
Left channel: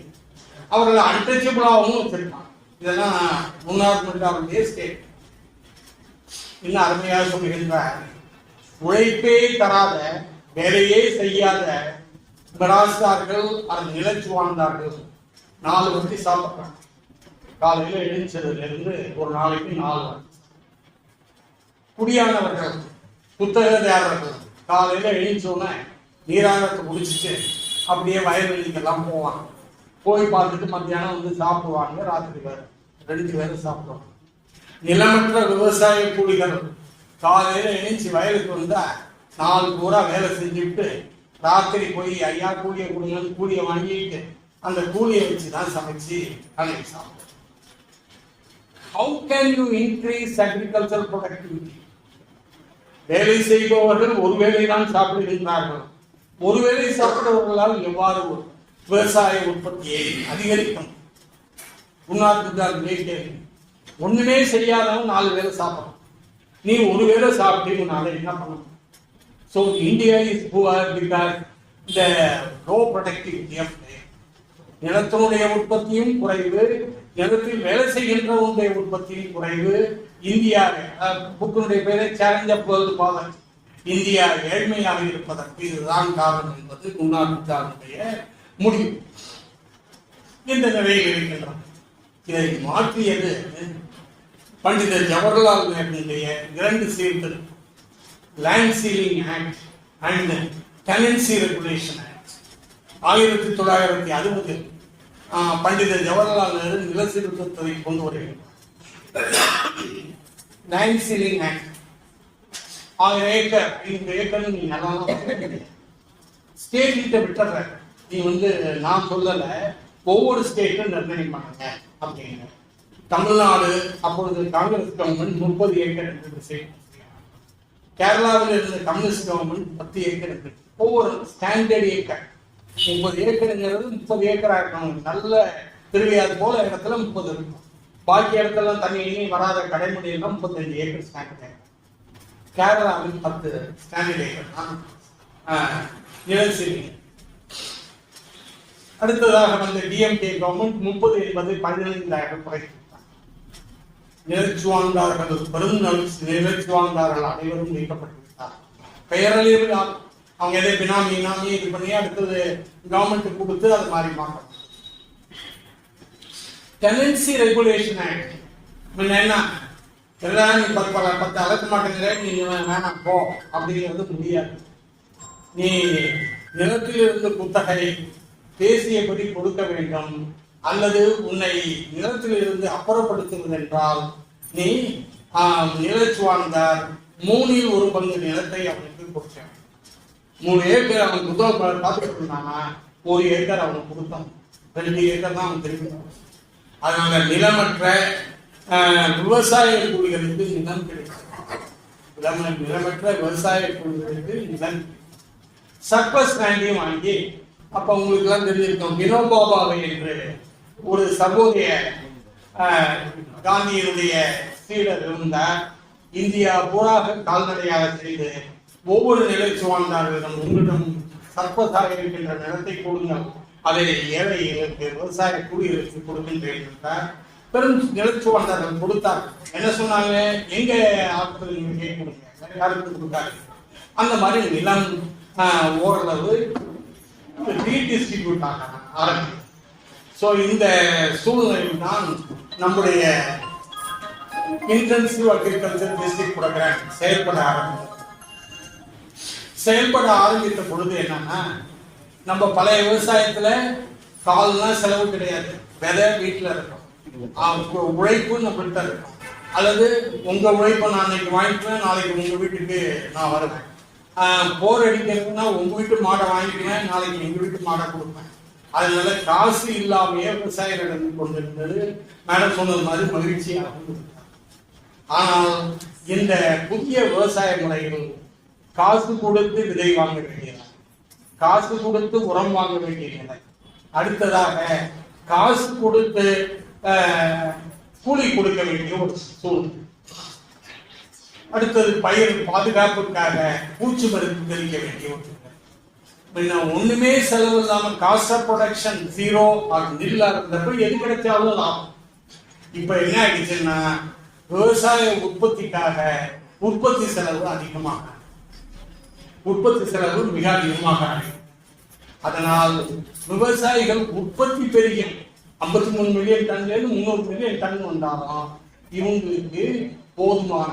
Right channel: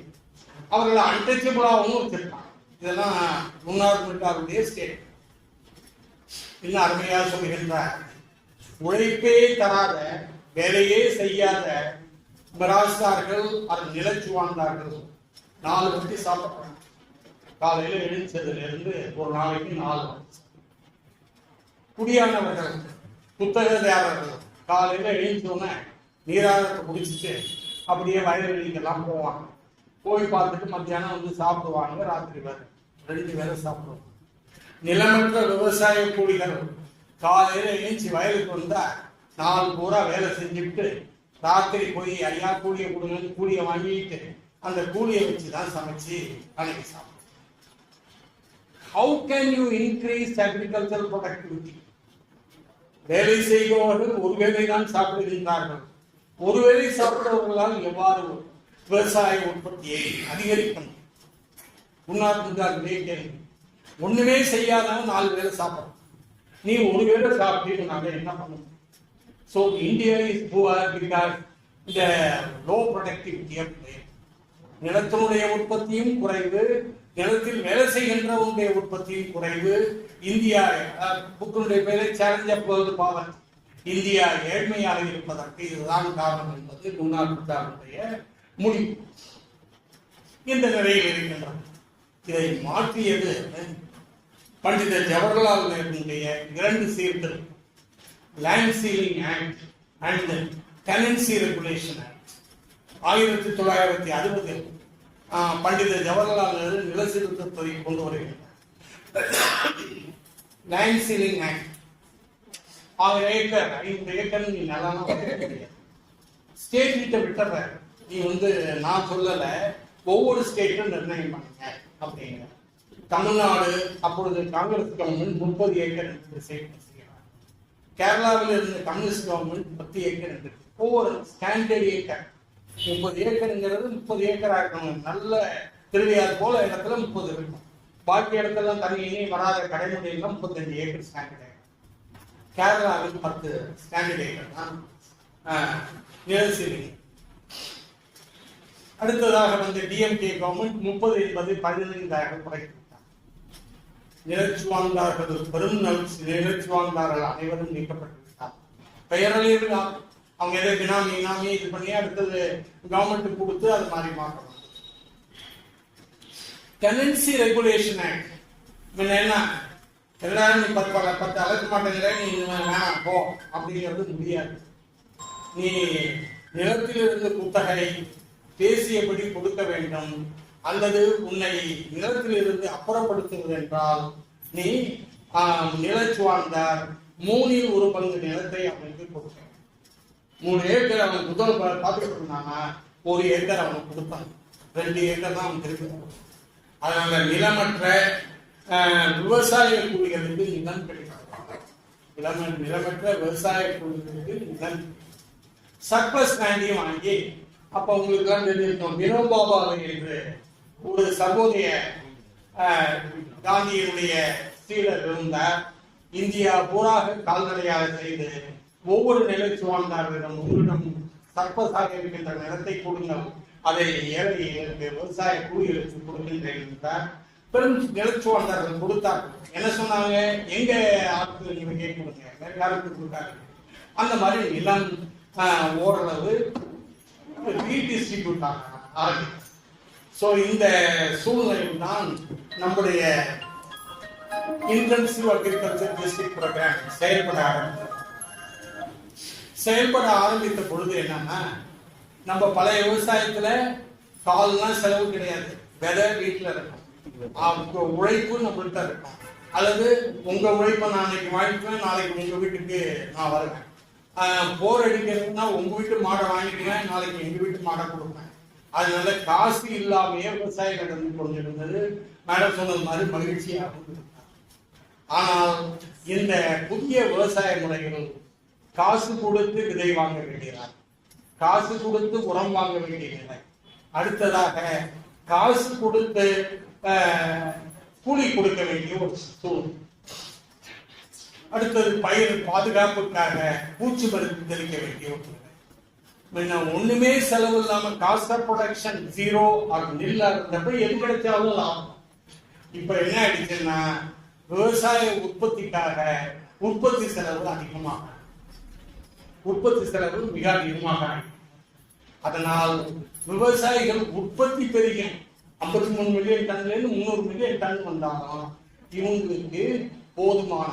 அவர்களை அன்டச்சபிளாகவும் வச்சிருக்காங்க. இதெல்லாம் முன்னாள் ஸ்டேட். இன்னும் அருமையாக சொல்லுகின்றார், உழைப்பே தராத, வேலையே செய்யாத பிராஸ்தார்கள் அது நிலைச்சு வாழ்ந்தார்கள். 4 வட்டி சாப்பிட்றாங்க. காலையில எழுந்ததுல இருந்து ஒரு நாளைக்கு 4 வட்டி. குடியானவர்கள் புத்தகதாரர்கள் காலையில எழுந்தோன்னே நீராரத்தை குடிச்சிட்டு அப்படியே வயல்வெளிக்கெல்லாம் போவாங்க. போய் பார்த்துட்டு மத்தியானம் சாப்பிடுவாங்க. ராத்திரி வேறு 2 வேலை சாப்பிடுவாங்க. நிலமற்ற விவசாய கூலிகள் காலையில எழுந்து வயலுக்கு வந்தா 4 பூரா வேலை செஞ்சுட்டு ராத்திரி போய் ஐயா கூலியை கொடுங்கன்னு கூலியை வாங்கிட்டு அந்த கூலியை வச்சுதான் சமைச்சு அன்னைக்கு சாப்பிடுவோம். How can you increase agricultural productivity? வேலை செய்பவர்கள் ஒரு வேளை தான் சாப்பிடுகின்றார்கள். ஒரு வேளை சாப்பிடுவர்களால் எவ்வாறு விவசாய உற்பத்தியை அதிகரிக்கணும். உன்னார் ஒண்ணுமே செய்யாதவன் 4 பேரை சாப்பிடணும். நீ ஒரு வேளை சாப்பிட்டீங்கனால என்ன பண்ணணும்? So India is poor because the low productivity of நிலத்தினுடைய உற்பத்தியும் குறைவு, நிலத்தில் வேலை செய்கின்றவனுடைய உற்பத்தியும் குறைவு. இந்தியா புக்கினுடைய பேரை challenge of world poverty, India ஏழ்மையாக இருப்பதற்கு இதுதான் காரணம் என்பது முன்னாளுடைய முடிவு. இந்த நிலையில் இருக்கின்றோம். இதை மாற்றியது பண்டிதர் ஜவஹர்லால் நேருடைய 2 சீர்கள், land ceiling act and tenancy regulation act. 1960 பண்டிதர் ஜவஹர்லால் நேரு நில சீர்திருத்தத்தை கொண்டு வருகிறார். Land ceiling act 1000 acre 5 acre நீ நிலம் ஸ்டேட் கிட்ட விட்டுற, நீ நான் சொல்லல, ஒவ்வொரு ஸ்டேட்டும் நிர்ணயம் பண்ணுங்க அப்படிங்கிற. தமிழ்நாடு அப்பொழுது காங்கிரஸ் கவர்மெண்ட் 30 ஏக்கர் என்று, கேரளாவில் இருந்த கம்யூனிஸ்ட் கவர்மெண்ட் 10 ஏக்கர் என்று. ஒவ்வொரு ஸ்டாண்டர்ட் ஏக்கர் 30 ஏக்கருங்கிறது 30 ஏக்கரா இருக்கணும். நல்ல திருவையாறு போல இடத்துல 30 இருக்கும். பாக்கி இடத்துல தண்ணி வராத கடைமுறையெல்லாம் 35 ஏக்கர் ஸ்டாண்டர்ட் ஏக்கர். கேரளாவில் 10 ஸ்டாண்டர்ட் ஏக்கர் தான் நிலச்சீரி. அடுத்ததாக டிஎம்கே கவர்மெண்ட் 30 என்பது 15,000 குறைத்தார். நிலச்சுவாண்டார்கள், பெரும் நிலச்சுவாண்டார்கள் அனைவரும் நீக்கப்பட்டு விட்டார். பெயரளவில் அவங்க எதை பினாமி இது பண்ணி அடுத்தது கவர்மெண்ட் கொடுத்து அது மாதிரி மாற்றணும். டெனன்சி ரெகுலேஷன் ஆக்ட் என்ன, எல்லாரும் நீ 10 அளக்க மாட்டேங்கிற, நீ வேணாம் போ அப்படிங்கிறது முடியாது. நீ நிலத்திலிருந்து குத்தகை பேசியபடி கொடுக்க வேண்டும், அல்லது உன்னை நிலத்திலிருந்து அப்புறப்படுத்துவது என்றால் நீ நிலச்சுவார்ந்தார் 3 1 பங்கு நிலத்தை அவனுக்கு கொடுக்க. 3 ஏக்கர் அவன் புத்தகம் பார்த்துட்டு இருந்தானா 1 ஏக்கர் அவனுக்கு கொடுத்தான், 2 ஏக்கர் தான் அவன் திருப்பி. அதனால நிலமற்ற விவசாய கூலிகளுக்கு நிலம் கிடைக்கும். நிலமற்ற விவசாய கூலிகளுக்கு நிலம் சர்ப்ளஸ் லேண்டையும் வாங்கி, அப்ப உங்களுக்கு எல்லாம் தெரிஞ்சிருக்கும், வினோபாபாவை என்று ஒரு சர்வோதய காந்தியினுடைய சீடர் இருந்தார். இந்தியா பூராக கால்நடையாக செய்து ஒவ்வொரு நிலச்சுவாழ்ந்தார்களிடம் உங்களிடம் சர்ப்பதாக இருக்கின்ற நிலத்தை கொடுங்கள், அதை ஏழைகளுக்கு விவசாய கூலிகளுக்கு கொடுக்கின்றேன் என்றார். பெரும் நிலச்சுவாழ்ந்தார்கள் கொடுத்தார். என்ன சொன்னாங்க, எங்க ஆட்கள் நீங்க கேட்க வேற யாருக்கு கொடுத்தாரு. அந்த மாதிரி நிலம் ஓரளவு ரீடிஸ்ட்ரிபியூட் ஆகணும். ஸோ இந்த சூழ்நிலையில் தான் நம்முடைய இன்டென்சிவ் அக்ரிகல்ச்சர் டிஸ்ட்ரிக்ட் ப்ரோக்ராம் செயல்பட ஆரம்பித்த பொழுது என்னன்னா, நம்ம பழைய விவசாயத்துல கால்னா செலவு கிடையாது, விதை வீட்டுல இருக்கும், உழைப்பு நம்மள்கிட்ட இருக்கும், அல்லது உங்க உழைப்பை நான் இன்னைக்கு வாங்கிக்குவேன், நாளைக்கு உங்க வீட்டுக்கு நான் வருவேன். போர் அடிக்கிறதுனா உங்க வீட்டு மாடை வாங்கிக்குவேன், நாளைக்கு எங்க வீட்டு மாடை கொடுப்பேன். அதனால காசு இல்லாமையே விவசாயம் நடந்து கொண்டிருந்தது. மேடம் சொன்னது மாதிரி மகிழ்ச்சியாக. ஆனால் இந்த புதிய விவசாய முறைகள் காசு கொடுத்து விதை வாங்க வேண்டியது, காசு கொடுத்து உரம் வாங்க வேண்டிய நிலை. அடுத்ததாக காசு கொடுத்து கூலி கொடுக்க வேண்டிய ஒரு சூழ்நிலை. அடுத்தது பயிர் பாதுகாப்புக்காக பூச்சி மருந்து தெளிக்க வேண்டிய ஒரு ஒண்ணுமே செலவு இல்லாம காஸ்ட் ஆஃப் ப்ரொடக்ஷன் 0 நில்லா இருந்தப்ப எது கிடைச்சாலும் லாபம். இப்ப என்ன ஆயிடுச்சுன்னா, விவசாய உற்பத்திக்காக உற்பத்தி செலவு அதிகமாக, உற்பத்தி செலவு மிக அதிகமாக. அதனால் விவசாயிகள் உற்பத்தி பெரிய 53 மில்லியன் டன்ல இருந்து 300 மில்லியன் டன் வந்தாலும் இவங்களுக்கு போதுமான.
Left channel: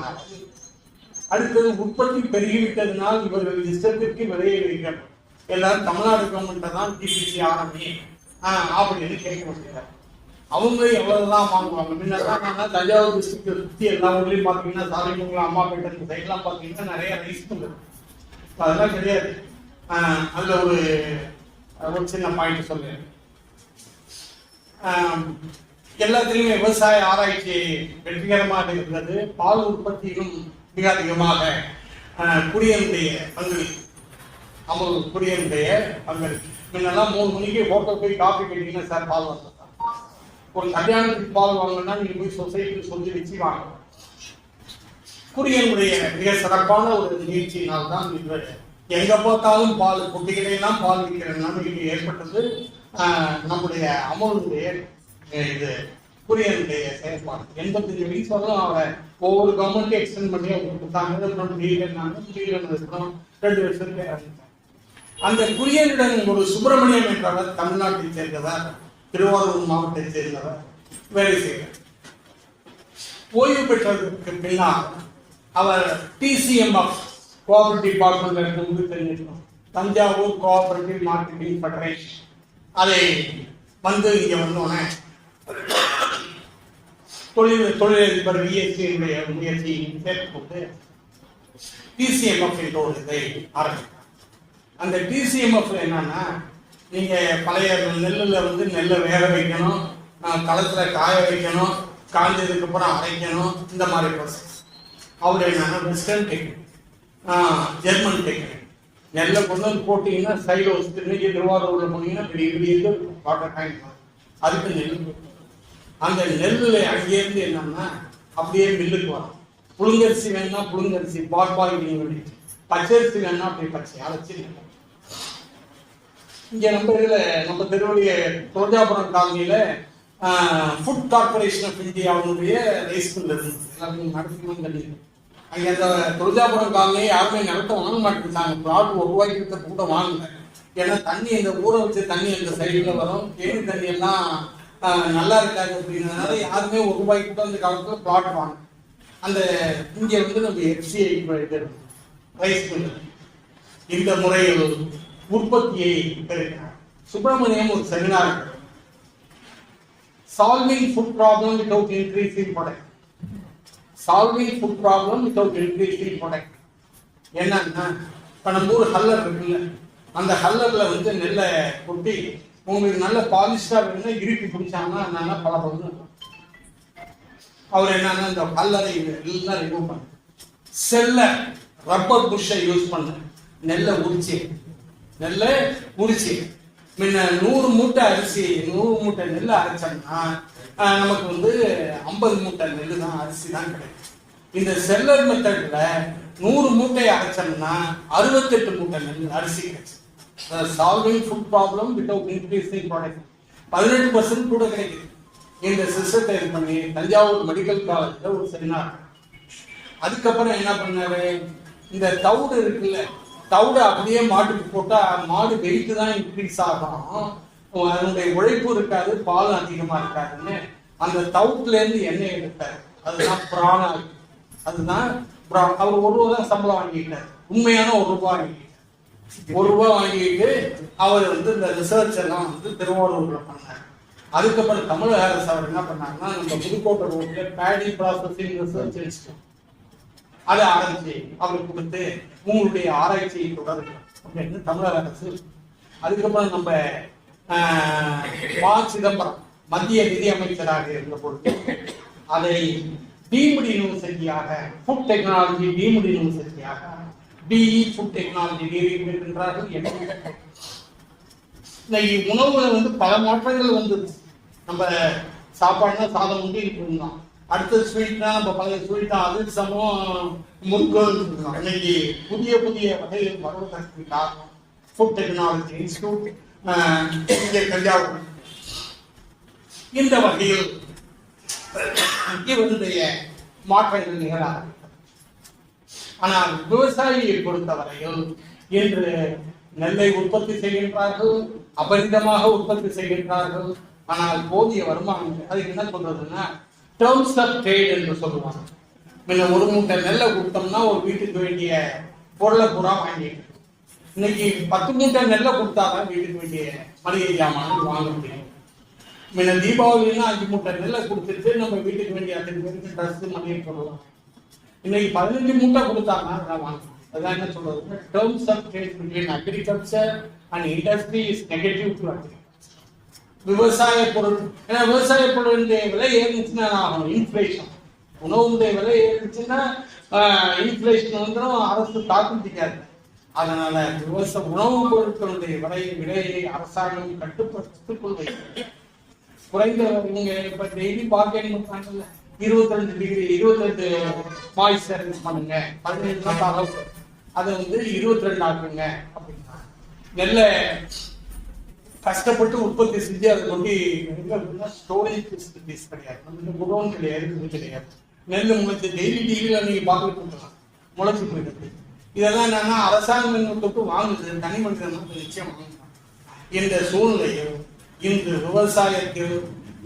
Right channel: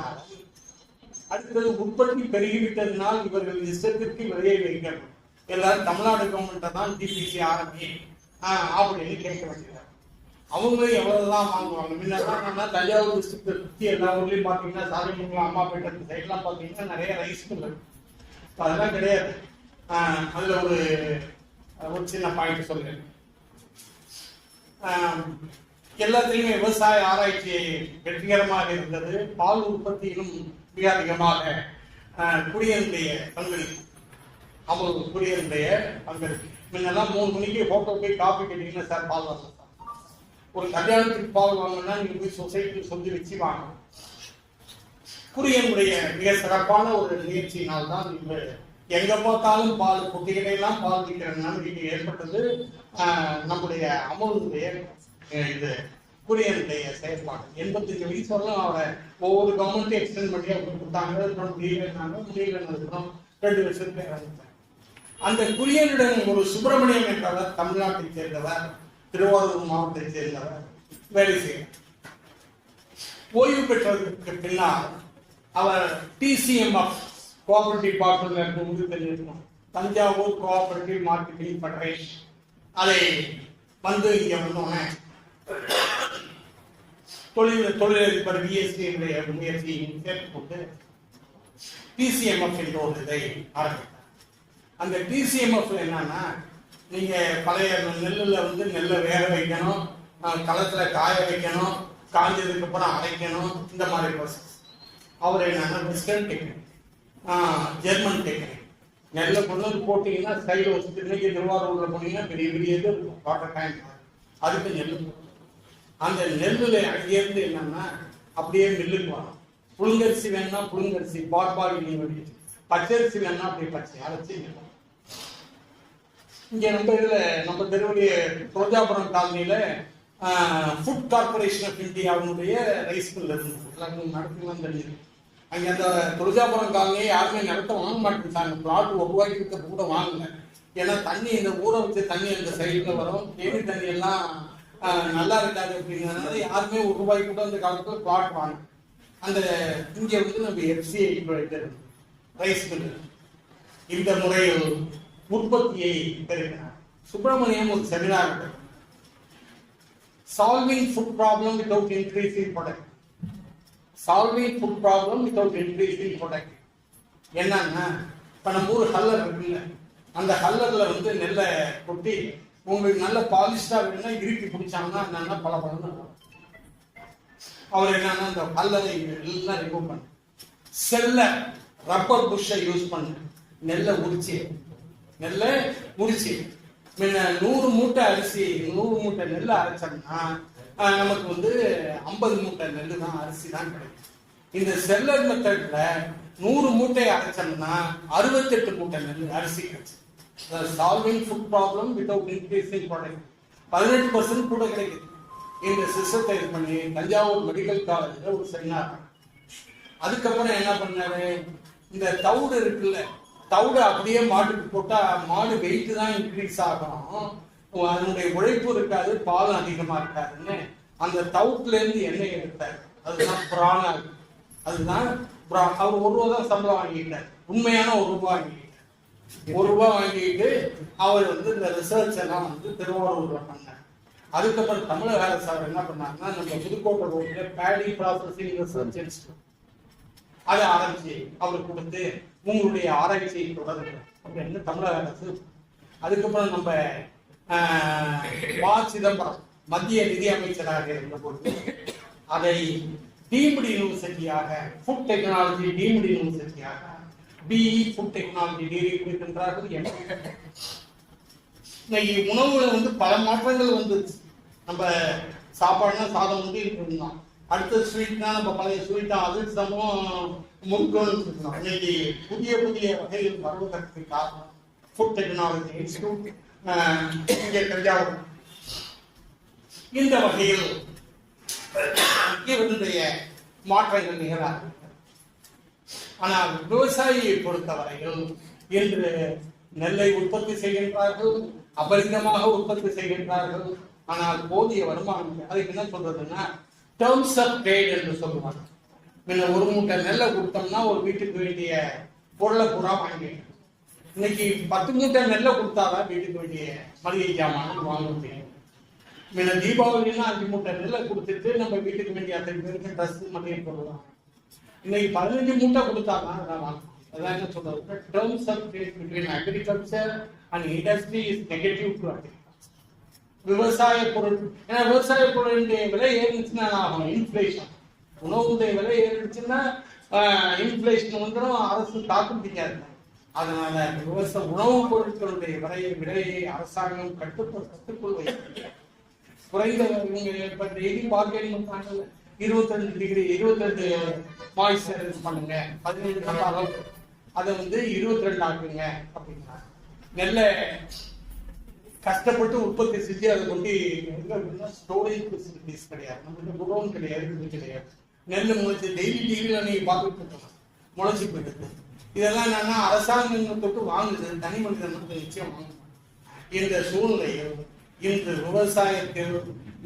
அடுத்தது உற்பத்தி பெருகிவிட்டதுனால் இவர்கள் இஷ்டத்திற்கு விலையை வைக்கப்படும். எல்லாரும் தமிழ்நாடு கவர்மெண்ட்டை தான் டிபிசி ஆரம்பி அப்படின்னு கேட்க வேண்டியது. அவங்க எவ்வளவுதான் வாங்குவாங்க. முன்னதான் தஞ்சாவூர் டிஸ்ட்ரிக்ட் சுற்றி எல்லா ஊர்லயும் பாத்தீங்கன்னா, சாலைமங்கலம், அம்மாப்பேட்டை சைட்லாம் பாத்தீங்கன்னா நிறைய ரைஸ் மில் இருக்கு. அதெல்லாம் கிடையாது. அதுல ஒரு சின்ன பாயிண்ட் சொல்றேன். எல்லாத்திலுமே விவசாய ஆராய்ச்சி வெற்றிகரமாக இருந்தது. பால் உற்பத்தியிலும் மிக அதிகமாக குடியனுடைய பங்களிப்பு, அமுல் குடியனுடைய பங்களிப்பு. முன்னெல்லாம் 3 மணிக்கு ஹோட்டல் போய் காஃபி கேட்டீங்கன்னா சார் பால் வாங்க சார். ஒரு கல்யாணத்துக்கு பால் வாங்கினா நீங்க போய் சொசைட்டிக்கு சொல்லி வச்சு வாங்க. குரியனுடைய மிக சிறப்பான ஒரு நிகழ்ச்சியினால் தான் இன்று எங்க பார்த்தாலும் பால் குட்டிகளா பால் விற்கிற நம்பிக்கை ஏற்பட்டது. நம்முடைய அமலுடைய இது குரியனுடைய செயற்பாடு 85 வயசு வரலாம் அவன் ஒவ்வொரு கவர்மெண்ட்டும் எக்ஸ்டெண்ட் பண்ணி அவங்க கொடுத்தாங்க. முடியல 2 வருஷத்துல இறந்துட்டாங்க. அந்த குரியனுடன் ஒரு சுப்பிரமணியம் என்றவர் தமிழ்நாட்டை சேர்ந்தவர், திருவாரூர் மாவட்டத்தை சேர்ந்தவர் வேலை செய்கிறார். ஓய்வு பெற்றதற்கு பின்னால் அவர் TCMF கோஆபரேட்டிவ் டிபார்ட்மெண்ட் உங்களுக்கு தெரிஞ்சிருக்கணும், தஞ்சாவூர் கோஆபரேட்டிவ் மார்க்கெட்டிங் ஃபெடரேஷன். அதை வந்து இங்க வந்தோன்னே தொழிலதிபர் VSC முயற்சி சேர்த்து TCMF என்ற ஒரு இதை ஆரம்பித்தார். அந்த TCMF என்னன்னா, நீங்க பழைய நெல்லுல வந்து நெல்லை வேக வைக்கணும், களத்துல காய வைக்கணும், காய்ஞ்சதுக்கு அப்புறம் அரைக்கணும், இந்த மாதிரி ப்ராசஸ். அவர் என்னன்னா வெஸ்டர்ன் டெக்னிக், ஜெர்மன் டெக்னிக். நெல்லை கொண்டு வந்து போட்டீங்கன்னா சைடில் வச்சுட்டு இன்னைக்கு திருவாரூர்ல போனீங்கன்னா பெரிய பெரிய இது வாட்டர் டேங்க், அதுக்கு நெல். அந்த நெல்லுல அங்கேருந்து என்னன்னா அப்படியே மில்லுக்கு வரும். புழுங்கரிசி வேணும்னா புழுங்கரிசி பார்பாய் வேண்டி, பச்சரிசி வேணும்னா அப்படி பச்சை அரைச்சி. இங்க நம்ம இதுல நம்ம திருவள்ளிய துளஜாபுரம் காலனியில ஃபுட் கார்பரேஷன் ஆஃப் இந்தியாவுடைய ரைஸ் மில் இருந்து எல்லாருக்கும் நடத்தணும் தெரியும். அங்கே அந்த துளஜாபுரம் காலனியை யாருமே நிலத்த வாங்க மாட்டேங்கிறாங்க. பிளாட் உருவாக்கிட்டு கூட வாங்குங்க. ஏன்னா தண்ணி இந்த ஊரை வச்சு தண்ணி அந்த சைடில் வரும், தேனி தண்ணி எல்லாம் நல்லா இருக்காது அப்படிங்கிறதுனால யாருமே ₹1 கூட அந்த காலத்தில் பிளாட் வாங்க. அந்த இங்கே வந்து நம்ம FCI ரைஸ் மில் இந்த முறையில் உற்பத்தியை பெருக்கிறார். சுப்பிரமணியம் ஒரு seminar, solving food problem without increasing product. Solving food problem without increasing product என்னன்னா, இப்போ நம்ம ஊர் ஹல்லர் இருக்குல்ல, அந்த ஹல்லர்ல வந்து நெல்லை கொட்டி உங்களுக்கு நல்ல பாலிஷ்டா வேணும்னா இறுக்கி பிடிச்சாங்கன்னா நல்லா பலப்படும். அவர் என்னன்னா இந்த ஹல்லரை எல்லாம் ரிமூவ் பண்ண செல்லர் ரப்பர் புஷ்ஷை யூஸ் பண்ண நெல்லை உரிச்சு முன்ன 100 மூட்டை அரிசி 100 மூட்டை நெல் அரைச்சோம்னா நமக்கு வந்து 50 மூட்டை நெல் தான் அரிசி தான் கிடைக்கும். இந்த செல்லர் மெத்தட்ல 100 மூட்டை அரைச்சோம்னா 68 மூட்டை நெல் அரிசி கிடைச்சு. Solving food problem without increasing product 18% கூட கிடைக்குது. இந்த சிஸ்டத்தை இது பண்ணி தஞ்சாவூர் மெடிக்கல் காலேஜ்ல ஒரு செமினார். அதுக்கப்புறம் என்ன பண்ணாரு, இந்த தவிடு இருக்குல்ல, தவிடு அப்படியே மாட்டுக்கு போட்டா மாடு வெயிட் தான் இன்க்ரீஸ் ஆகும், அதனுடைய உழைப்பு இருக்காது, பாலும் அதிகமா இருக்காதுன்னு அந்த தவுட்டுல இருந்து எண்ணெய் எடுத்தார். அதுதான் பிராணம். அதுதான் அவர் ₹1 தான் சம்பளம் வாங்கிட்டார். உண்மையான ₹1 வாங்கிட்டார். ₹1 வாங்கிட்டு அவர் வந்து இந்த ரிசர்ச் எல்லாம் வந்து திருவாரூர்ல பண்ணார். அதுக்கப்புறம் தமிழக அரசு அவர் என்ன பண்ணாங்கன்னா, நம்ம புதுக்கோட்டை ரோட்ல பேடி ப்ராசஸிங் ரிசர்ச் இன்ஸ்டியூட் அதை ஆரம்பிச்சு அவருக்கு கொடுத்து உங்களுடைய ஆராய்ச்சியை தொடருது அப்படின்னு தமிழக அரசு. அதுக்கப்புறம் நம்ம சிதம்பரம் மத்திய நிதி அமைச்சராக இருந்த பொழுது அதை டீம்டு யூனிவர்சிட்டியாக ஃபுட் டெக்னாலஜி டீம்டு யூனிவர்சிட்டியாக BE ஃபுட் டெக்னாலஜி என்றார்கள். இன்னைக்கு உணவுல வந்து பல மாற்றங்கள் வந்துச்சு. நம்ம சாப்பாடுனா சாதம் வந்து இருந்தோம், அடுத்த ஸ்வீட்னா நம்ம பழைய ஸ்வீட்டா அதிர்சமும் முறுக்கும். இன்னைக்கு புதிய புதிய வகைகள் வருவதற்கு காரணம் ஃபுட் டெக்னாலஜி இன்ஸ்டியூட் இங்கே தஞ்சாவூர். இந்த வகையில் இவருடைய மாற்றங்கள் நிகழாது. ஆனால் விவசாயியை பொறுத்தவரையில் இன்று நெல்லை உற்பத்தி செய்கின்றார்கள், அபரிதமாக உற்பத்தி செய்கின்றார்கள். ஆனால் போதிய வருமானம் அதுக்கு என்ன சொல்றதுன்னா டேர்ம்ஸ் ஆஃப் ட்ரேட் என்று சொல்லுவாங்க. முன்ன 1 மூட்டை நெல்லை கொடுத்தோம்னா ஒரு வீட்டுக்கு வேண்டிய பொருளை பூரா வாங்கிட்டு, இன்னைக்கு 10 மூட்டை நெல்லை கொடுத்தாதான் வீட்டுக்கு வேண்டிய மளிகை ஜாமான் வாங்க முடியும். முன்ன தீபாவளினா 5 மூட்டை நெல்லை கொடுத்துட்டு நம்ம வீட்டுக்கு வேண்டிய 5 பேருக்கு ட்ரெஸ் மளிகை போடுவோம். இன்னைக்கு 15 மூட்டை கொடுத்தாங்கன்னா அதான் வாங்கணும். அதான் என்ன சொல்றது, terms of trade between agriculture and industry is negative to agriculture. விவசாய பொருள், ஏன்னா விவசாய பொருளுடைய விலை ஏறிச்சுன்னா ஆகும் இன்ஃபிளேஷன். உணவுடைய விலை ஏறிச்சுன்னா இன்ஃபிளேஷன் வந்துடும், அரசு தாக்கு பிடிக்காது. அதனால உணவுப் பொருட்களுடைய விலையை அரசாங்கம் கட்டுக்குள் வைக்கிறது. குறைந்த நீங்க இப்ப டெய்லி பார்கெனிங் பண்றாங்கல்ல, 22 டிகிரி 22 மாய்ஸ்சரைஸ் பண்ணுங்க, 15 நம்ம அளவு அதை 22 ஆக்குங்க அப்படின்னா நெல்ல கஷ்டப்பட்டு உற்பத்தி செஞ்சு அதை கொண்டு ஸ்டோரேஜ் ஃபெசிலிட்டிஸ் கிடையாது, நம்மகிட்ட குடோன் கிடையாது, இது கிடையாது. நெல் முளைச்சு டெய்லி டிகிரியில் நீங்க பார்த்துட்டு இருக்கலாம், முளைச்சி போயிடுது. இதெல்லாம் என்னன்னா அரசாங்கம் தொட்டு வாங்குது, தனி மனிதன் நிச்சயம் வாங்குறாங்க. இந்த சூழ்நிலையில் இன்று விவசாயத்தில்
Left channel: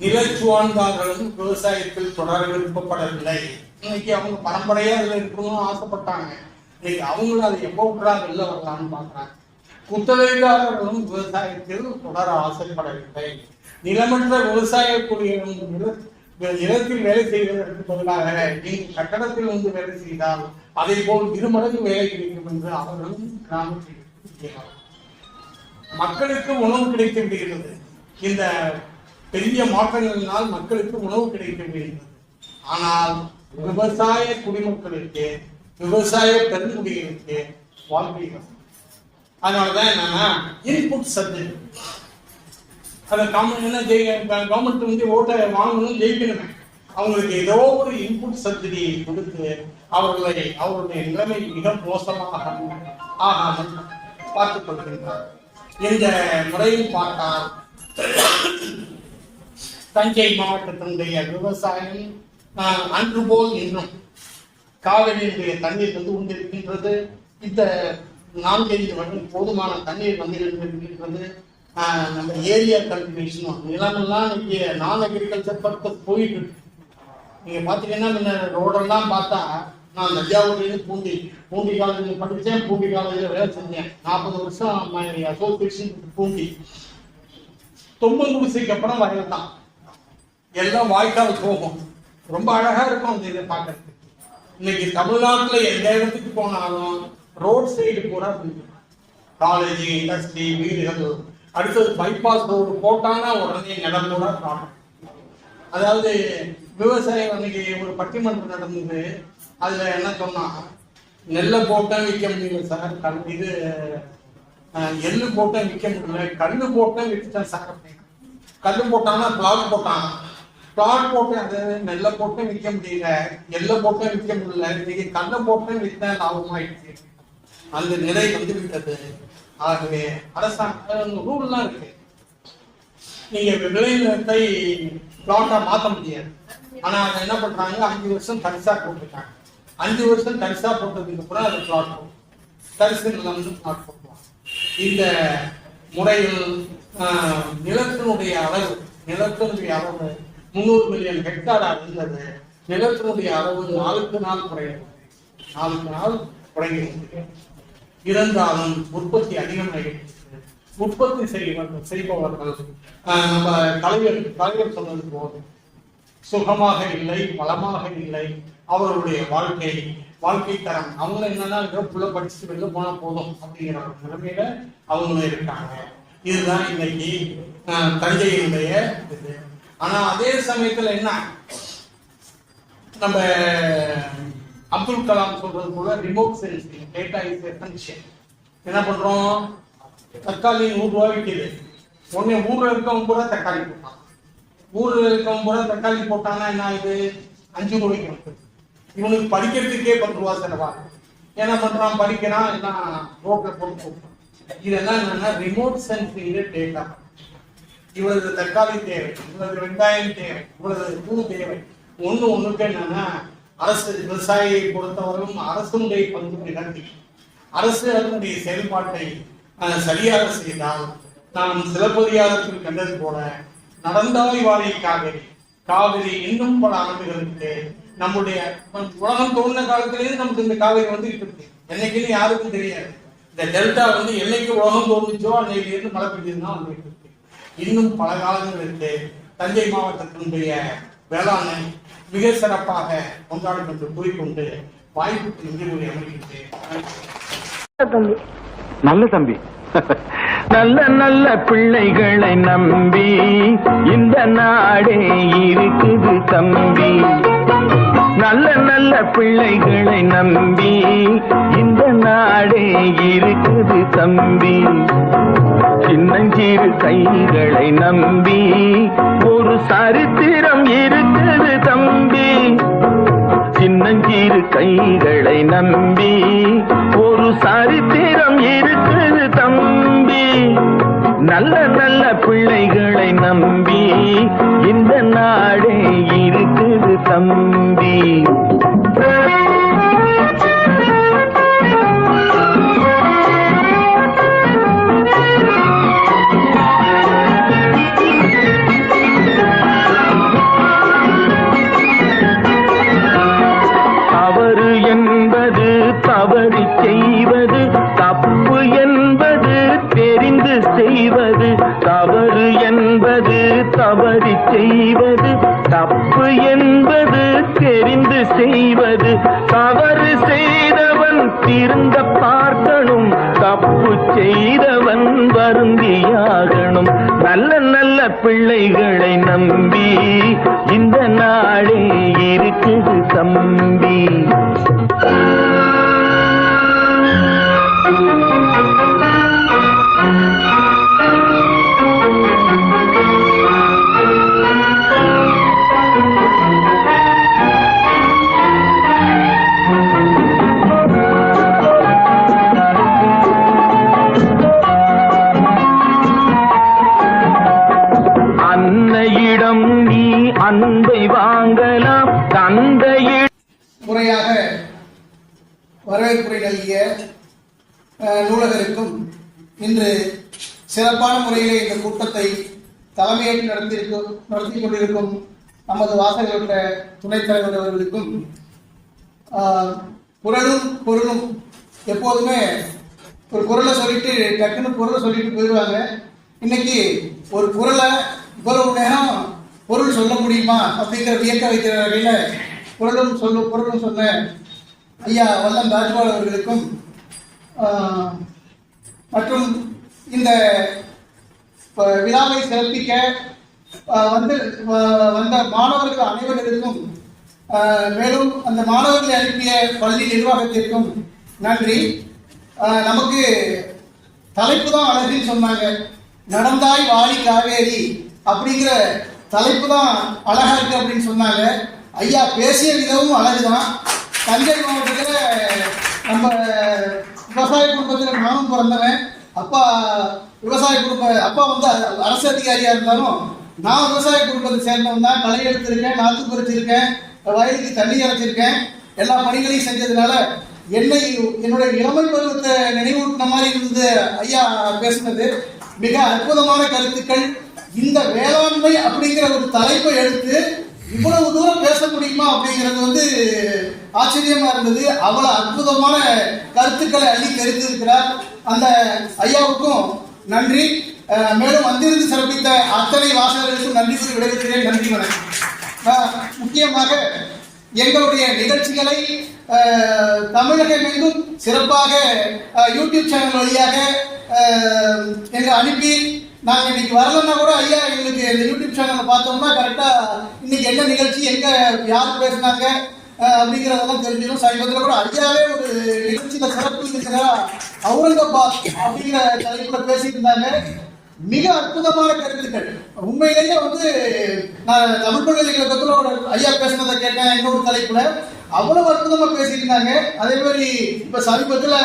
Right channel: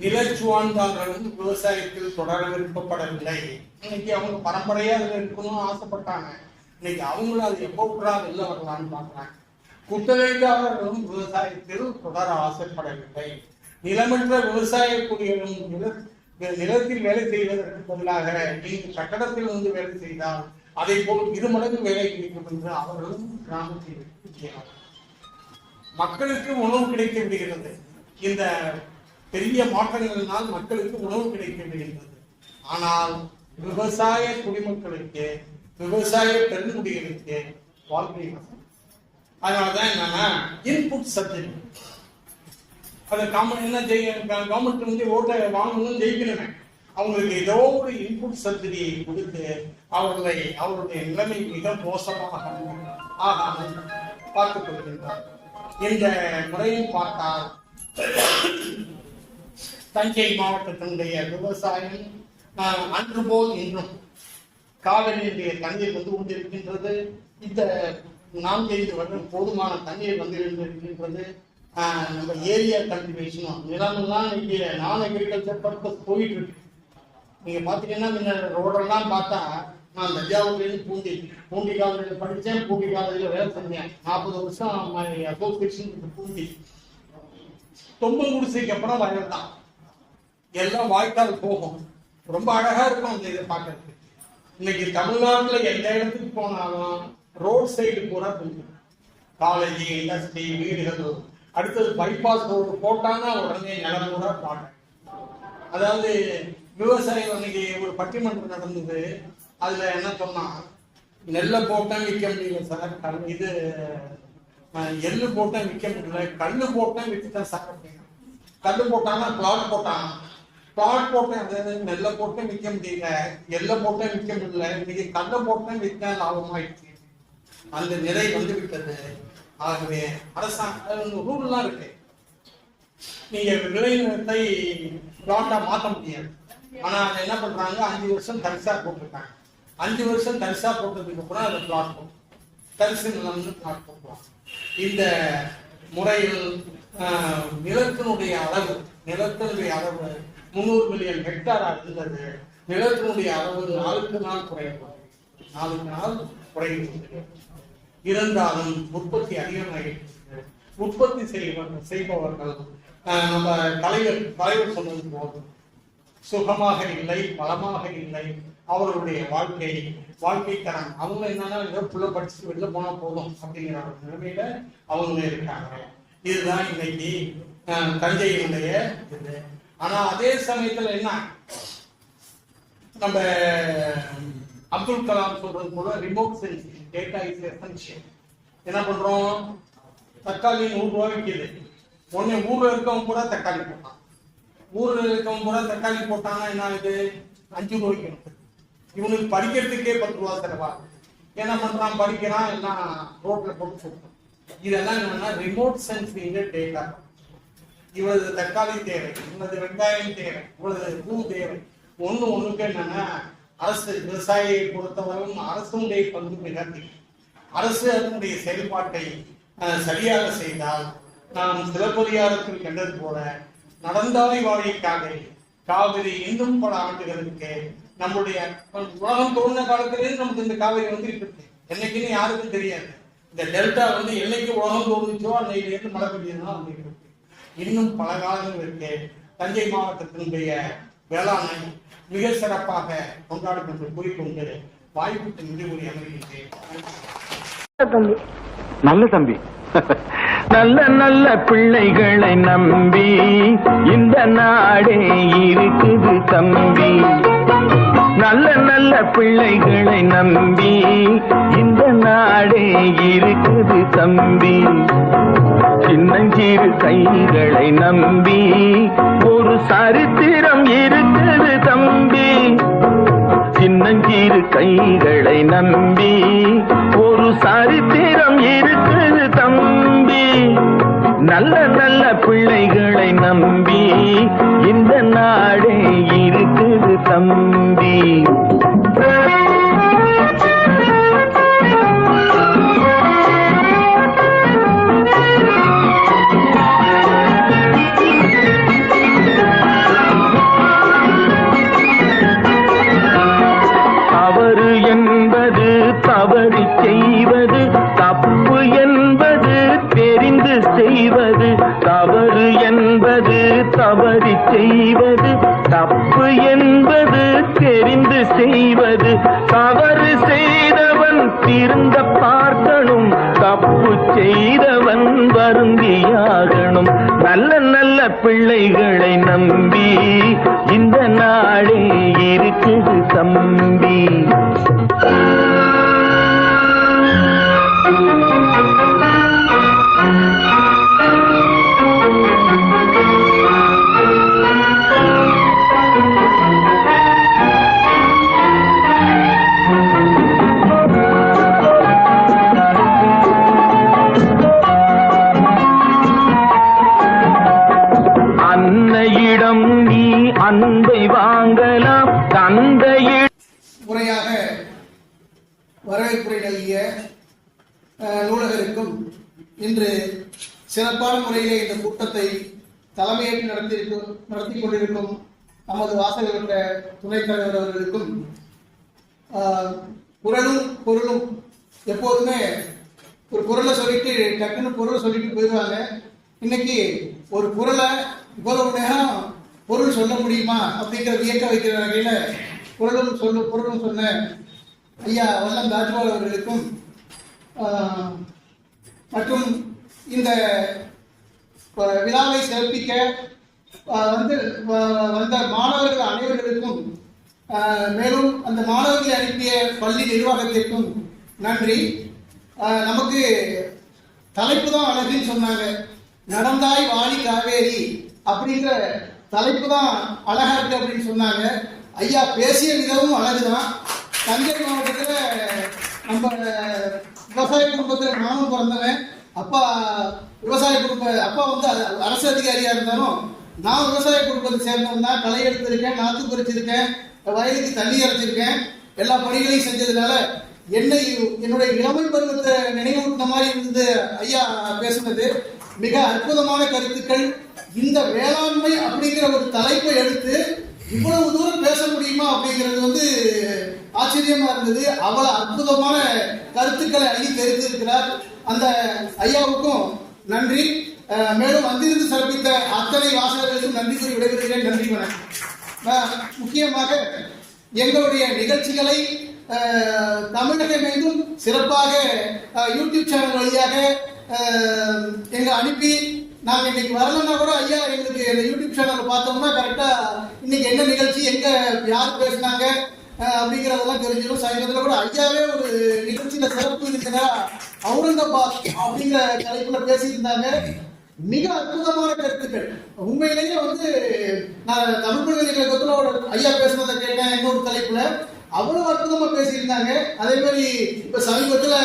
நிலச்சுவாழ்ந்தார்களும் விவசாயத்தில் தொடர விருப்பப்படவில்லை. இன்னைக்கு அவங்க பரம்பரையா அதில் இருக்கணும்னு ஆசைப்பட்டாங்க. இன்னைக்கு அவங்களும் அதை எப்போ விட்றா வெளில வரலாம்னு பாக்குறாங்க. குத்தகைதாரர்களும் விவசாயத்தில் தொடர ஆசைப்படவில்லை. நிலமற்ற விவசாய கூலிகளும் நிலத்தில் வேலை செய்வதற்கு பதிலாக நீங்கள் கட்டடத்தில் வேலை செய்தால் அதை போல் 2 மடங்கு வேலை கிடைக்கும் என்று அவர்களும் கிராமத்தில் இருக்கிறார்கள். மக்களுக்கு உணவு கிடைக்க விடுகிறது. இந்த பெரிய மாற்றங்களினால் மக்களுக்கு உணவு கிடைக்க விடுகிறது. ஆனால் விவசாய குடிமக்களுக்கு, விவசாய பெருங்குடிகளுக்கு வாழ்க்கை கஷ்டம். அதனாலதான் என்னன்னா இன்புட் சப்ஜெக்ட் அதை என்ன செய்ய கவர்மெண்ட் ஓட்டை வாங்கணும், ஜெயிக்கணுமே. அவங்களுக்கு ஏதோ ஒரு இன்புட் சப்சிடியை கொடுத்து அவருடைய நிலைமை மிக மோசமாக ஆகாமல் பார்த்துக் கொள்கின்றார். இந்த முறையில் பார்த்தா தஞ்சை மாவட்டத்தினுடைய விவசாயம் அன்று போல் இன்னும் காவிரியுடைய தண்ணீர் கொண்டிருக்கின்றது. இந்த 4-5 வருடம் போதுமான தண்ணீர் இருக்கின்றது. நம்ம ஏரியா கல்டிவேஷனும் நிலமெல்லாம் இங்கே நான் அக்ரிகல்ச்சர் பர்பஸ் போயிட்டு இருக்கு. நீங்க பாத்தீங்கன்னா முன்ன ரோடெல்லாம் பார்த்தா, நான் தஞ்சாவூர்லேருந்து பூண்டி காலேஜில் படித்தேன், பூண்டி காலேஜில் வேலை செஞ்சேன். 40 வருஷம் அசோசியேஷன் பூண்டி. தொம்பங்குடிசைக்கு அப்புறம் வயல் தான், எல்லாம் வாய்க்கால் போகும். ரொம்ப அழகா இருக்கும் அந்த இதை பார்க்கறதுக்கு. இன்னைக்கு தமிழ்நாட்டுல எந்த இடத்துக்கு போனாலும் ரோட் சைடு கூட காலேஜ், இண்டஸ்ட்ரி, வீடுகள், அடுத்தது பைபாஸ் ரோடு போட்டானா உடனே நிலம் கூட காணும். அதாவது விவசாயம் அன்னைக்கு ஒரு பட்டிமன்றம் நடந்தது. அதுல என்ன சொன்னா, நெல்லை போட்டா விற்க முடியல சார், இது எள்ளு போட்டா விற்க முடியல, கல்லு போட்டா விற்றுட்டேன் சார் அப்படின்னா. கல்லு போட்டாங்கன்னா பிளாட் போட்டேன், அது நெல்லை போட்டு விற்க முடியல, எள்ளை போட்டேன் விற்க முடியல, இன்னைக்கு கல்லை போட்டேன் விற்றேன், லாபமாயிடுச்சு. அந்த நிலை விட்டது. ஆகவே அரசாங்கம் ரூல்லாம் இருக்கு, நீங்க விளைநிலத்தை பிளாட்டா மாற்ற முடியாது. ஆனா அதை என்ன பண்றாங்க, 5 வருஷம் தரிசா போட்டுருக்காங்க. 5 வருஷம் தரிசா போட்டதுக்கு அப்புறம் அது பிளாட் போடும், தரிசு நிலம் பிளாட் போட்டுருவாங்க. இந்த முறையில் நிலத்தினுடைய அளவு 300 மில்லியன் ஹெக்டாரா இருந்தது. நிலத்தினுடைய அளவு நாளுக்கு நாள் குறைகிறது. இருந்தாலும் உற்பத்தி அதிகமாகிறது. உற்பத்தி செய்பவர்கள் நம்ம தலைவர் சொன்னது போல சுகமாக இல்லை, வளமாக இல்லை. அவர்களுடைய வாழ்க்கை தரம், அவங்க என்னன்னா புள்ள படிச்சுட்டு வெளில போனா போதும் அப்படிங்கிற நிலைமையில அவங்க இருக்காங்க. இதுதான் இன்னைக்கு தஞ்சையினுடைய இது. ஆனா அதே சமயத்துல என்ன, நம்ம அப்துல் கலாம் சொல்றது போல remote sensing data is essential. என்ன பண்றோம், தக்காளி 100 ரூபாய் விற்கிது, உடனே ஊர்ல இருக்கவங்க கூட தக்காளி போட்டான். ஊர்ல இருக்கவங்க கூட தக்காளி போட்டாங்கன்னா என்ன ஆகுது, 5 ரூபாய்க்கு வந்து இவனுக்கு படிக்கிறதுக்கே 10 ரூபா செலவா. என்ன பண்றான், படிக்கிறான், எல்லாம் ரோட்ல போட்டு போட்டான். இதெல்லாம் என்னன்னா ரிமோட் சென்சிங் டேட்டா. இவரது தக்காளி தேவை, இவரது வெங்காயம் தேவை, இவரது பூ தேவை. ஒண்ணுக்கு என்னன்னா அரசு விவசாயியை பொறுத்தவரைக்கும் அரசுடைய பங்கு மிகந்தி. அரசு அதனுடைய செயல்பாட்டை சரியாக செய்தால், நாம் சிலப்பதிகாரத்தில் கண்டது போல நடந்தாய் வாழை காவிரி இன்னும் பல ஆண்டுகளுக்கு நம்முடைய உலகம் தோன்ற காலத்திலேயே நமக்கு இந்த காவிரி வந்துட்டு இருக்கு. என்னைக்குன்னு யாருக்கும் தெரியாது. இந்த டெல்டா என்னைக்கு உலகம் தோன்றுச்சோ அன்னையிலிருந்து மழை பெய்யுதுன்னா வந்துட்டு இருக்கு. இன்னும் பல காலங்கள் இருக்கு. தஞ்சை மாவட்டத்தினுடைய வேளாண்மை மிக சிறப்பாக கொண்டாடும் என்று கூறிக்கொண்டு வாய்ப்புக்கு நன்றி அமைக்கின்றேன். நல்ல தம்பி, நல்ல நல்ல பிள்ளைகளை நம்பி இந்த நாடே இருக்குது தம்பி. நல்ல நல்ல பிள்ளைகளை நம்பி இந்த நாடே இருக்குது தம்பி. சின்னஞ்சிறு கைகளை நம்பி ஒரு சரித்திரம் இருக்குது தம்பி. சின்னஞ்சிறு கைகளை நம்பி ஒரு சரித்திரம் இருக்குது தம்பி. நல்ல நல்ல பிள்ளைகளை நம்பி இந்த நாடே இருக்குது தம்பி. தவறு என்பது தவறி செய்வது, தப்பு என்பது தெரிந்து செய்வது. தவறு என்பது தவறி செய்வது, தப்பு என்பது தெரிந்து செய்வது. தவறு செய்தவன் திருந்த பார்க்கணும், தப்பு செய்தவன் வருந்தியாகணும். நல்ல நல்ல பிள்ளைகளை நம்பி இந்த நாடே இருக்குது தம்பி. அன்னையிடம் நீ அன்பை வாங்கலாம், தந்தையிடம் முறையாக வரவேற்புரை நல்கிய நூலகருக்கும் இன்று சிறப்பான முறையிலே இந்த கூட்டத்தை தலைமையேற்று நடத்தி கொண்டிருக்கும் நமது வாசகற்ற துணைத் தலைவர் அவர்களுக்கும் குரலும் பொருளும் எப்போதுமே ஒரு குரலை சொல்லிட்டு டக்குன்னு பொருளை சொல்லிட்டு போயிடுவாங்க. இன்னைக்கு ஒரு குரலை இவ்வளவு நேரம் பொருள் சொல்ல முடியுமா அப்படிங்கிற வியக்க வைக்கிற வகையில் பொருளும் சொன்ன ஐயா வல்லம் ராஜ்பால் அவர்களுக்கும் மற்றும் இந்த விழாவை சிறப்பிக்க வந்த மாணவர்கள் அனைவர்களுக்கும் மேலும் அந்த மாணவர்களை அனுப்பிய பள்ளி நிர்வாகத்திற்கும் நன்றி. நமக்கு தலைப்பு தான் அழகுன்னு சொன்னாங்க. நடந்தாய் வாழி காவேரி அப்படிங்கிற தலைப்பு தான் அழகா இருக்கு அப்படின்னு சொன்னாங்க. ஐயா பேசிய விதமும் அழகுதான். தஞ்சை மாவட்டத்தில் நம்ம விவசாய குடும்பத்தில் நானும் பிறந்தவன். அப்பா விவசாய அப்பா வந்து அரசு அதிகாரியா இருந்தாலும் நான் விவசாய குடும்பத்தை சேர்ந்தவன் தான். களை எடுத்திருக்கேன், நாற்று பறிச்சிருக்கேன், வயலுக்கு தண்ணி இறைச்சிருக்கேன். எல்லா பணிகளையும் செஞ்சதுனால என்னுடைய இளமை பருவத்தை நினைவூட்டின மாதிரி இருந்தது. ஐயா பேசுனது மிக அற்புதமான கருத்துக்கள். இந்த வேளாண்மை அப்படிங்கிற ஒரு தலைப்பை எடுத்து இவ்வளவு தூரம் பேச முடியுமா அப்படிங்கிறது வந்து ஆச்சரியமா இருந்தது. அவ்வளவு அற்புதமான கருத்துக்களை அள்ளி தெரிவித்திருக்கிறார். அந்த ஐயாவுக்கும் நன்றி. மேலும் வந்திருந்து சிறப்பித்த அத்தனை வாசகர்களுக்கும் நன்றி கூறி விடைபெறுகிறேன். நன்றி வணக்கம். முக்கியமாக எங்களுடைய நிகழ்ச்சிகளை தமிழகம் எங்கும் சிறப்பாக யூடியூப் சேனல் வழியாக எங்களை அனுப்பி நாங்கள் இன்னைக்கு வரலன்னா கூட ஐயா எங்களுக்கு இந்த யூடியூப் சேனலை பார்த்தோம்னா கரெக்டாக இன்னைக்கு என்ன நிகழ்ச்சி, எங்கே யார் பேசுனாங்க அப்படிங்கிறதெல்லாம் தெரிஞ்சிடும். சமீபத்தில் கூட ஐயாவே ஒரு நிகழ்ச்சியில் சிறப்பு இருக்கிறார் அவுரங்காபாத் அப்படிங்கிற தலைப்பில் பேசிட்டு இருந்தாங்க. மிக அற்புதமான கருத்துக்கள். உண்மையிலேயே வந்து நான் தமிழ் பல்கலைக்கழகத்தில் ஒரு ஐயா பேசுனதை கேட்டேன் இன்னொரு தலைப்புல. அவ்வளவு அற்புதமா பேசியிருந்தாங்க. அதே மாதிரி இப்ப சமீபத்தில்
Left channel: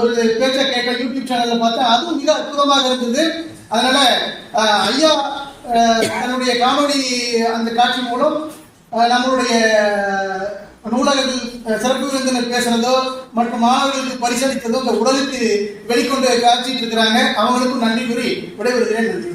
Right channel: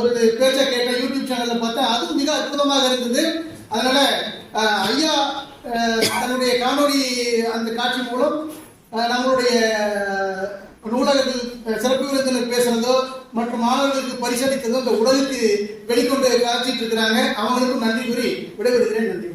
ஒரு பேச்சை கேட்ட யூடியூப் சேனல்ல பார்த்தா அதுவும் மிக அற்புதமாக இருந்தது. அதனால ஐயா தன்னுடைய காணொலி அந்த காட்சி மூலம் நம்மளுடைய நூலகத்தில் சிறப்பு விருந்தினர் பேசுறதோ மற்றும் மாணவர்களுக்கு பரிசளித்ததோ இந்த உலகுக்கு வெளிக்கொண்டு காட்சிட்டு இருக்கிறாங்க. அவங்களுக்கும் நன்றி கூறி விடைபெறுகிறேன். நன்றி.